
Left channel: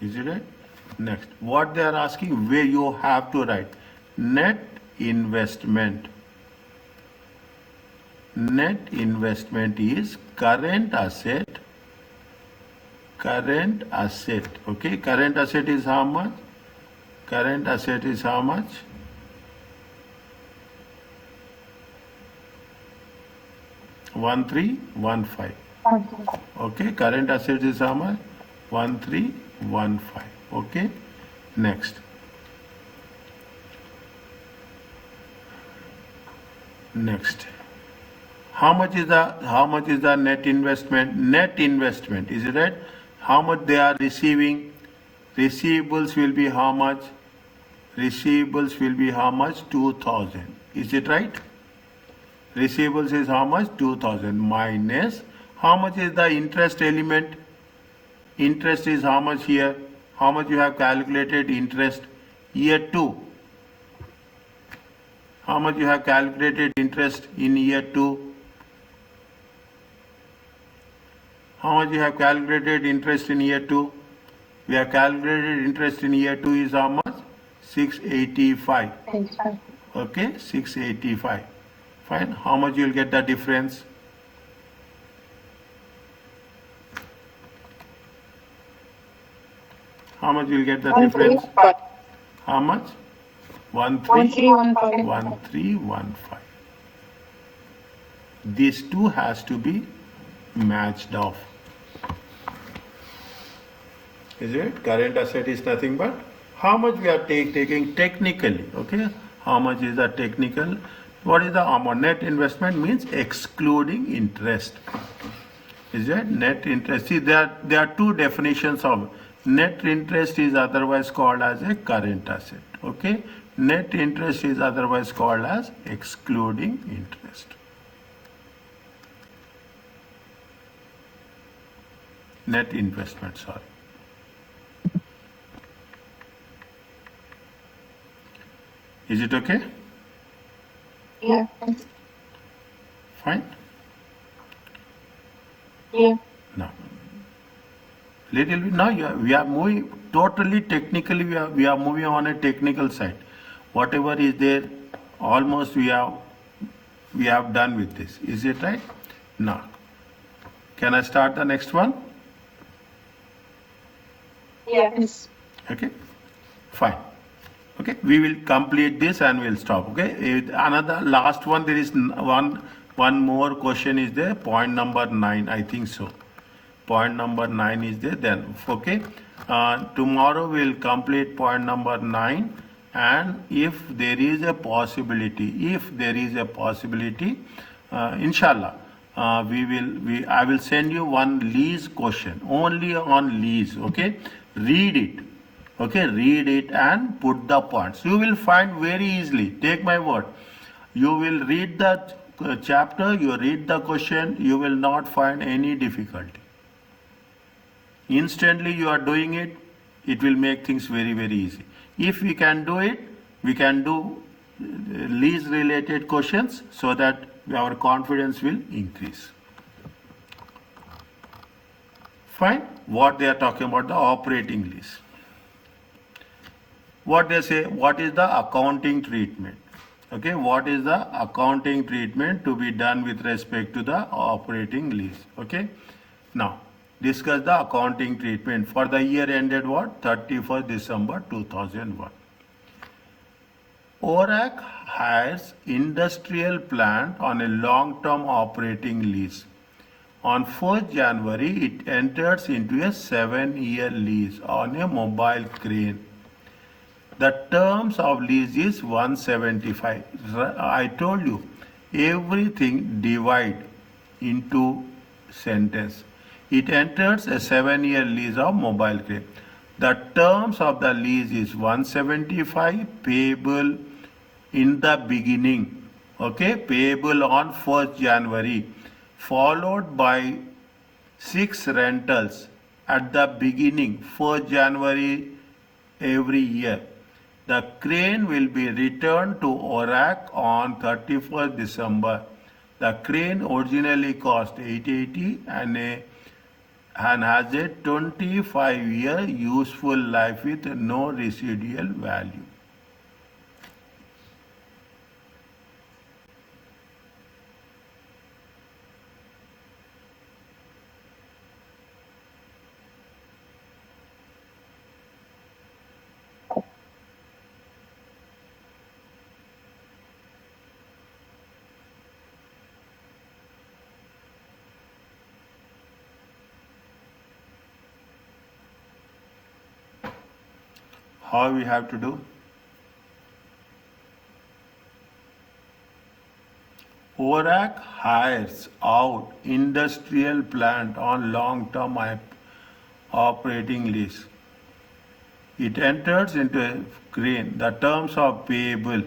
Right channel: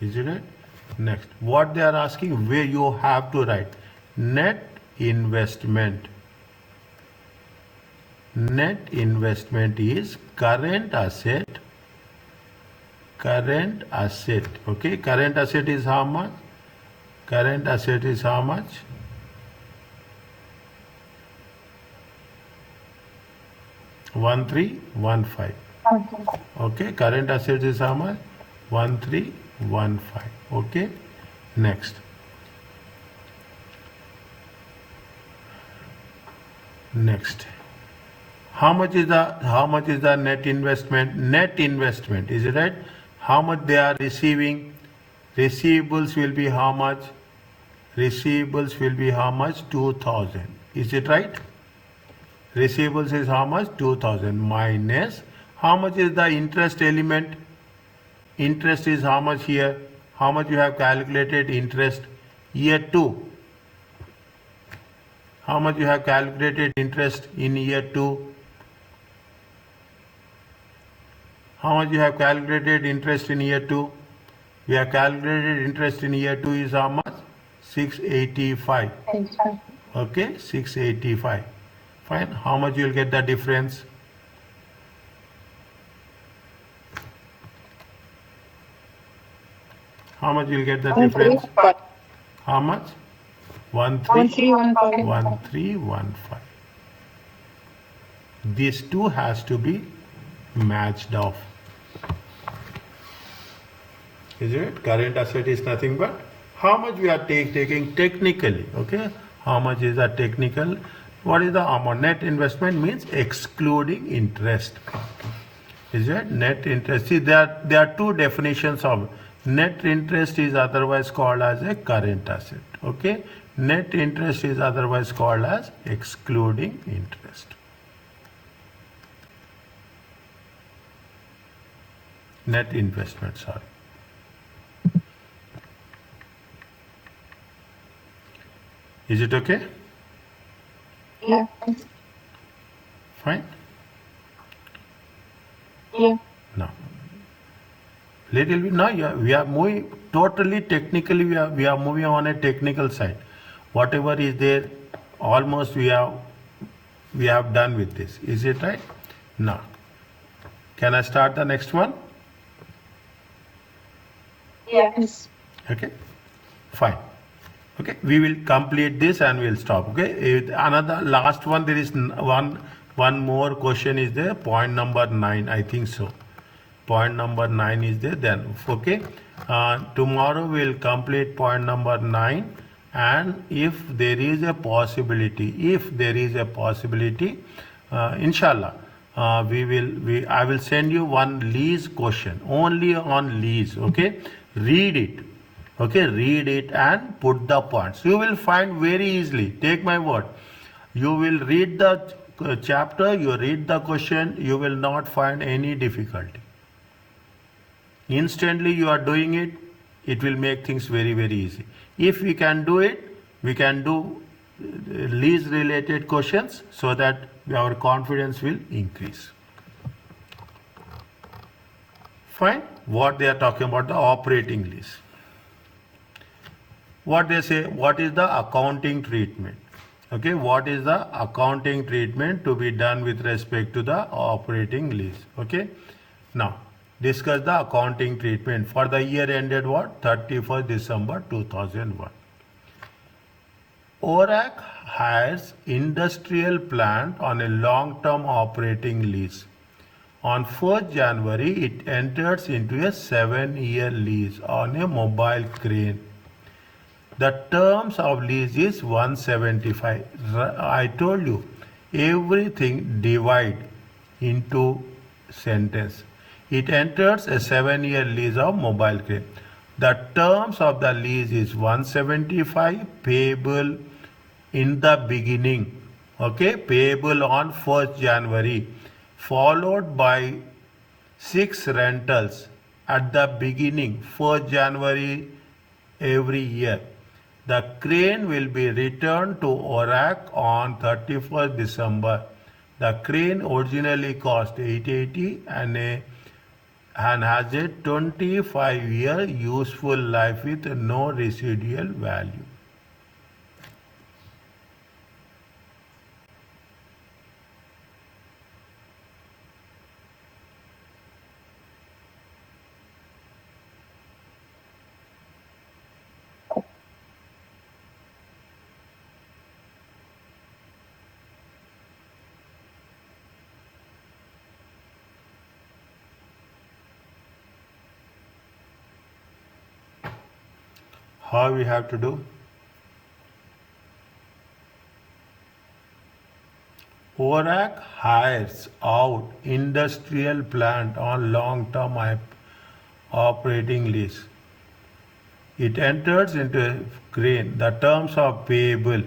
Is it right? Next, what they are asking, where you have to write net investment. Net investment is current asset. Current asset. Okay, current asset is how much? Current asset is how much? One three one five. Okay, current asset is how much? 1315. Okay, next. Next. How much is the net investment? Net investment, is it right? How much they are receiving? Receivables will be how much? Receivables will be how much? 2000. Is it right? Receivables is how much? 2000 minus how much is the interest element? Interest is how much here? How much you have calculated interest? Year 2. How much you have calculated interest in year 2? How much you have calculated interest in year 2? We have calculated interest in year 2 is how much? 685. Okay, 685. Fine. How much you will get the difference? How much you will get the difference? How much? 1315. 1315. These two has to be matched off. Is it? Current asset is nothing but how much we are taking technically. Okay. How much is the technical? What is the amount? Net investment means excluding interest. Is it? Net interest. See, there are two definitions of net interest is otherwise called as a current asset. Okay. Net interest is otherwise called as excluding interest. Net investment, sorry. Is it okay? Yeah. Fine. Yeah. Now, little bit now we are moving totally technically. We are moving on a technical side. Whatever is there, almost we have done with this. Is it right? Now, can I start the next one? Yes. Okay. Fine. Okay, we will complete this and we'll stop. Okay, another last one. There is one more question is there. Point number 9, I think so. Point number 9 is there. Then okay, tomorrow we'll complete point number 9, and if there is a possibility, inshallah, I will send you one lease question only on lease. Okay, read it. Okay, read it and put the points. You will find very easily. Take my word. You will read the chapter, you read the question, you will not find any difficulty. Instantly you are doing it, it will make things very, very easy. If we can do it, we can do lease related questions so that our confidence will increase. Fine. What they are talking about, the operating lease. what they say, what is the accounting treatment? Okay, what is the accounting treatment to be done with respect to the operating lease? Okay, now discuss the accounting treatment for the year ended what? 31st December 2001. ORAC hires industrial plant on a long-term operating lease. On 1st January, it enters into a 7-year lease on a mobile crane. The terms of lease is 175. I told you, everything divide into sentence. It enters a 7-year lease of mobile crane. The terms of the lease is 175 payable in the beginning, okay, payable on 1st January, followed by 6 rentals at the beginning, 1st January every year. The crane will be returned to ORAC on 31st December. The crane originally cost 880 and has a 25-year useful life with no residual value. How we have to do? ORAC hires out industrial plant on long-term operating lease. It enters into a crane. The terms of payable.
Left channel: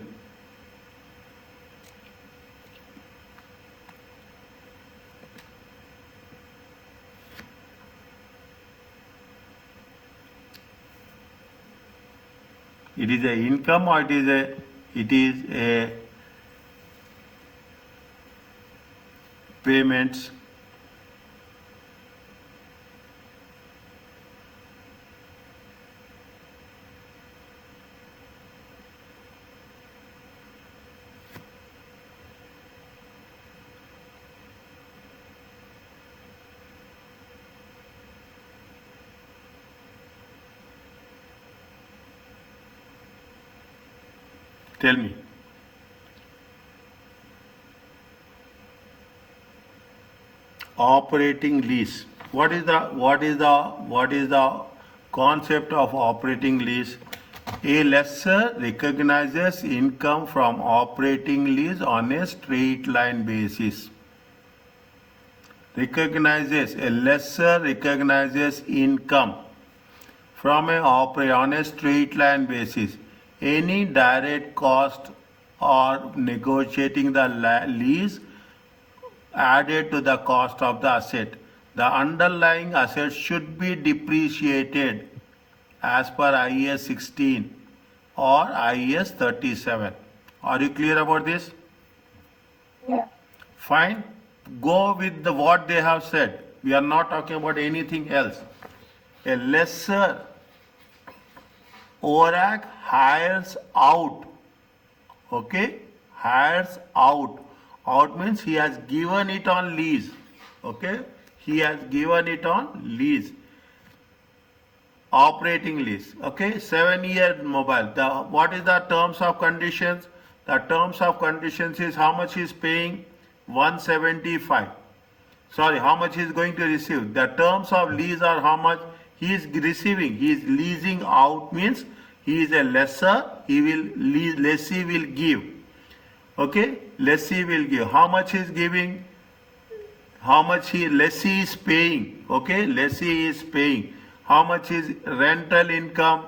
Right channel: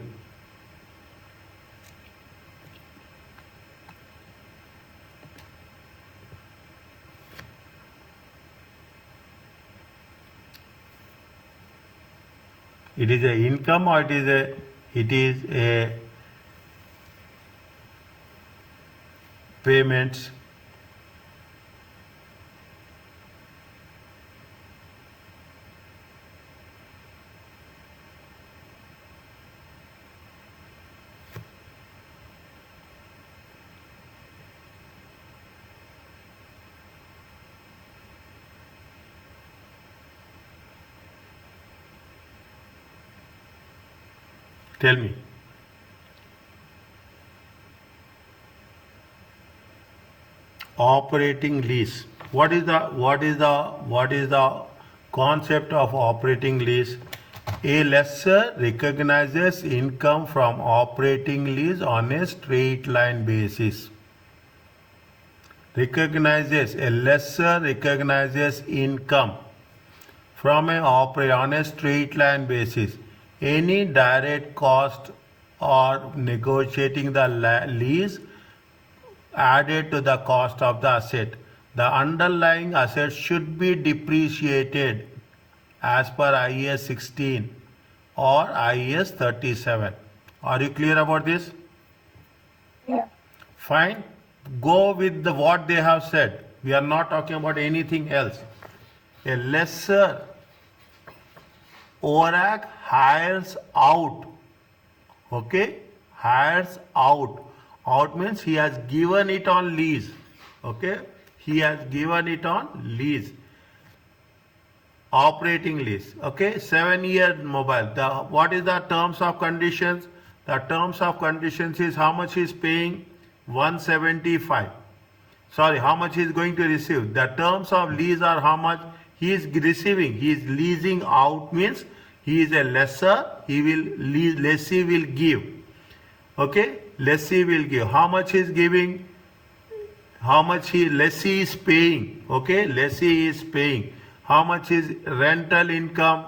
It is a income or it is a payments. Tell me. Operating lease. What is the concept of operating lease? A lessor recognizes income from operating lease on a straight line basis. A lessor recognizes income from on a straight line basis. Any direct cost or negotiating the lease added to the cost of the asset. The underlying asset should be depreciated as per IAS 16 or IAS 37. Are you clear about this? Yeah. Fine. Go with what they have said. We are not talking about anything else. A lessor, ORAC hires out. Okay? Hires out. Out means he has given it on lease. Okay? He has given it on lease. Operating lease. Okay? 7-year mobile. What is the terms of conditions? The terms of conditions is how much he is paying? 175. Sorry, how much he is going to receive? The terms of lease are how much he is receiving. He is leasing out means he is a lessor. He will lease. Lessee will give. Okay, lessee will give. How much he is giving? How much lessee is paying? Okay, lessee is paying. How much is rental income?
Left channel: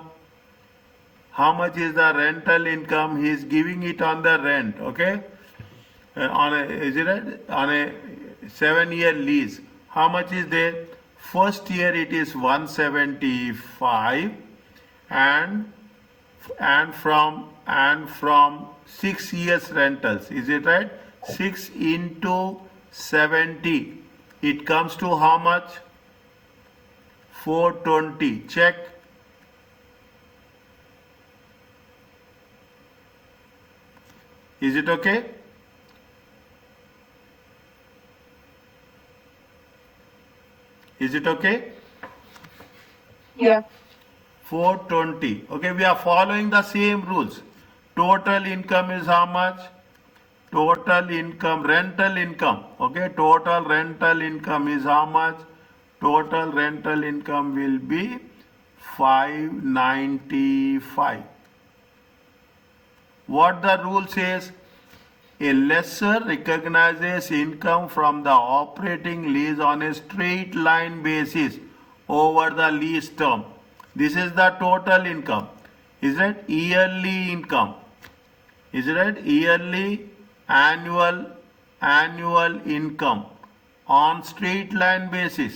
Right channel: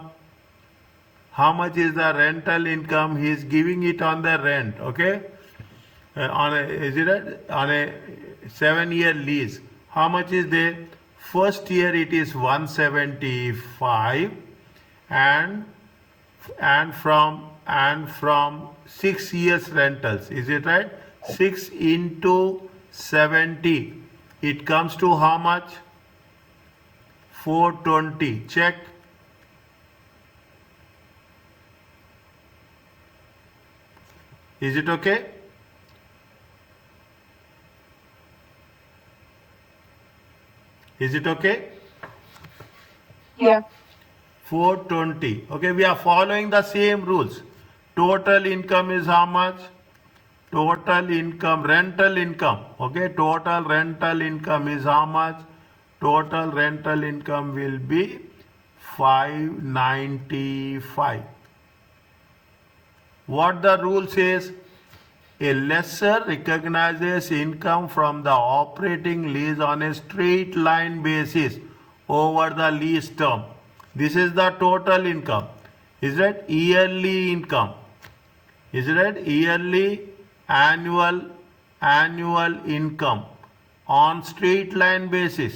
How much is the rental income? He is giving it on the rent. Okay, on a 7-year lease. How much is there? First year it is 175, and from 6 years rentals. Is it right? 6 into 70. It comes to how much? 420. Check. Is it okay? Is it okay? Yeah. 420. Okay, we are following the same rules. Total income is how much? Total income, rental income. Okay, total rental income is how much? Total rental income will be 595. What the rule says? A lessor recognizes income from the operating lease on a straight line basis over the lease term. This is the total income. Is it yearly income? Is it yearly, annual income on straight line basis?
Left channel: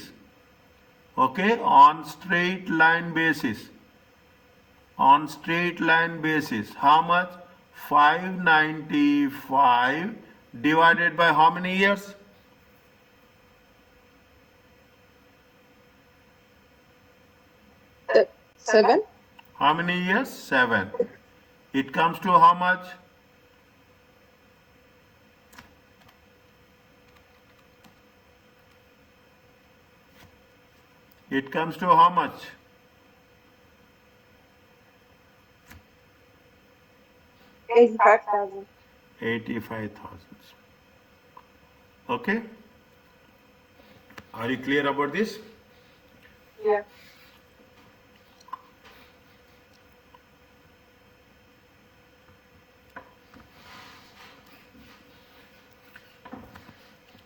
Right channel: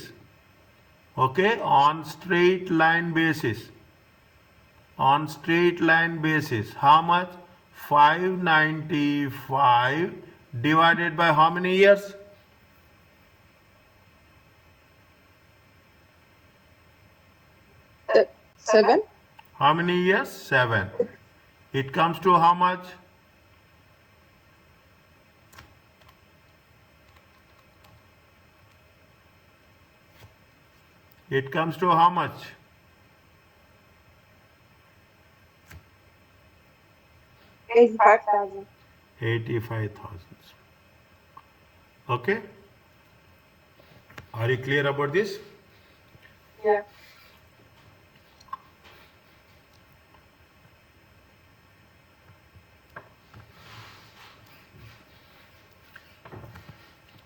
Okay, on straight line basis. On straight line basis, how much? 595 divided by how many years? Seven. How many years? 7. It comes to how much? It comes to how much? 85,000. 85,000. Okay? Are you clear about this? Yeah.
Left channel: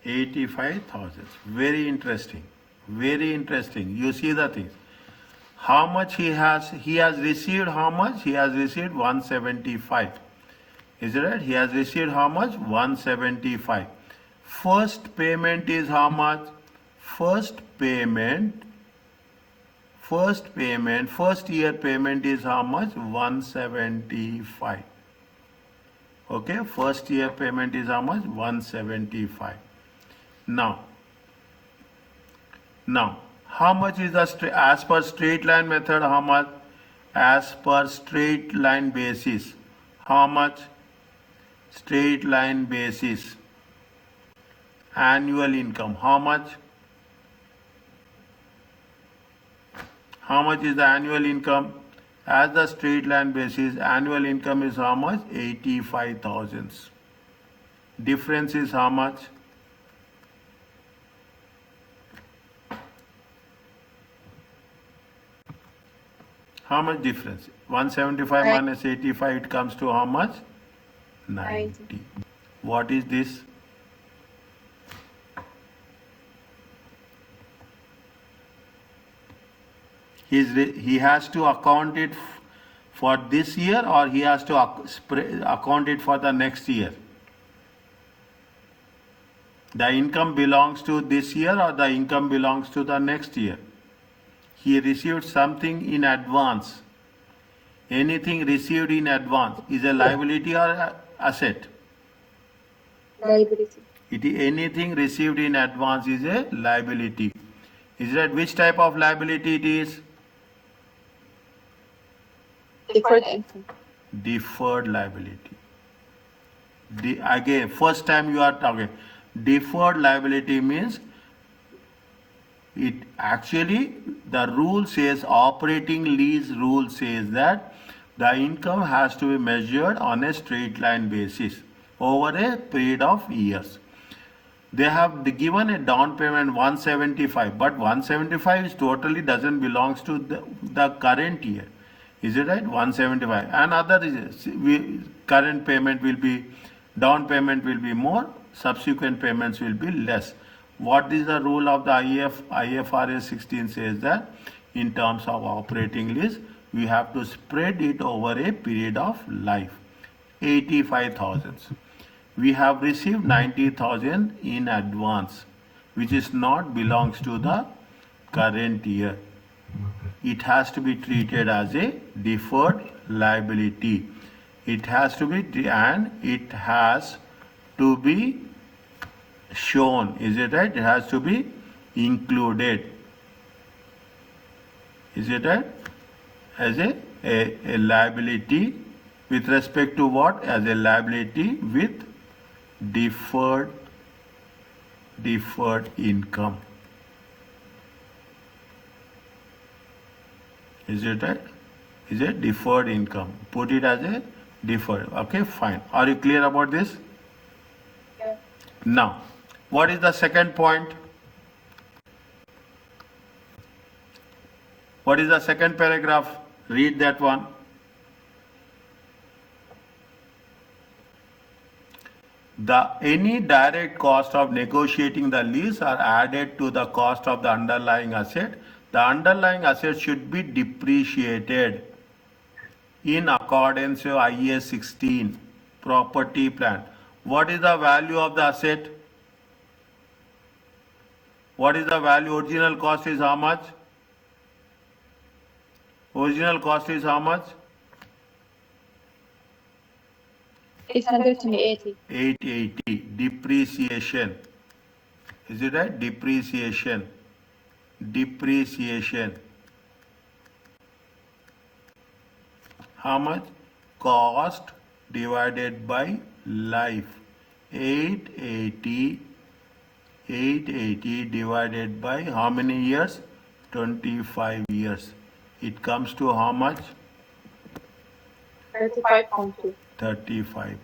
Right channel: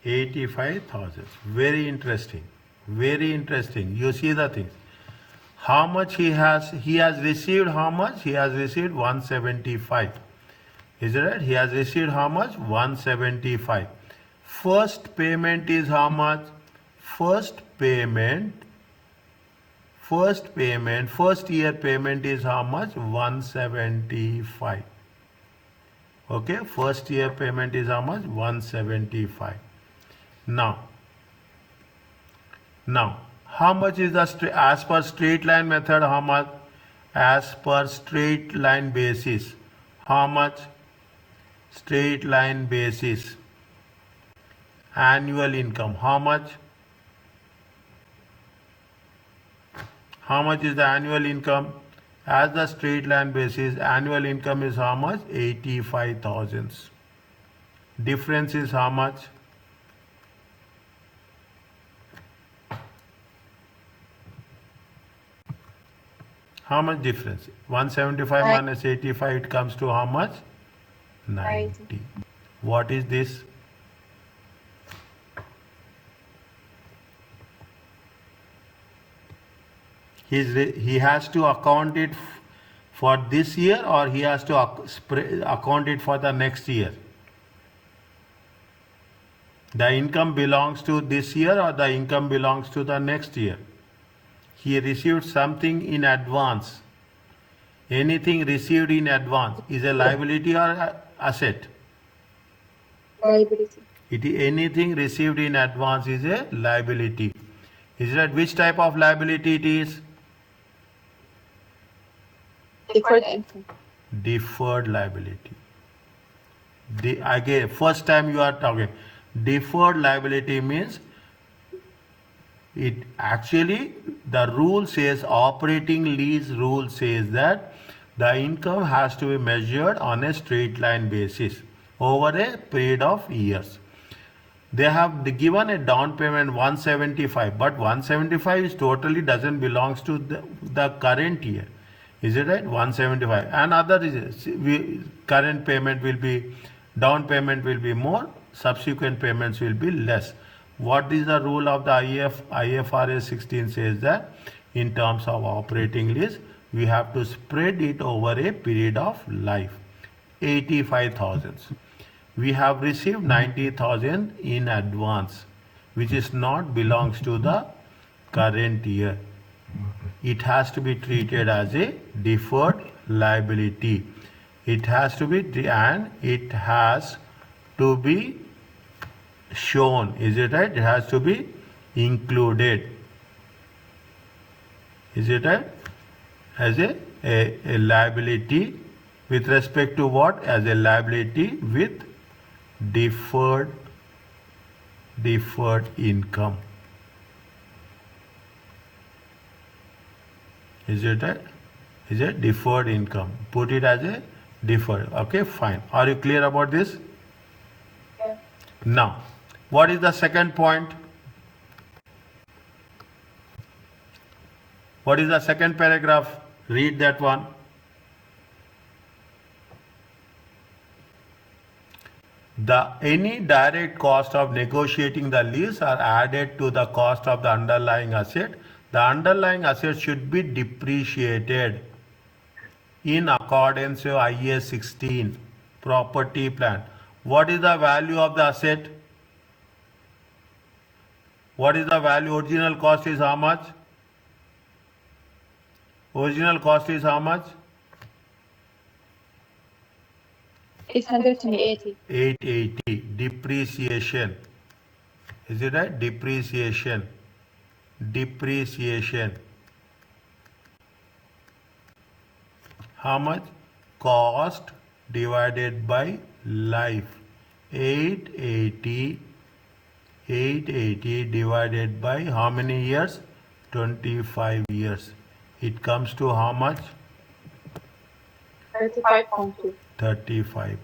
$85,000. Very interesting. Very interesting. You see the thing. How much he has received how much? He has received 175. Is it right? He has received how much? 175. First payment is how much? First year payment is how much? 175. Okay, first year payment is how much? 175. Now, how much is the, as per straight line method, how much? As per straight line basis, how much? Straight line basis, annual income, how much? How much is the annual income? As the straight line basis, annual income is how much? 85,000. Difference is how much? How much difference? 175 minus 85, it comes to how much? 90. What is this? He has to account it for this year, or he has to account it for the next year? The income belongs to this year, or the income belongs to the next year? He received something in advance. Anything received in advance is a liability or asset? Liability. Anything received in advance is a liability. Is that which type of liability it is? Deferred income. Deferred liability. Again, first time you are talking. Deferred liability means it actually, the rule says, operating lease rule says that the income has to be measured on a straight line basis over a period of years. They have given a down payment 175, but 175 is totally doesn't belongs to the current year. Is it right? 175. And other current payment will be, down payment will be more, subsequent payments will be less. What is the rule of the IFRS 16 says that in terms of operating lease, we have to spread it over a period of life. 85,000. We have received 90,000 in advance, which is not belongs to the current year. It has to be treated as a deferred liability. It has to be, and it has to be shown. Is it right? It has to be included. Is it right? As a liability With respect to what? As a liability with deferred income. Is it right? Is it deferred income? Put it as a deferred. Okay, fine. Are you clear about this? Yeah. Now, what is the second point? What is the second paragraph? Read that one. Any direct cost of negotiating the lease are added to the cost of the underlying asset. The underlying asset should be depreciated in accordance with IAS 16 property plan. What is the value of the asset? What is the value? Original cost is how much? Original cost is how much? 880. 880. Depreciation. Is it right? Depreciation. How much? Cost divided by life. 880 divided by how many years? 25 years. It comes to how much? 35.2. 35 point.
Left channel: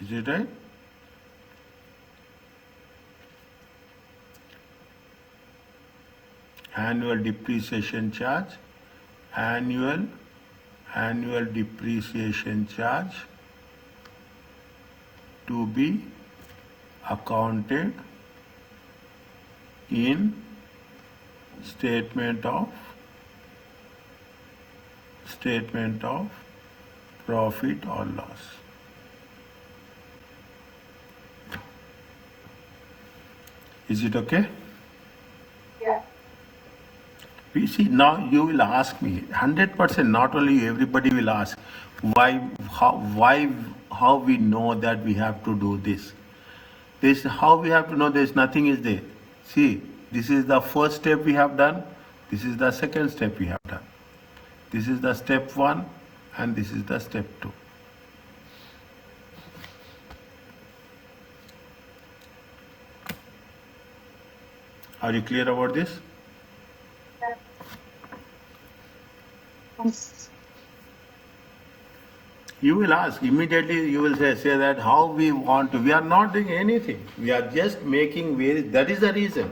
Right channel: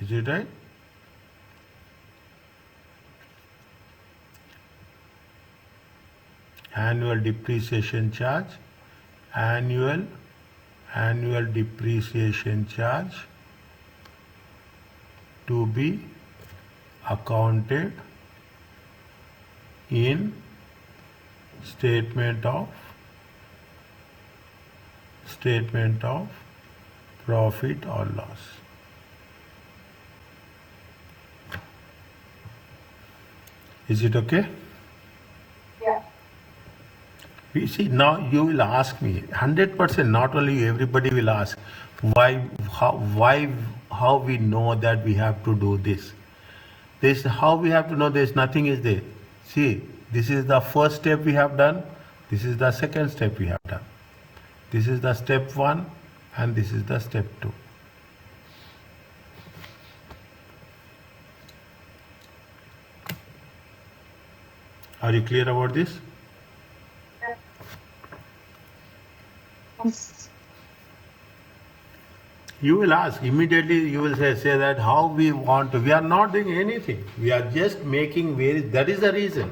Is it right? Annual depreciation charge. Annual depreciation charge to be accounted in statement of profit or loss. Is it okay? Yeah. You see, now you will ask me 100%. Not only you, everybody will ask how we know that we have to do this. This how we have to know. There's nothing is there. See, this is the first step we have done. This is the second step we have done. This is the step 1 and this is the step 2. Are you clear about this? Yes. You will ask immediately. You will say that how we want to. We are not doing anything. We are just making various. That is the reason.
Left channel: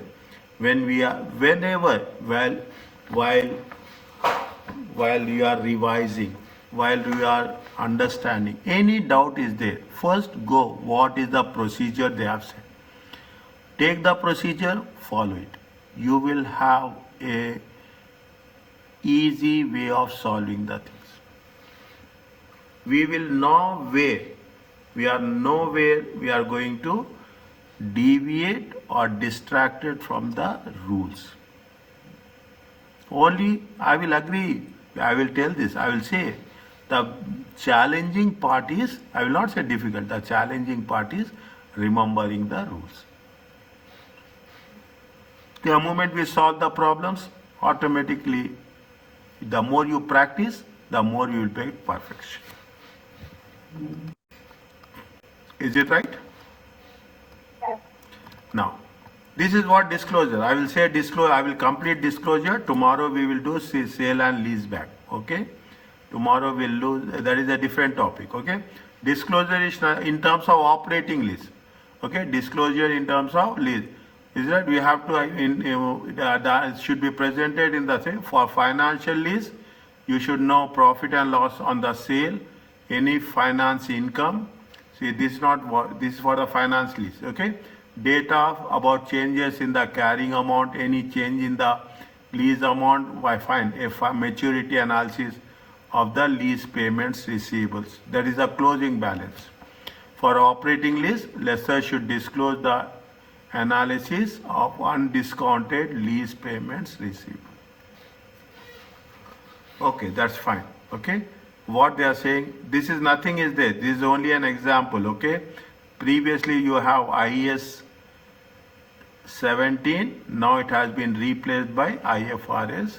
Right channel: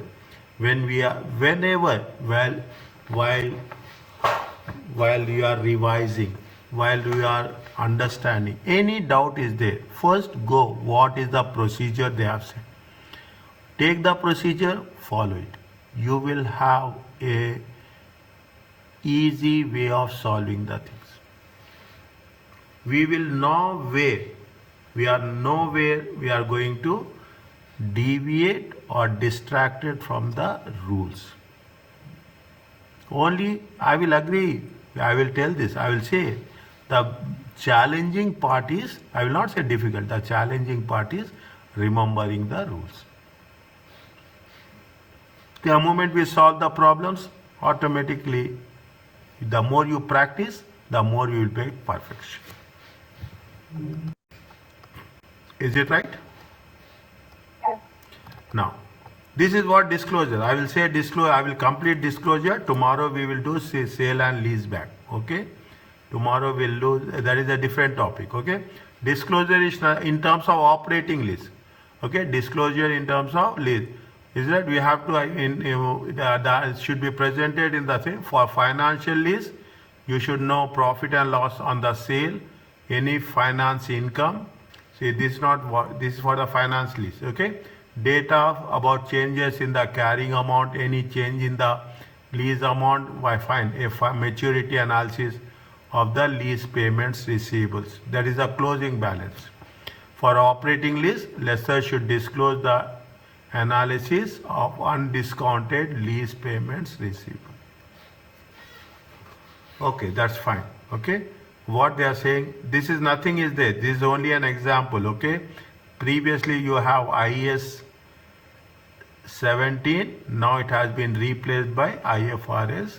Whenever while you are revising, while you are understanding, any doubt is there. First go. What is the procedure they have said? Take the procedure. Follow it. You will have a easy way of solving the things. We will nowhere we are going to deviate or distracted from the rules. Only I will agree, I will tell this, I will say the challenging part is, I will not say difficult, the challenging part is remembering the rules. The moment we solve the problems, automatically, the more you practice, the more you will be perfection. Is it right? Yeah. Now, this is what disclosure. I will say disclosure. I will complete disclosure. Tomorrow we will do sale and lease back. Okay. Tomorrow we'll do. That is a different topic. Okay. Disclosure is in terms of operating lease. Okay. Disclosure in terms of lease. Is that we have to that should be presented in the same. For financial lease, you should know profit and loss on the sale, any finance income. See, this is not what this is for the finance lease. Okay, data about changes in the carrying amount, any change in the lease amount. Why find a maturity analysis of the lease payments receivables. That is a closing balance. For operating lease, lessor should disclose the analysis of undiscounted lease payments receivable. Okay, that's fine. Okay, what they are saying, this is nothing is there. This is only an example. Okay, previously you have IAS 17, now it has been replaced by IFRS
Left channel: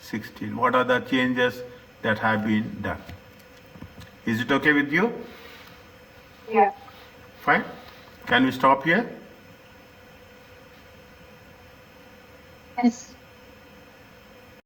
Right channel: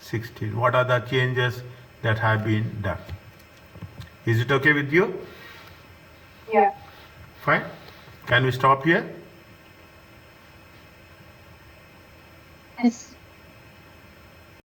16. What are the changes that have been done? Is it okay with you? Yeah. Fine. Can we stop here? Yes.